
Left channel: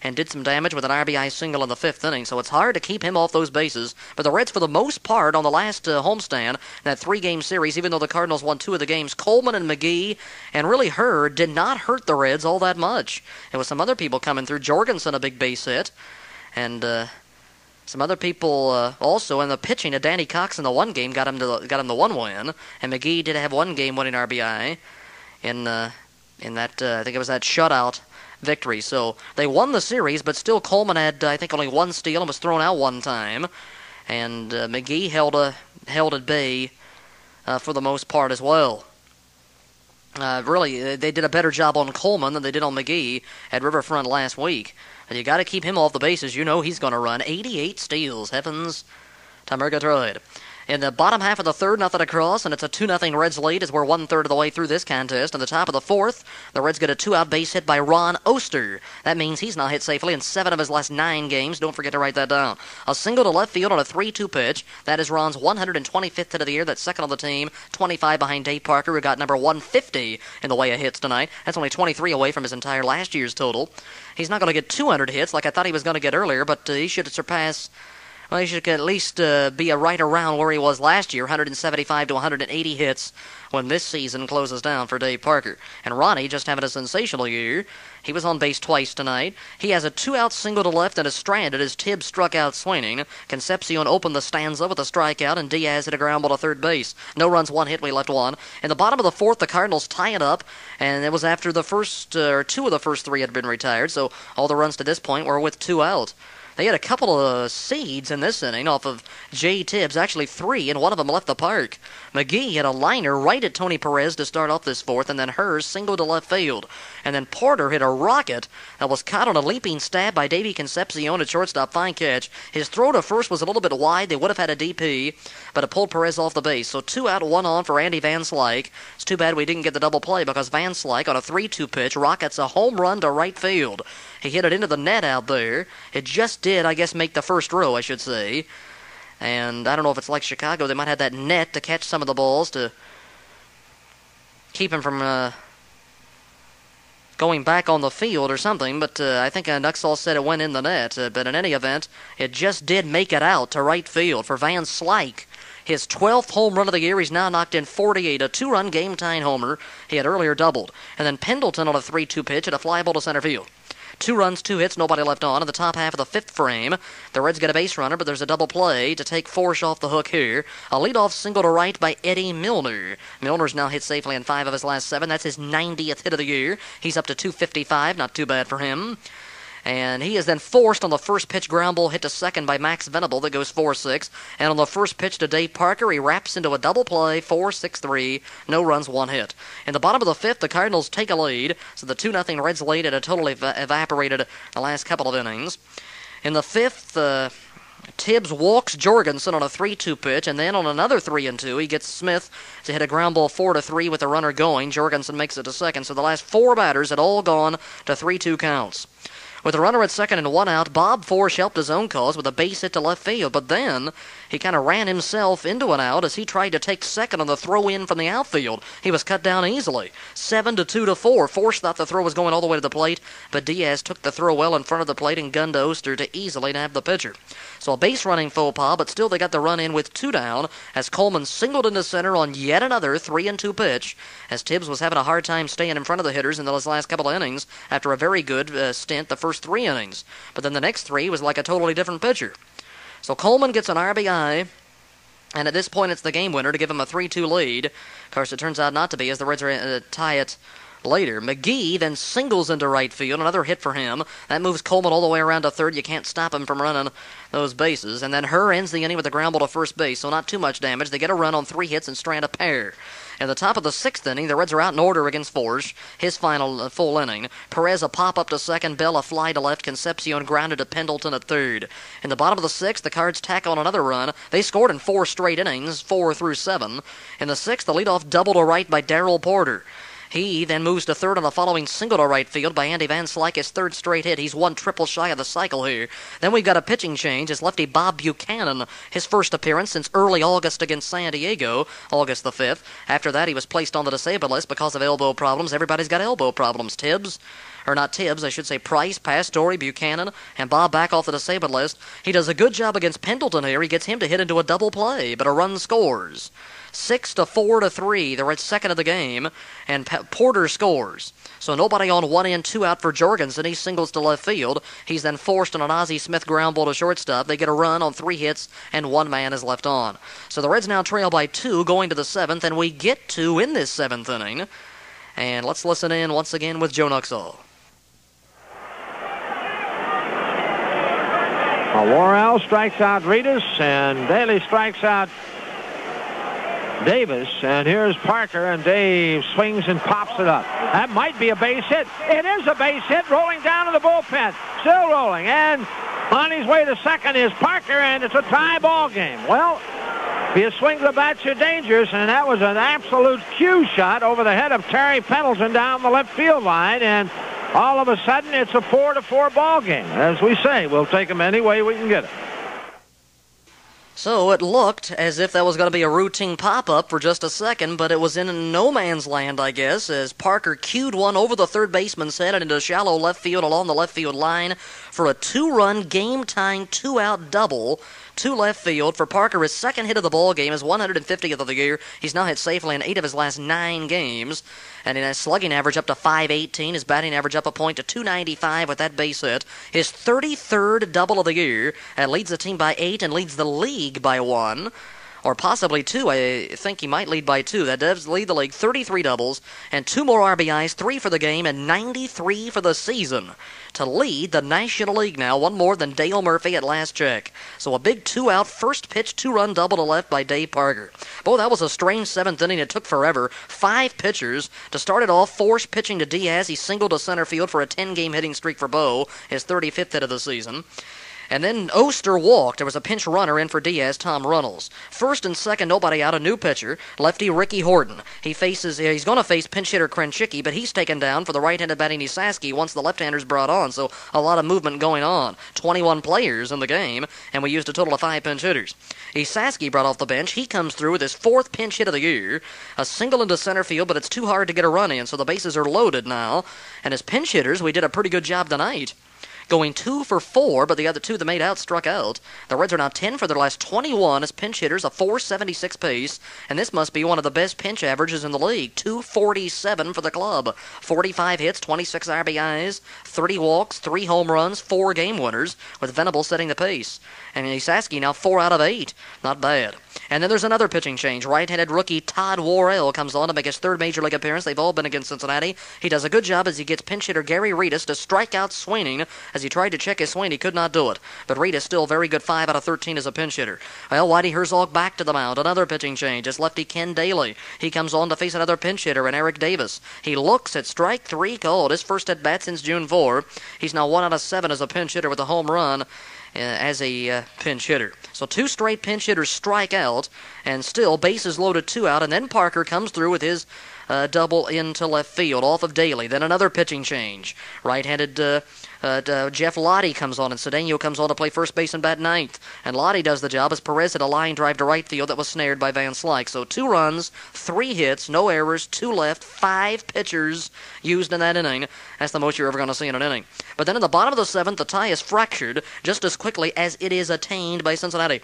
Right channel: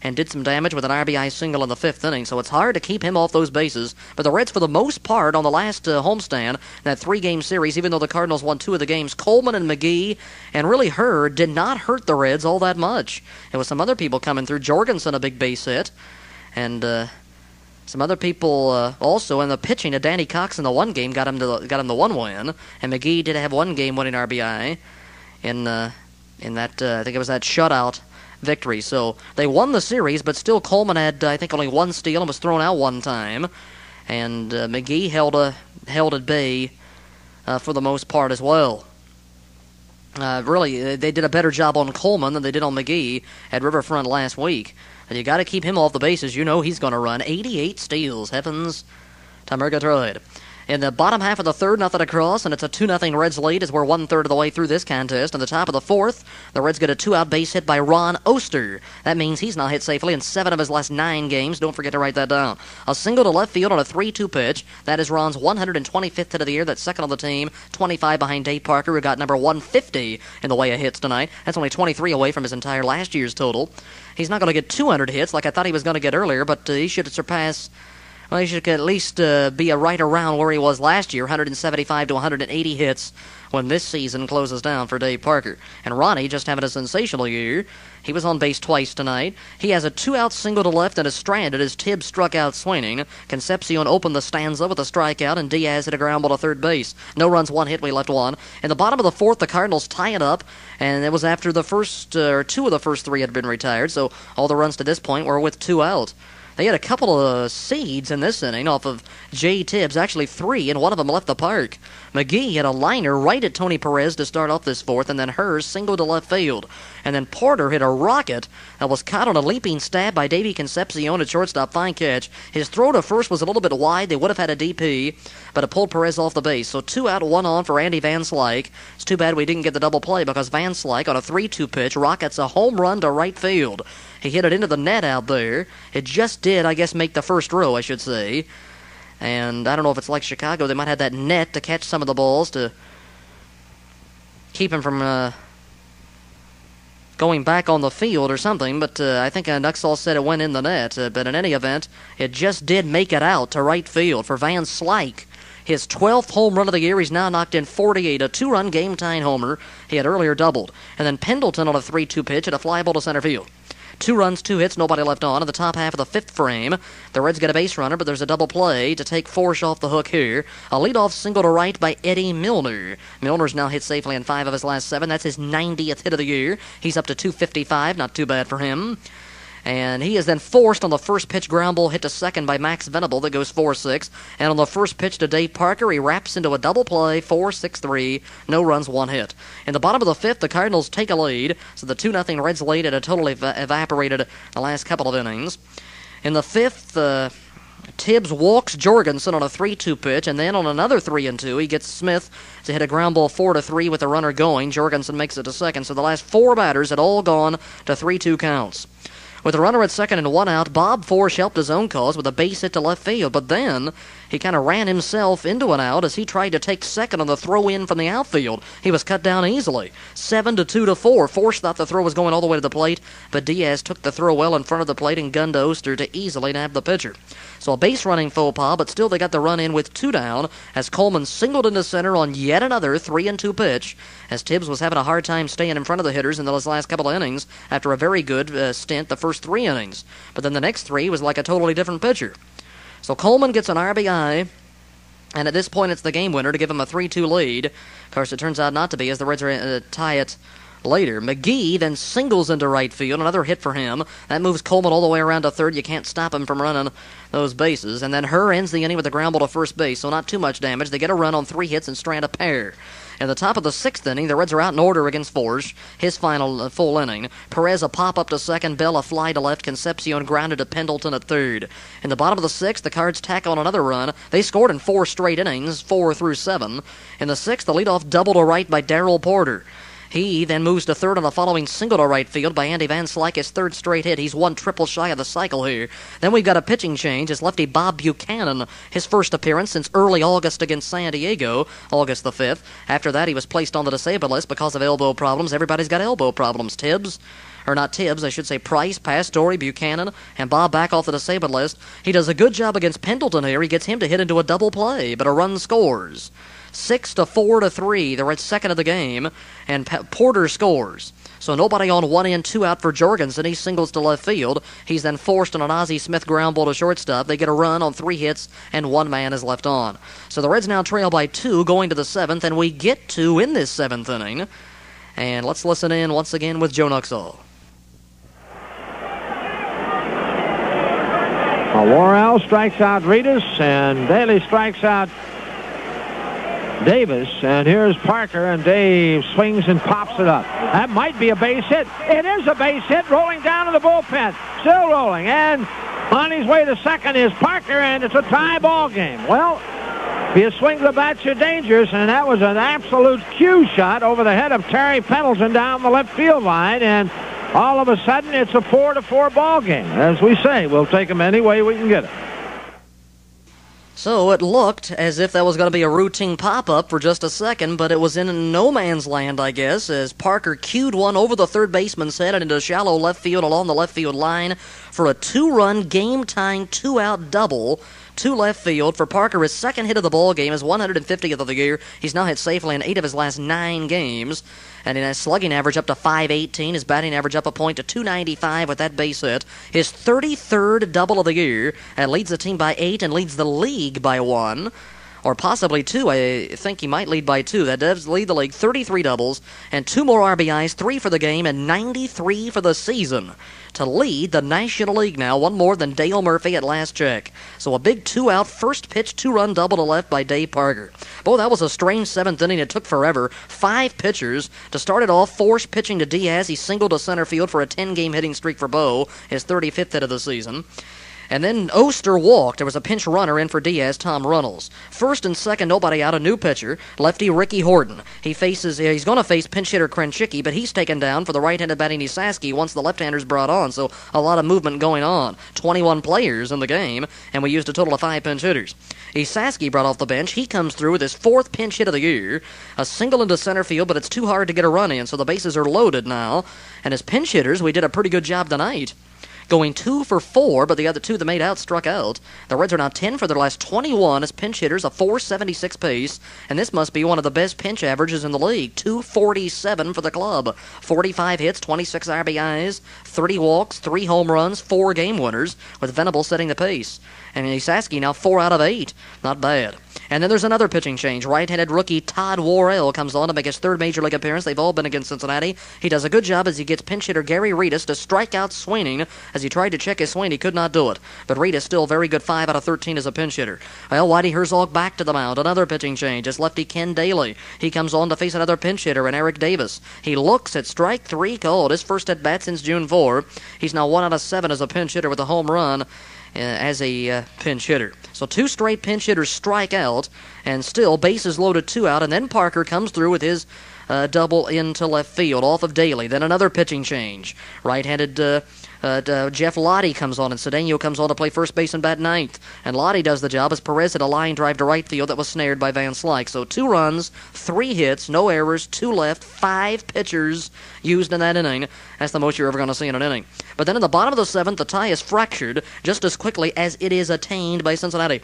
and did some damage with an RBI single in the 5th inning, so it's hard to keep him off those bases. But the Reds, for the most part, on the last homestand, in that 3-game series, even though the Cardinals won 2 of the games, Coleman and McGee and really Hurd did not hurt the Reds all that much. There was some other people coming through. Jorgensen, a big base hit, and some other people also in the pitching. Danny Cox in the 1 game got him the 1 win, and McGee did have 1 game winning RBI in that I think it was that shutout victory. So they won the series, but still Coleman had, I think, only 1 steal and was thrown out 1 time. And McGee held at bay for the most part as well. Really, they did a better job on Coleman than they did on McGee at Riverfront last week. But you got to keep him off the bases. You know he's going to run 88 steals. Heavens to Murgatroyd. In the bottom half of the third, nothing across, and it's a 2-0 Reds lead as we're 1/3 of the way through this contest. In the top of the 4th, the Reds get a 2-out base hit by Ron Oster. That means he's now hit safely in 7 of his last 9 games. Don't forget to write that down. A single to left field on a 3-2 pitch. That is Ron's 125th hit of the year. That's second on the team, 25 behind Dave Parker, who got number 150 in the way of hits tonight. That's only 23 away from his entire last year's total. He's not going to get 200 hits like I thought he was going to get earlier, but he should surpass... Well, he should at least be right around where he was last year, 175 to 180 hits when this season closes down for Dave Parker. And Ronnie just having a sensational year. He was on base twice tonight. He has a 2-out single to left and is stranded as Tibbs struck out swinging. Concepcion opened the stanza with a strikeout, and Diaz hit a ground ball to third base. No runs, 1 hit, we left 1. In the bottom of the 4th, the Cardinals tie it up, and it was after the first, 2 of the first 3 had been retired, so all the runs to this point were with 2 out. They had a couple of seeds in this inning off of Jay Tibbs, actually 3, and one of them left the park. McGee hit a liner right at Tony Perez to start off this 4th, and then Hers singled to left field. And then Porter hit a rocket that was caught on a leaping stab by Davey Concepcion at shortstop. Fine catch. His throw to first was a little bit wide. They would have had a DP, but it pulled Perez off the base. So 2 out, 1 on for Andy Van Slyke. It's too bad we didn't get the double play because Van Slyke on a 3-2 pitch rockets a home run to right field. He hit it into the net out there. It just did, I guess, make the first row, I should say. And I don't know if it's like Chicago. They might have that net to catch some of the balls to keep him from going back on the field or something. But I think Nuxall said it went in the net. But in any event, it just did make it out to right field for Van Slyke. His 12th home run of the year. He's now knocked in 48, a 2-run game-tying homer. He had earlier doubled. And then Pendleton on a 3-2 pitch at a fly ball to center field. 2 runs, 2 hits, nobody left on. In the top half of the 5th frame, the Reds get a base runner, but there's a double play to take Forsch off the hook here. A leadoff single to right by Eddie Milner. Milner's now hit safely in 5 of his last 7. That's his 90th hit of the year. He's up to 255, not too bad for him. And he is then forced on the first pitch ground ball hit to second by Max Venable that goes 4-6. And on the first pitch to Dave Parker, he wraps into a double play, 4-6-3, no runs, 1 hit. In the bottom of the 5th, the Cardinals take a lead, so the 2-0 Reds lead had totally evaporated the last couple of innings. In the 5th, Tibbs walks Jorgensen on a 3-2 pitch, and then on another 3-2, he gets Smith to hit a ground ball 4-3 with the runner going. Jorgensen makes it to second, so the last 4 batters had all gone to 3-2 counts. With a runner at second and 1 out, Bob Forsch helped his own cause with a base hit to left field, but then He kind of ran himself into an out as he tried to take second on the throw in from the outfield. He was cut down easily. 7-2-4. Force thought the throw was going all the way to the plate, but Diaz took the throw well in front of the plate and gunned to Oster to easily nab the pitcher. So a base running faux pas, but still they got the run in with 2 down as Coleman singled into center on yet another 3-2 pitch, as Tibbs was having a hard time staying in front of the hitters in those last couple of innings after a very good stint the first 3 innings. But then the next 3 was like a totally different pitcher. So Coleman gets an RBI, and at this point it's the game winner to give him a 3-2 lead. Of course, it turns out not to be, as the Reds tie it later. McGee then singles into right field, another hit for him. That moves Coleman all the way around to third. You can't stop him from running those bases. And then Herr ends the inning with a ground ball to first base, so not too much damage. They get a run on 3 hits and strand a pair. In the top of the 6th inning, the Reds are out in order against Forge, his final full inning. Perez a pop-up to second, Bell a fly to left, Concepcion grounded to Pendleton at third. In the bottom of the 6th, the Cards tack on another run. They scored in 4 straight innings, 4 through 7. In the 6th, the leadoff double to right by Darrell Porter. He then moves to third on a following single to right field by Andy Van Slyke, his 3rd straight hit. He's 1 triple shy of the cycle here. Then we've got a pitching change as lefty Bob Buchanan, his first appearance since early August against San Diego, August the 5th. After that, he was placed on the disabled list because of elbow problems. Everybody's got elbow problems. Price, Pastore, Buchanan, and Bob back off the disabled list. He does a good job against Pendleton here. He gets him to hit into a double play, but a run scores. 6-4-3. The Reds second of the game, and Porter scores. So nobody on 1 in, 2 out for Jorgensen. He singles to left field. He's then forced on an Ozzie Smith ground ball to shortstop. They get a run on 3 hits, and 1 man is left on. So the Reds now trail by 2 going to the 7th, and we get 2 in this 7th inning. And let's listen in once again with Joe Nuxall. Worrell strikes out Reedus, and Daly strikes out Davis, and here's Parker, and Dave swings and pops it up. That might be a base hit. It is a base hit, rolling down to the bullpen. Still rolling, and on his way to second is Parker, and it's a tie ball game. Well, if you swing the bat, you're dangerous, and that was an absolute cue shot over the head of Terry Pendleton down the left field line, and all of a sudden it's a 4-4 ball game. As we say, we'll take them any way we can get it. So it looked as if that was going to be a routine pop-up for just a second, but it was in no man's land, I guess, as Parker cued one over the third baseman's head and into shallow left field along the left field line for a 2-run, game-tying, 2-out double to left field for Parker. His second hit of the ball game, his 150th of the year. He's now hit safely in 8 of his last 9 games. And in his slugging average up to .518, his batting average up a point to .295 with that base hit. His 33rd double of the year, and leads the team by 8 and leads the league by 1. Or possibly 2. I think he might lead by 2. That does lead the league. 33 doubles and 2 more RBIs, 3 for the game and 93 for the season, to lead the National League now, 1 more than Dale Murphy at last check. So a big 2-out, first pitch, 2-run double to left by Dave Parker. Boy, that was a strange 7th inning. It took forever. 5 pitchers. To start it off, Force pitching to Diaz. He singled to center field for a 10-game hitting streak for Bo, his 35th hit of the season. And then Oster walked. There was a pinch runner in for Diaz, Tom Runnels. First and second, nobody out, a new pitcher, lefty Ricky Horton. He's going to face pinch hitter Krenchicki, but he's taken down for the right-handed batting Esaski once the left-hander's brought on, so a lot of movement going on. 21 players in the game, and we used a total of 5 pinch hitters. Esaski brought off the bench. He comes through with his 4th pinch hit of the year. A single into center field, but it's too hard to get a run in, so the bases are loaded now. And as pinch hitters, we did a pretty good job tonight, going 2 for 4, but the other 2 that made out struck out. The Reds are now 10 for their last 21 as pinch hitters, a .476 pace, and this must be one of the best pinch averages in the league. 247 for the club. 45 hits, 26 RBIs, 30 walks, 3 home runs, 4 game winners, with Venable setting the pace. And Esaski now 4 out of 8. Not bad. And then there's another pitching change. Right-handed rookie Todd Worrell comes on to make his 3rd major league appearance. They've all been against Cincinnati. He does a good job as he gets pinch hitter Gary Reedus to strike out swinging. As he tried to check his swing, he could not do it. But Reedus still very good, 5 out of 13 as a pinch hitter. Well, Whitey Herzog back to the mound. Another pitching change. It's lefty Ken Daly. He comes on to face another pinch hitter and Eric Davis. He looks at strike 3 called. His first at bat since June 4. He's now 1 out of 7 as a pinch hitter with a home run as a pinch hitter. So 2 straight pinch hitters strike out, and still bases loaded, 2 out, and then Parker comes through with his double into left field off of Daly. Then another pitching change. Right-handed Jeff Lottie comes on, and Cedeno comes on to play first base and bat ninth. And Lottie does the job as Perez hit a line drive to right field that was snared by Van Slyke. So 2 runs, 3 hits, no errors, 2 left, 5 pitchers used in that inning. That's the most you're ever going to see in an inning. But then in the bottom of the 7th, the tie is fractured just as quickly as it is attained by Cincinnati,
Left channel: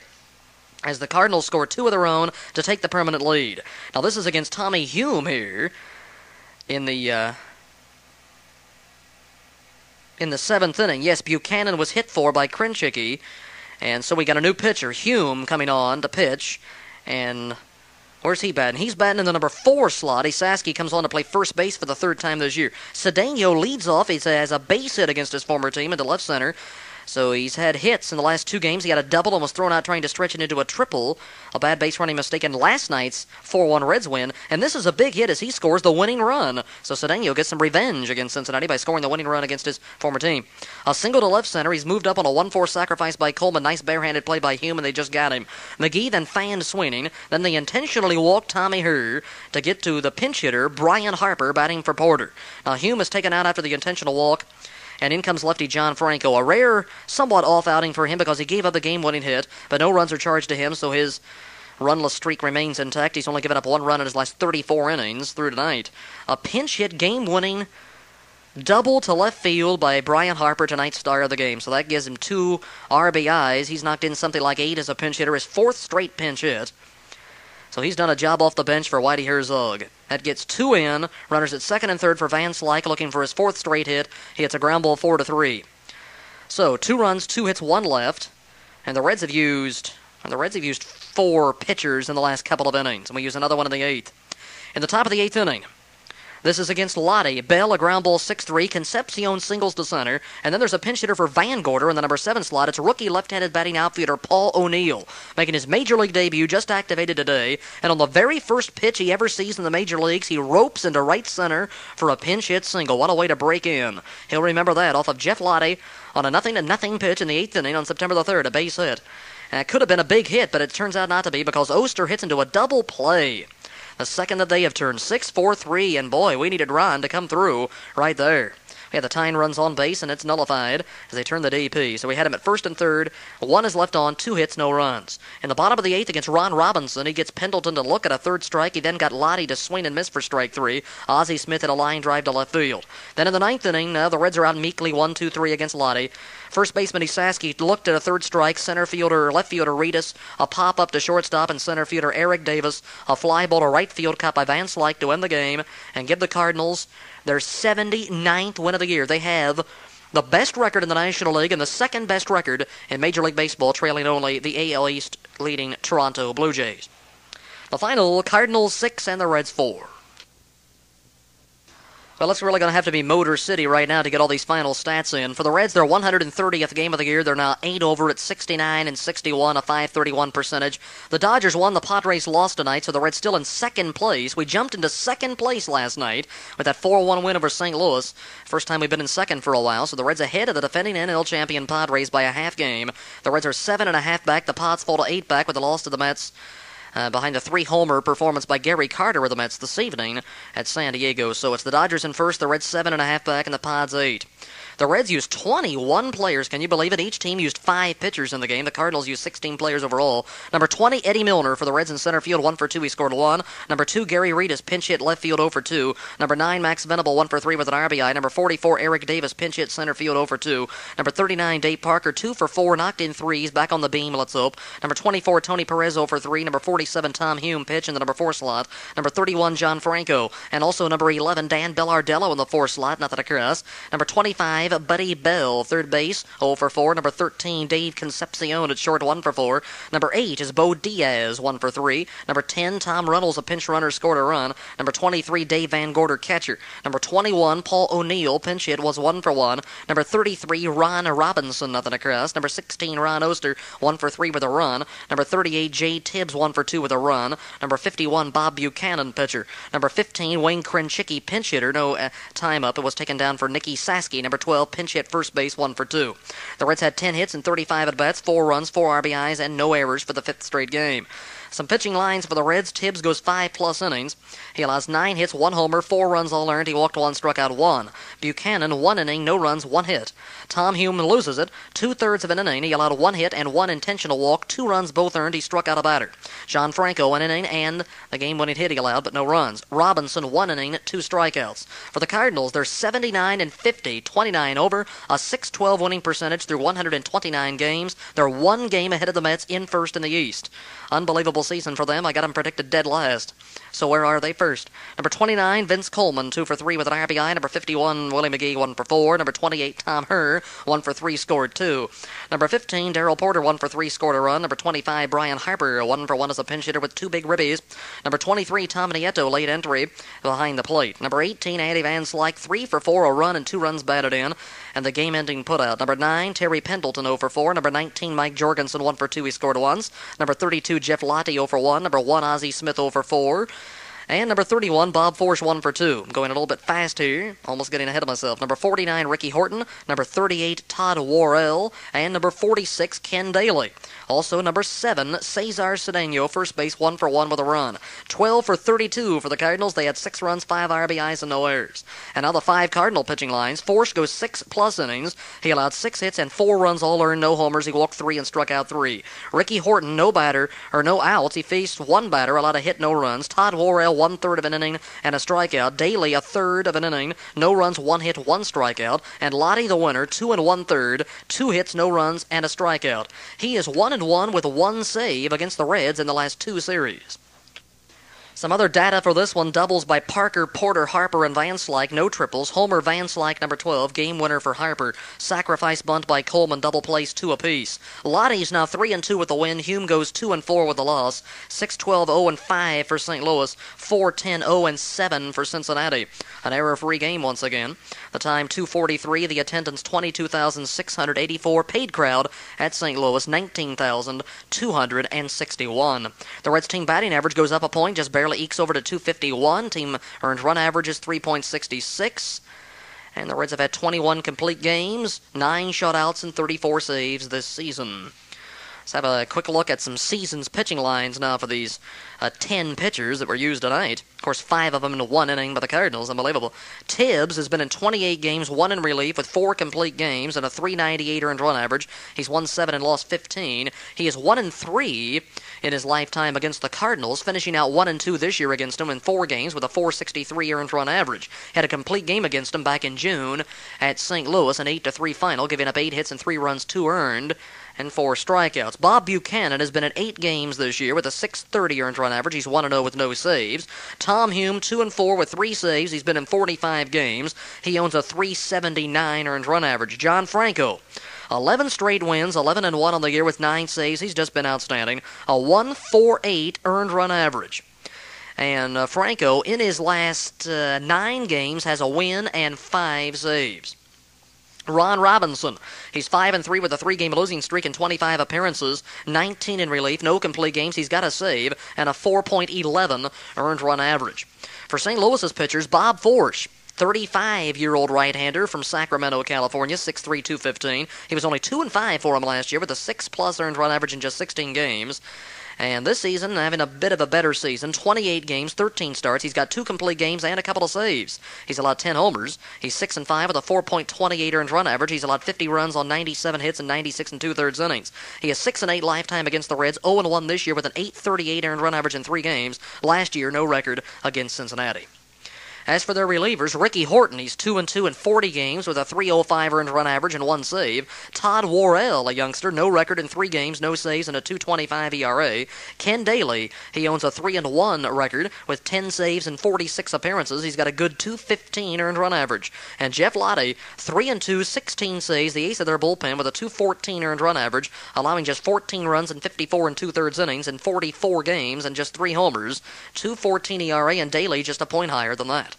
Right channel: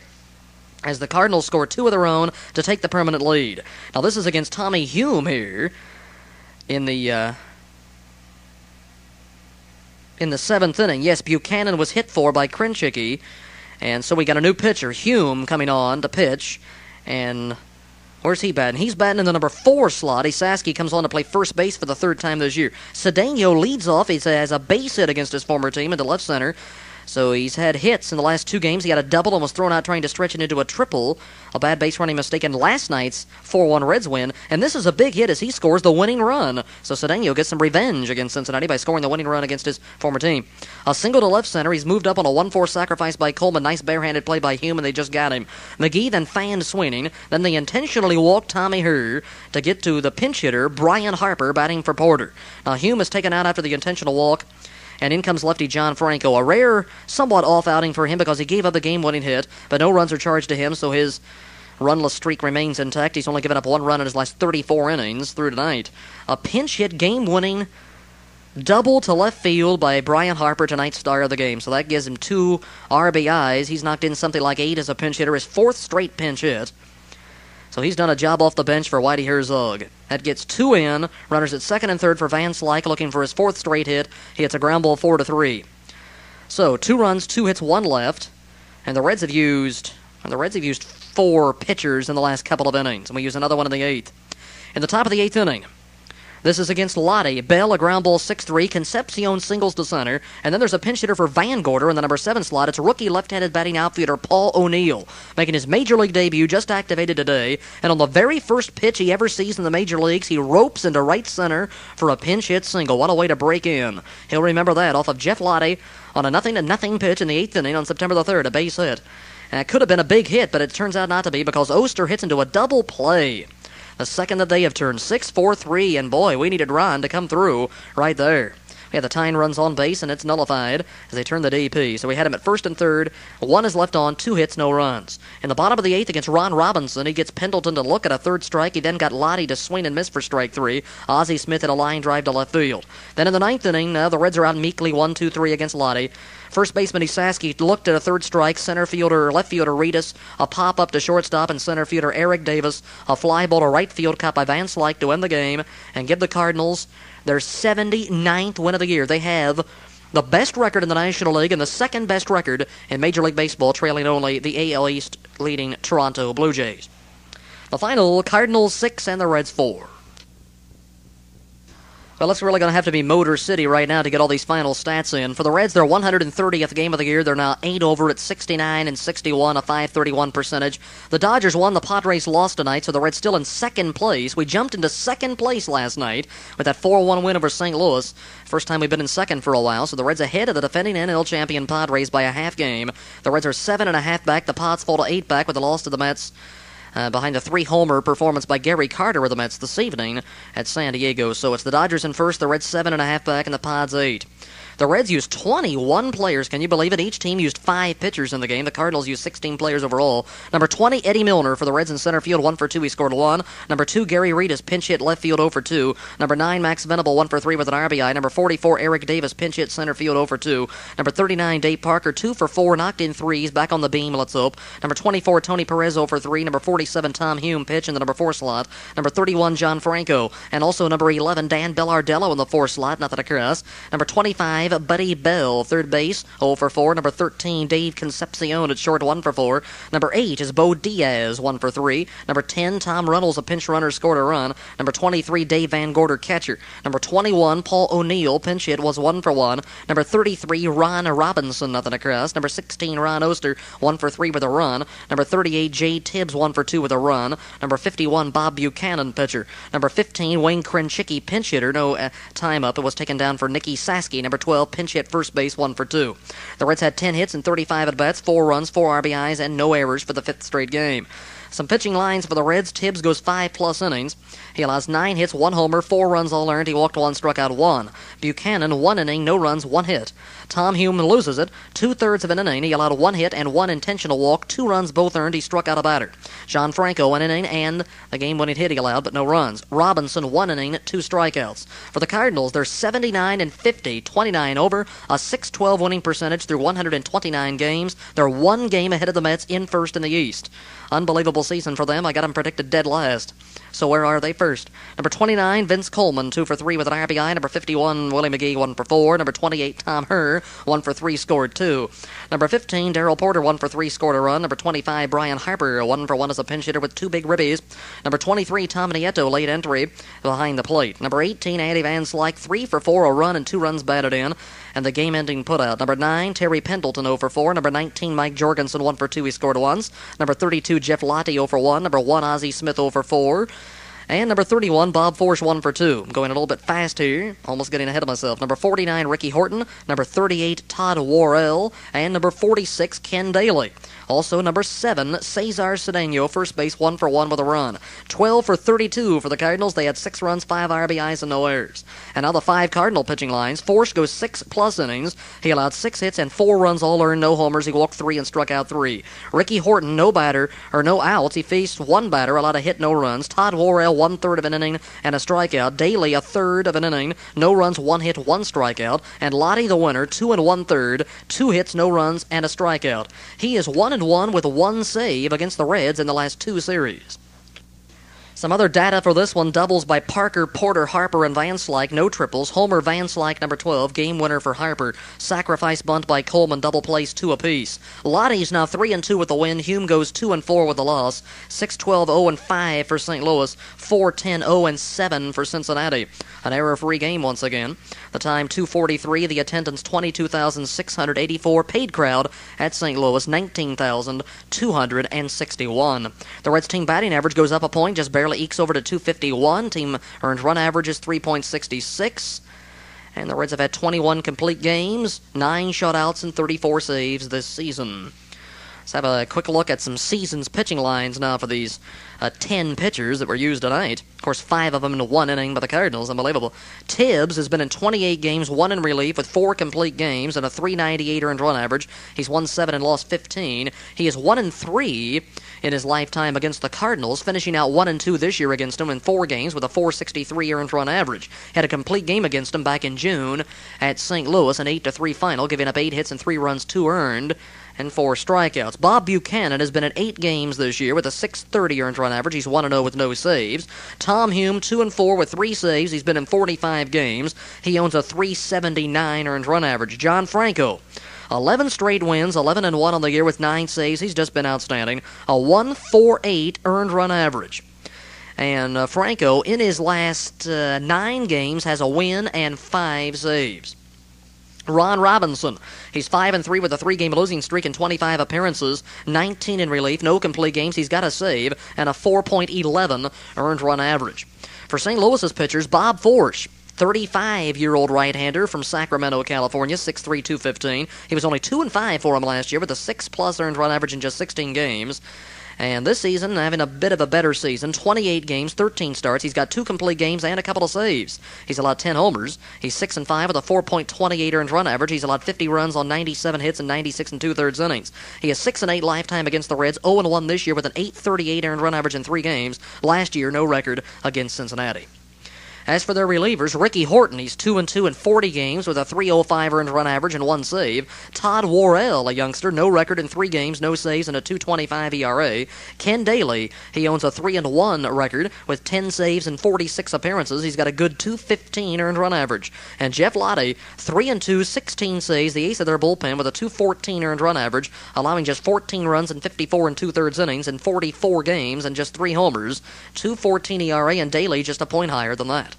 as the Cardinals score 2 of their own to take the permanent lead. Now this is against Tommy Hume here in the 7th inning. Yes, Buchanan was hit for by Krenchicki, and so we got a new pitcher, Hume, coming on to pitch. And where's he batting? He's batting in the number 4 slot. Esaski comes on to play first base for the 3rd time this year. Cedeno leads off. He has a base hit against his former team into left center. So he's had hits in the last 2 games. He had a double and was thrown out trying to stretch it into a triple. A bad base running mistake in last night's 4-1 Reds win. And this is a big hit as he scores the winning run. So Cedeno gets some revenge against Cincinnati by scoring the winning run against his former team. A single to left center. He's moved up on a 1-4 sacrifice by Coleman. Nice barehanded play by Hume, and they just got him. McGee then fanned Sweeney. Then they intentionally walked Tommy Herr to get to the pinch hitter, Brian Harper, batting for Porter. Now Hume is taken out after the intentional walk, and in comes lefty John Franco. A rare, somewhat off outing for him because he gave up the game-winning hit, but no runs are charged to him, so his runless streak remains intact. He's only given up 1 run in his last 34 innings through tonight. A pinch hit, game-winning double to left field by Brian Harper, tonight's star of the game. So that gives him 2 RBIs. He's knocked in something like 8 as a pinch hitter, his 4th straight pinch hit. So he's done a job off the bench for Whitey Herzog. That gets 2 in. Runners at 2nd and 3rd for Van Slyke, looking for his 4th straight hit. He hits a ground ball 4-3. So 2 runs, 2 hits, 1 left. And the Reds have used 4 pitchers in the last couple of innings. And we use another one in the 8th. In the top of the 8th inning, this is against Lottie. Bell, a ground ball 6-3. Concepcion singles to center. And then there's a pinch hitter for Van Gorder in the number 7 slot. It's rookie left-handed batting outfielder Paul O'Neill, making his major league debut, just activated today. And on the very first pitch he ever sees in the major leagues, he ropes into right center for a pinch hit single. What a way to break in. He'll remember that off of Jeff Lottie on a 0-0 pitch in the 8th inning on September the 3rd, a base hit. And it could have been a big hit, but it turns out not to be because Oster hits into a double play. The second that they have turned 6-4-3, and boy, we needed Ron to come through right there. We had the tying runs on base, and it's nullified as they turn the DP. So we had him at 1st and 3rd. 1 is left on, 2 hits, no runs. In the bottom of the 8th against Ron Robinson, he gets Pendleton to look at a 3rd strike. He then got Lottie to swing and miss for strike 3. Ozzie Smith hit a line drive to left field. Then in the 9th inning, the Reds are out meekly 1-2-3 against Lottie. First baseman Esaski looked at a 3rd strike. Left fielder Reedus, a pop-up to shortstop, and center fielder Eric Davis, a fly ball to right field caught by Van Slyke to end the game and give the Cardinals their 79th win of the year. They have the best record in the National League and the 2nd best record in Major League Baseball, trailing only the AL East leading Toronto Blue Jays. The final, Cardinals 6 and the Reds 4. Well, it's really going to have to be Motor City right now to get all these final stats in. For the Reds, their 130th game of the year. They're now 8 over at 69-61, a .531 percentage. The Dodgers won. The Padres lost tonight, so the Reds still in 2nd place. We jumped into 2nd place last night with that 4-1 win over St. Louis. First time we've been in 2nd for a while, so the Reds ahead of the defending NL champion Padres by a half game. The Reds are 7.5 back. The Pods fall to 8 back with the loss to the Mets. Behind a 3-homer performance by Gary Carter of the Mets this evening at San Diego. So it's the Dodgers in first, the Reds 7.5 back, and the Pods 8. The Reds used 21 players. Can you believe it? Each team used 5 pitchers in the game. The Cardinals used 16 players overall. Number 20, Eddie Milner for the Reds in center field, 1 for 2. He scored 1. Number 2, Gary Reedus, pinch hit left field, 0 for 2. Number 9, Max Venable, 1 for 3 with an RBI. Number 44, Eric Davis, pinch hit center field, 0 for 2. Number 39, Dave Parker, 2 for 4, knocked in threes, back on the beam, let's hope. Number 24, Tony Perez, 0 for 3. Number 47, Tom Hume, pitch in the number 4 slot. Number 31, John Franco. And also number 11, Dan Bellardello in the 4 slot, nothing occurs. Number 25, Buddy Bell, third base, 0 for 4. Number 13, Dave Concepcion at short, 1 for 4. Number 8 is Bo Diaz, 1 for 3. Number 10, Tom Runnels, a pinch runner, scored a run. Number 23, Dave Van Gorder, catcher. Number 21, Paul O'Neill, pinch hit, was 1 for 1. Number 33, Ron Robinson, nothing across. Number 16, Ron Oster, 1 for 3 with a run. Number 38, Jay Tibbs, 1 for 2 with a run. Number 51, Bob Buchanan, pitcher. Number 15, Wayne Krenchicki, pinch hitter, no time up. It was taken down for Nicky Saski. Number 12, pinch hit first base, 1 for 2. The Reds had 10 hits and 35 at-bats, 4 runs, 4 RBIs, and no errors for the 5th straight game. Some pitching lines for the Reds. Tibbs goes 5+ innings. He allows 9 hits, 1 homer, 4 runs all earned. He walked 1, struck out 1. Buchanan, 1 inning, no runs, 1 hit. Tom Hume loses it, 2/3 of an inning. He allowed 1 hit and 1 intentional walk, 2 runs both earned. He struck out a batter. John Franco, 1 inning, and the game-winning hit he allowed, but no runs. Robinson, 1 inning, 2 strikeouts. For the Cardinals, they're 79-50, 29 over, a .612 winning percentage through 129 games. They're 1 game ahead of the Mets in first in the East. Unbelievable season for them. I got them predicted dead last. So where are they first? Number 29, Vince Coleman, 2 for 3 with an RBI. Number 51, Willie McGee, 1 for 4. Number 28, Tom Herr, 1 for 3, scored 2. Number 15, Darrell Porter, 1 for 3, scored a run. Number 25, Brian Harper, 1 for 1 as a pinch hitter with 2 big ribbies. Number 23, Tom Nieto, late entry behind the plate. Number 18, Andy Van Slyke, 3 for 4, a run and 2 runs batted in, and the game-ending putout. Number 9, Terry Pendleton, 0 for 4. Number 19, Mike Jorgensen, 1 for 2, he scored once. Number 32, Jeff Lottie, 0 for 1. Number 1, Ozzie Smith, 0 for 4. And number 31, Bob Forsch, 1 for 2. I'm going a little bit fast here, almost getting ahead of myself. Number 49, Ricky Horton. Number 38, Todd Worrell. And number 46, Ken Daly. Also, number 7, Cesar Cedeno, first base, 1 for 1 with a run. 12 for 32 for the Cardinals. They had 6 runs, 5 RBIs, and no errors. And now the 5 Cardinal pitching lines. Forsch goes 6+ innings. He allowed 6 hits and 4 runs all earned, no homers. He walked 3 and struck out 3. Ricky Horton, no outs. He faced 1 batter, allowed a hit, no runs. Todd Worrell, 1/3 of an inning and a strikeout. Daly, 1/3 of an inning, no runs, 1 hit, 1 strikeout. And Lottie, the winner, 2 1/3, 2 hits, no runs, and a strikeout. He is 1-1 with 1 save against the Reds in the last 2 series. Some other data for this one. Doubles by Parker, Porter, Harper, and Van Slyke. No triples. Homer, Van Slyke, number 12. Game winner for Harper. Sacrifice bunt by Coleman. Double plays, 2 apiece. Lottie's now 3-2 with the win. Hume goes 2-4 with the loss. 6-12, 0-5 for St. Louis. 4-10, 0-7 for Cincinnati. An error-free game once again. The time 2:43. The attendance 22,684. Paid crowd at St. Louis 19,261. The Reds team batting average goes up a point, just barely ekes over to 251. Team earned run average is 3.66. And the Reds have had 21 complete games, 9 shutouts, and 34 saves this season. Let's have a quick look at some season's pitching lines now for these 10 pitchers that were used tonight. Of course, 5 of them in 1 inning by the Cardinals. Unbelievable. Tibbs has been in 28 games, 1 in relief with 4 complete games and a .398 earned run average. He's won 7 and lost 15. He is 1-3 in his lifetime against the Cardinals, finishing out 1-2 this year against them in 4 games with a .463 earned run average. Had a complete game against them back in June at St. Louis, an 8-3 final, giving up 8 hits and 3 runs, 2 earned, and 4 strikeouts. Bob Buchanan has been in 8 games this year with a .630 earned run average. He's 1-0 with no saves. Tom Hume, 2-4 with 3 saves. He's been in 45 games. He owns a .379 earned run average. John Franco, 11 straight wins, 11-1 on the year with 9 saves. He's just been outstanding. A .148 earned run average. And Franco, in his last 9 games, has a win and 5 saves. Ron Robinson, he's 5-3 with a 3-game losing streak and 25 appearances, 19 in relief, no complete games. He's got a save and a .411 earned run average. For St. Louis's pitchers, Bob Forsch, 35-year-old right-hander from Sacramento, California, 6'3", 215. He was only 2-5 for him last year with a 6+ earned run average in just 16 games. And this season, having a bit of a better season, 28 games, 13 starts. He's got 2 complete games and a couple of saves. He's allowed 10 homers. He's 6-5 with a .428 earned run average. He's allowed 50 runs on 97 hits and 96 2/3 innings. He is 6-8 lifetime against the Reds, 0-1 this year with an .838 earned run average in 3 games. Last year, no record against Cincinnati. As for their relievers, Ricky Horton, he's 2-2 in 40 games with a .305 earned run average and 1 save. Todd Worrell, a youngster, no record in 3 games, no saves, and a .225 ERA. Ken Daly, he owns a 3-1 record with 10 saves and 46 appearances. He's got a good .215 earned run average. And Jeff Lottie, 3-2, 16 saves, the ace of their bullpen with a .214 earned run average, allowing just 14 runs in 54 2/3 innings in 44 games and just 3 homers. .214 ERA, and Daly just a point higher than that.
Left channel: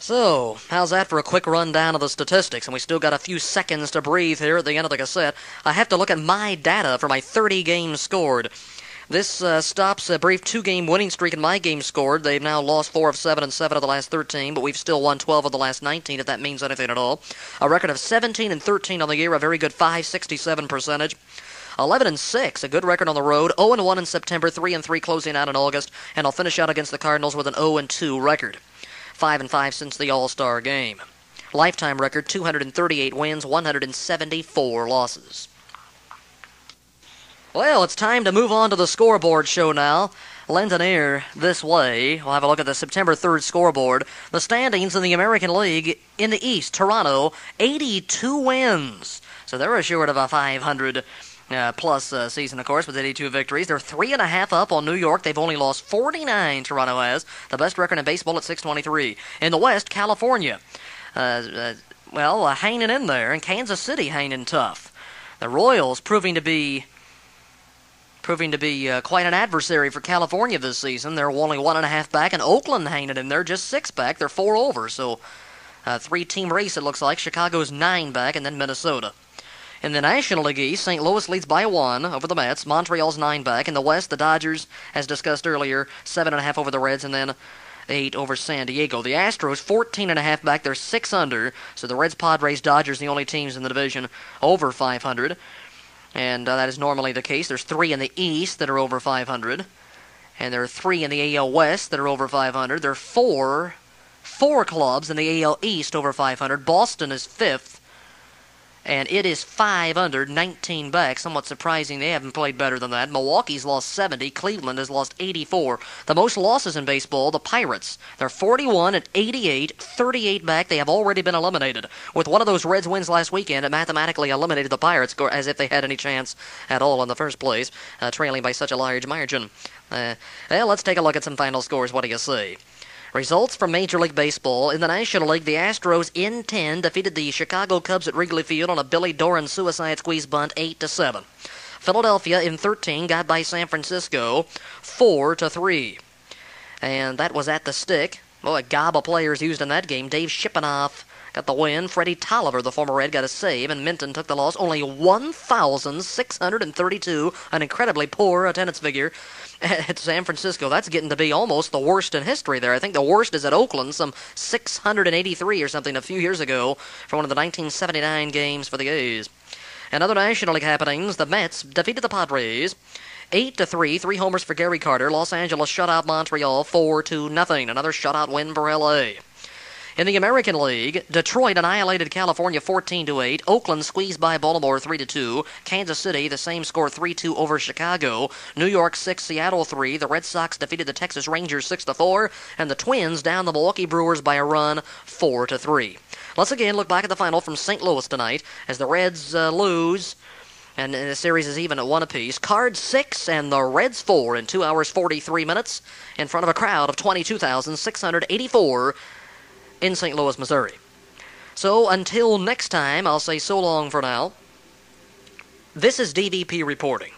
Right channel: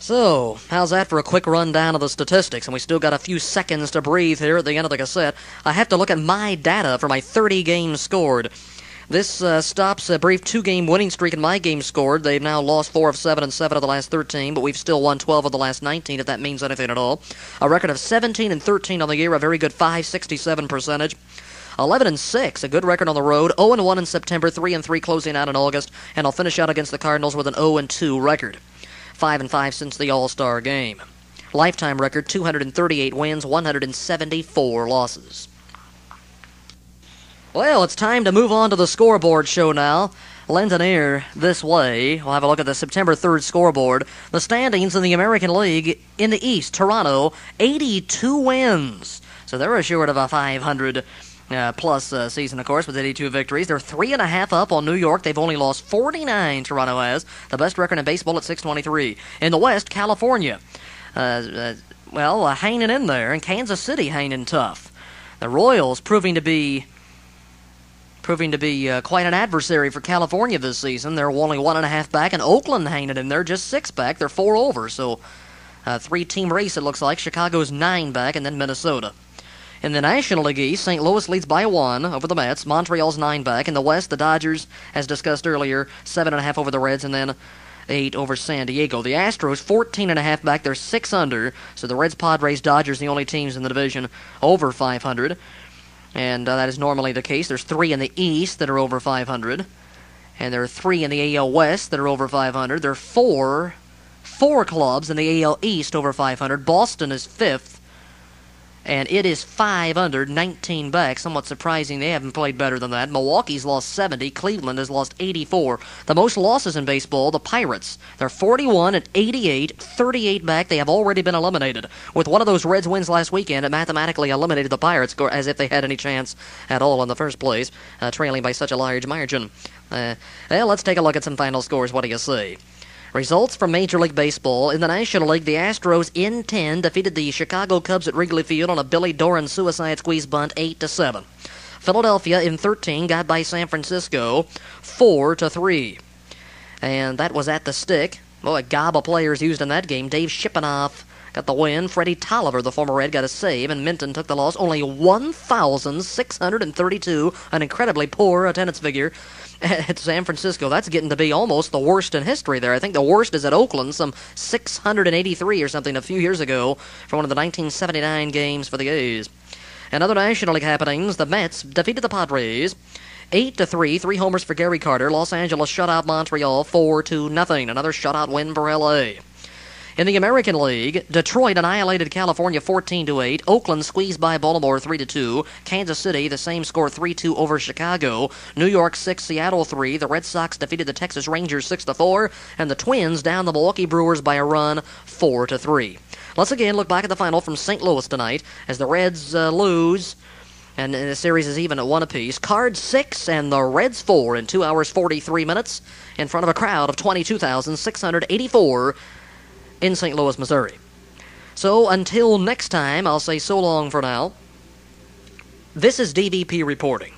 So, how's that for a quick rundown of the statistics? And we still got a few seconds to breathe here at the end of the cassette. I have to look at my data for my 30 games scored. This stops a brief 2-game winning streak in my games scored. They've now lost 4 of 7 and 7 of the last 13, but we've still won 12 of the last 19, if that means anything at all. A record of 17-13 on the year, a very good .567 percentage. 11-6, a good record on the road. 0-1 in September, 3-3 closing out in August, and I'll finish out against the Cardinals with an 0-2 record. 5-5 since the All-Star game. Lifetime record, 238 wins, 174 losses. Well, it's time to move on to the scoreboard show now. Lend an ear this way. We'll have a look at the September 3rd scoreboard. The standings in the American League in the East, Toronto, 82 wins. So they're assured of a 500 plus season, of course, with 82 victories. They're 3.5 up on New York. They've only lost 49, Toronto has. The best record in baseball at 623. In the West, California, hanging in there, and Kansas City hanging tough. The Royals proving to be quite an adversary for California this season. They're only 1.5 back, and Oakland hanging in there, just 6 back. They're 4 over, so 3-team race it looks like. Chicago's 9 back, and then Minnesota. In the National League East, St. Louis leads by 1 over the Mets. Montreal's 9 back. In the West, the Dodgers, as discussed earlier, 7.5 over the Reds, and then 8 over San Diego. The Astros, 14.5 back. They're 6 under, so the Reds, Padres, Dodgers, the only teams in the division over 500. And that is normally the case. There's 3 in the East that are over 500. And there are 3 in the AL West that are over 500. There are 4 clubs in the AL East over 500. Boston is 5th. And it is 5 under, 19 back. Somewhat surprising. They haven't played better than that. Milwaukee's lost 70. Cleveland has lost 84. The most losses in baseball, the Pirates. They're 41 at 88, 38 back. They have already been eliminated. With one of those Reds wins last weekend, it mathematically eliminated the Pirates as if they had any chance at all in the first place, trailing by such a large margin. Well, let's take a look at some final scores. What do you say? Results from Major League Baseball. In the National League, the Astros in 10 defeated the Chicago Cubs at Wrigley Field on a Billy Doran suicide squeeze bunt 8-7. Philadelphia in 13 got by San Francisco 4-3. And that was at the stick. Well, a gob of players used in that game. Dave Shipanoff got the win. Freddie Tolliver, the former Red, got a save, and Minton took the loss. Only 1,632, an incredibly poor attendance figure at San Francisco. That's getting to be almost the worst in history there. I think the worst is at Oakland, some 683 or something a few years ago for one of the 1979 games for the A's. And other National League happenings, the Mets defeated the Padres 8-3, 3 homers for Gary Carter. Los Angeles shut out Montreal 4-0. Another shutout win for L.A. In the American League, Detroit annihilated California 14-8. Oakland squeezed by Baltimore 3-2. Kansas City, the same score, 3-2 over Chicago. New York 6, Seattle 3. The Red Sox defeated the Texas Rangers 6-4. And the Twins down the Milwaukee Brewers by a run 4-3. Let's again look back at the final from St. Louis tonight as the Reds lose. And the series is even at 1 apiece. Cards 6 and the Reds 4 in 2 hours 43 minutes in front of a crowd of 22,684 in St. Louis, Missouri. So until next time, I'll say so long for now. This is DDP reporting.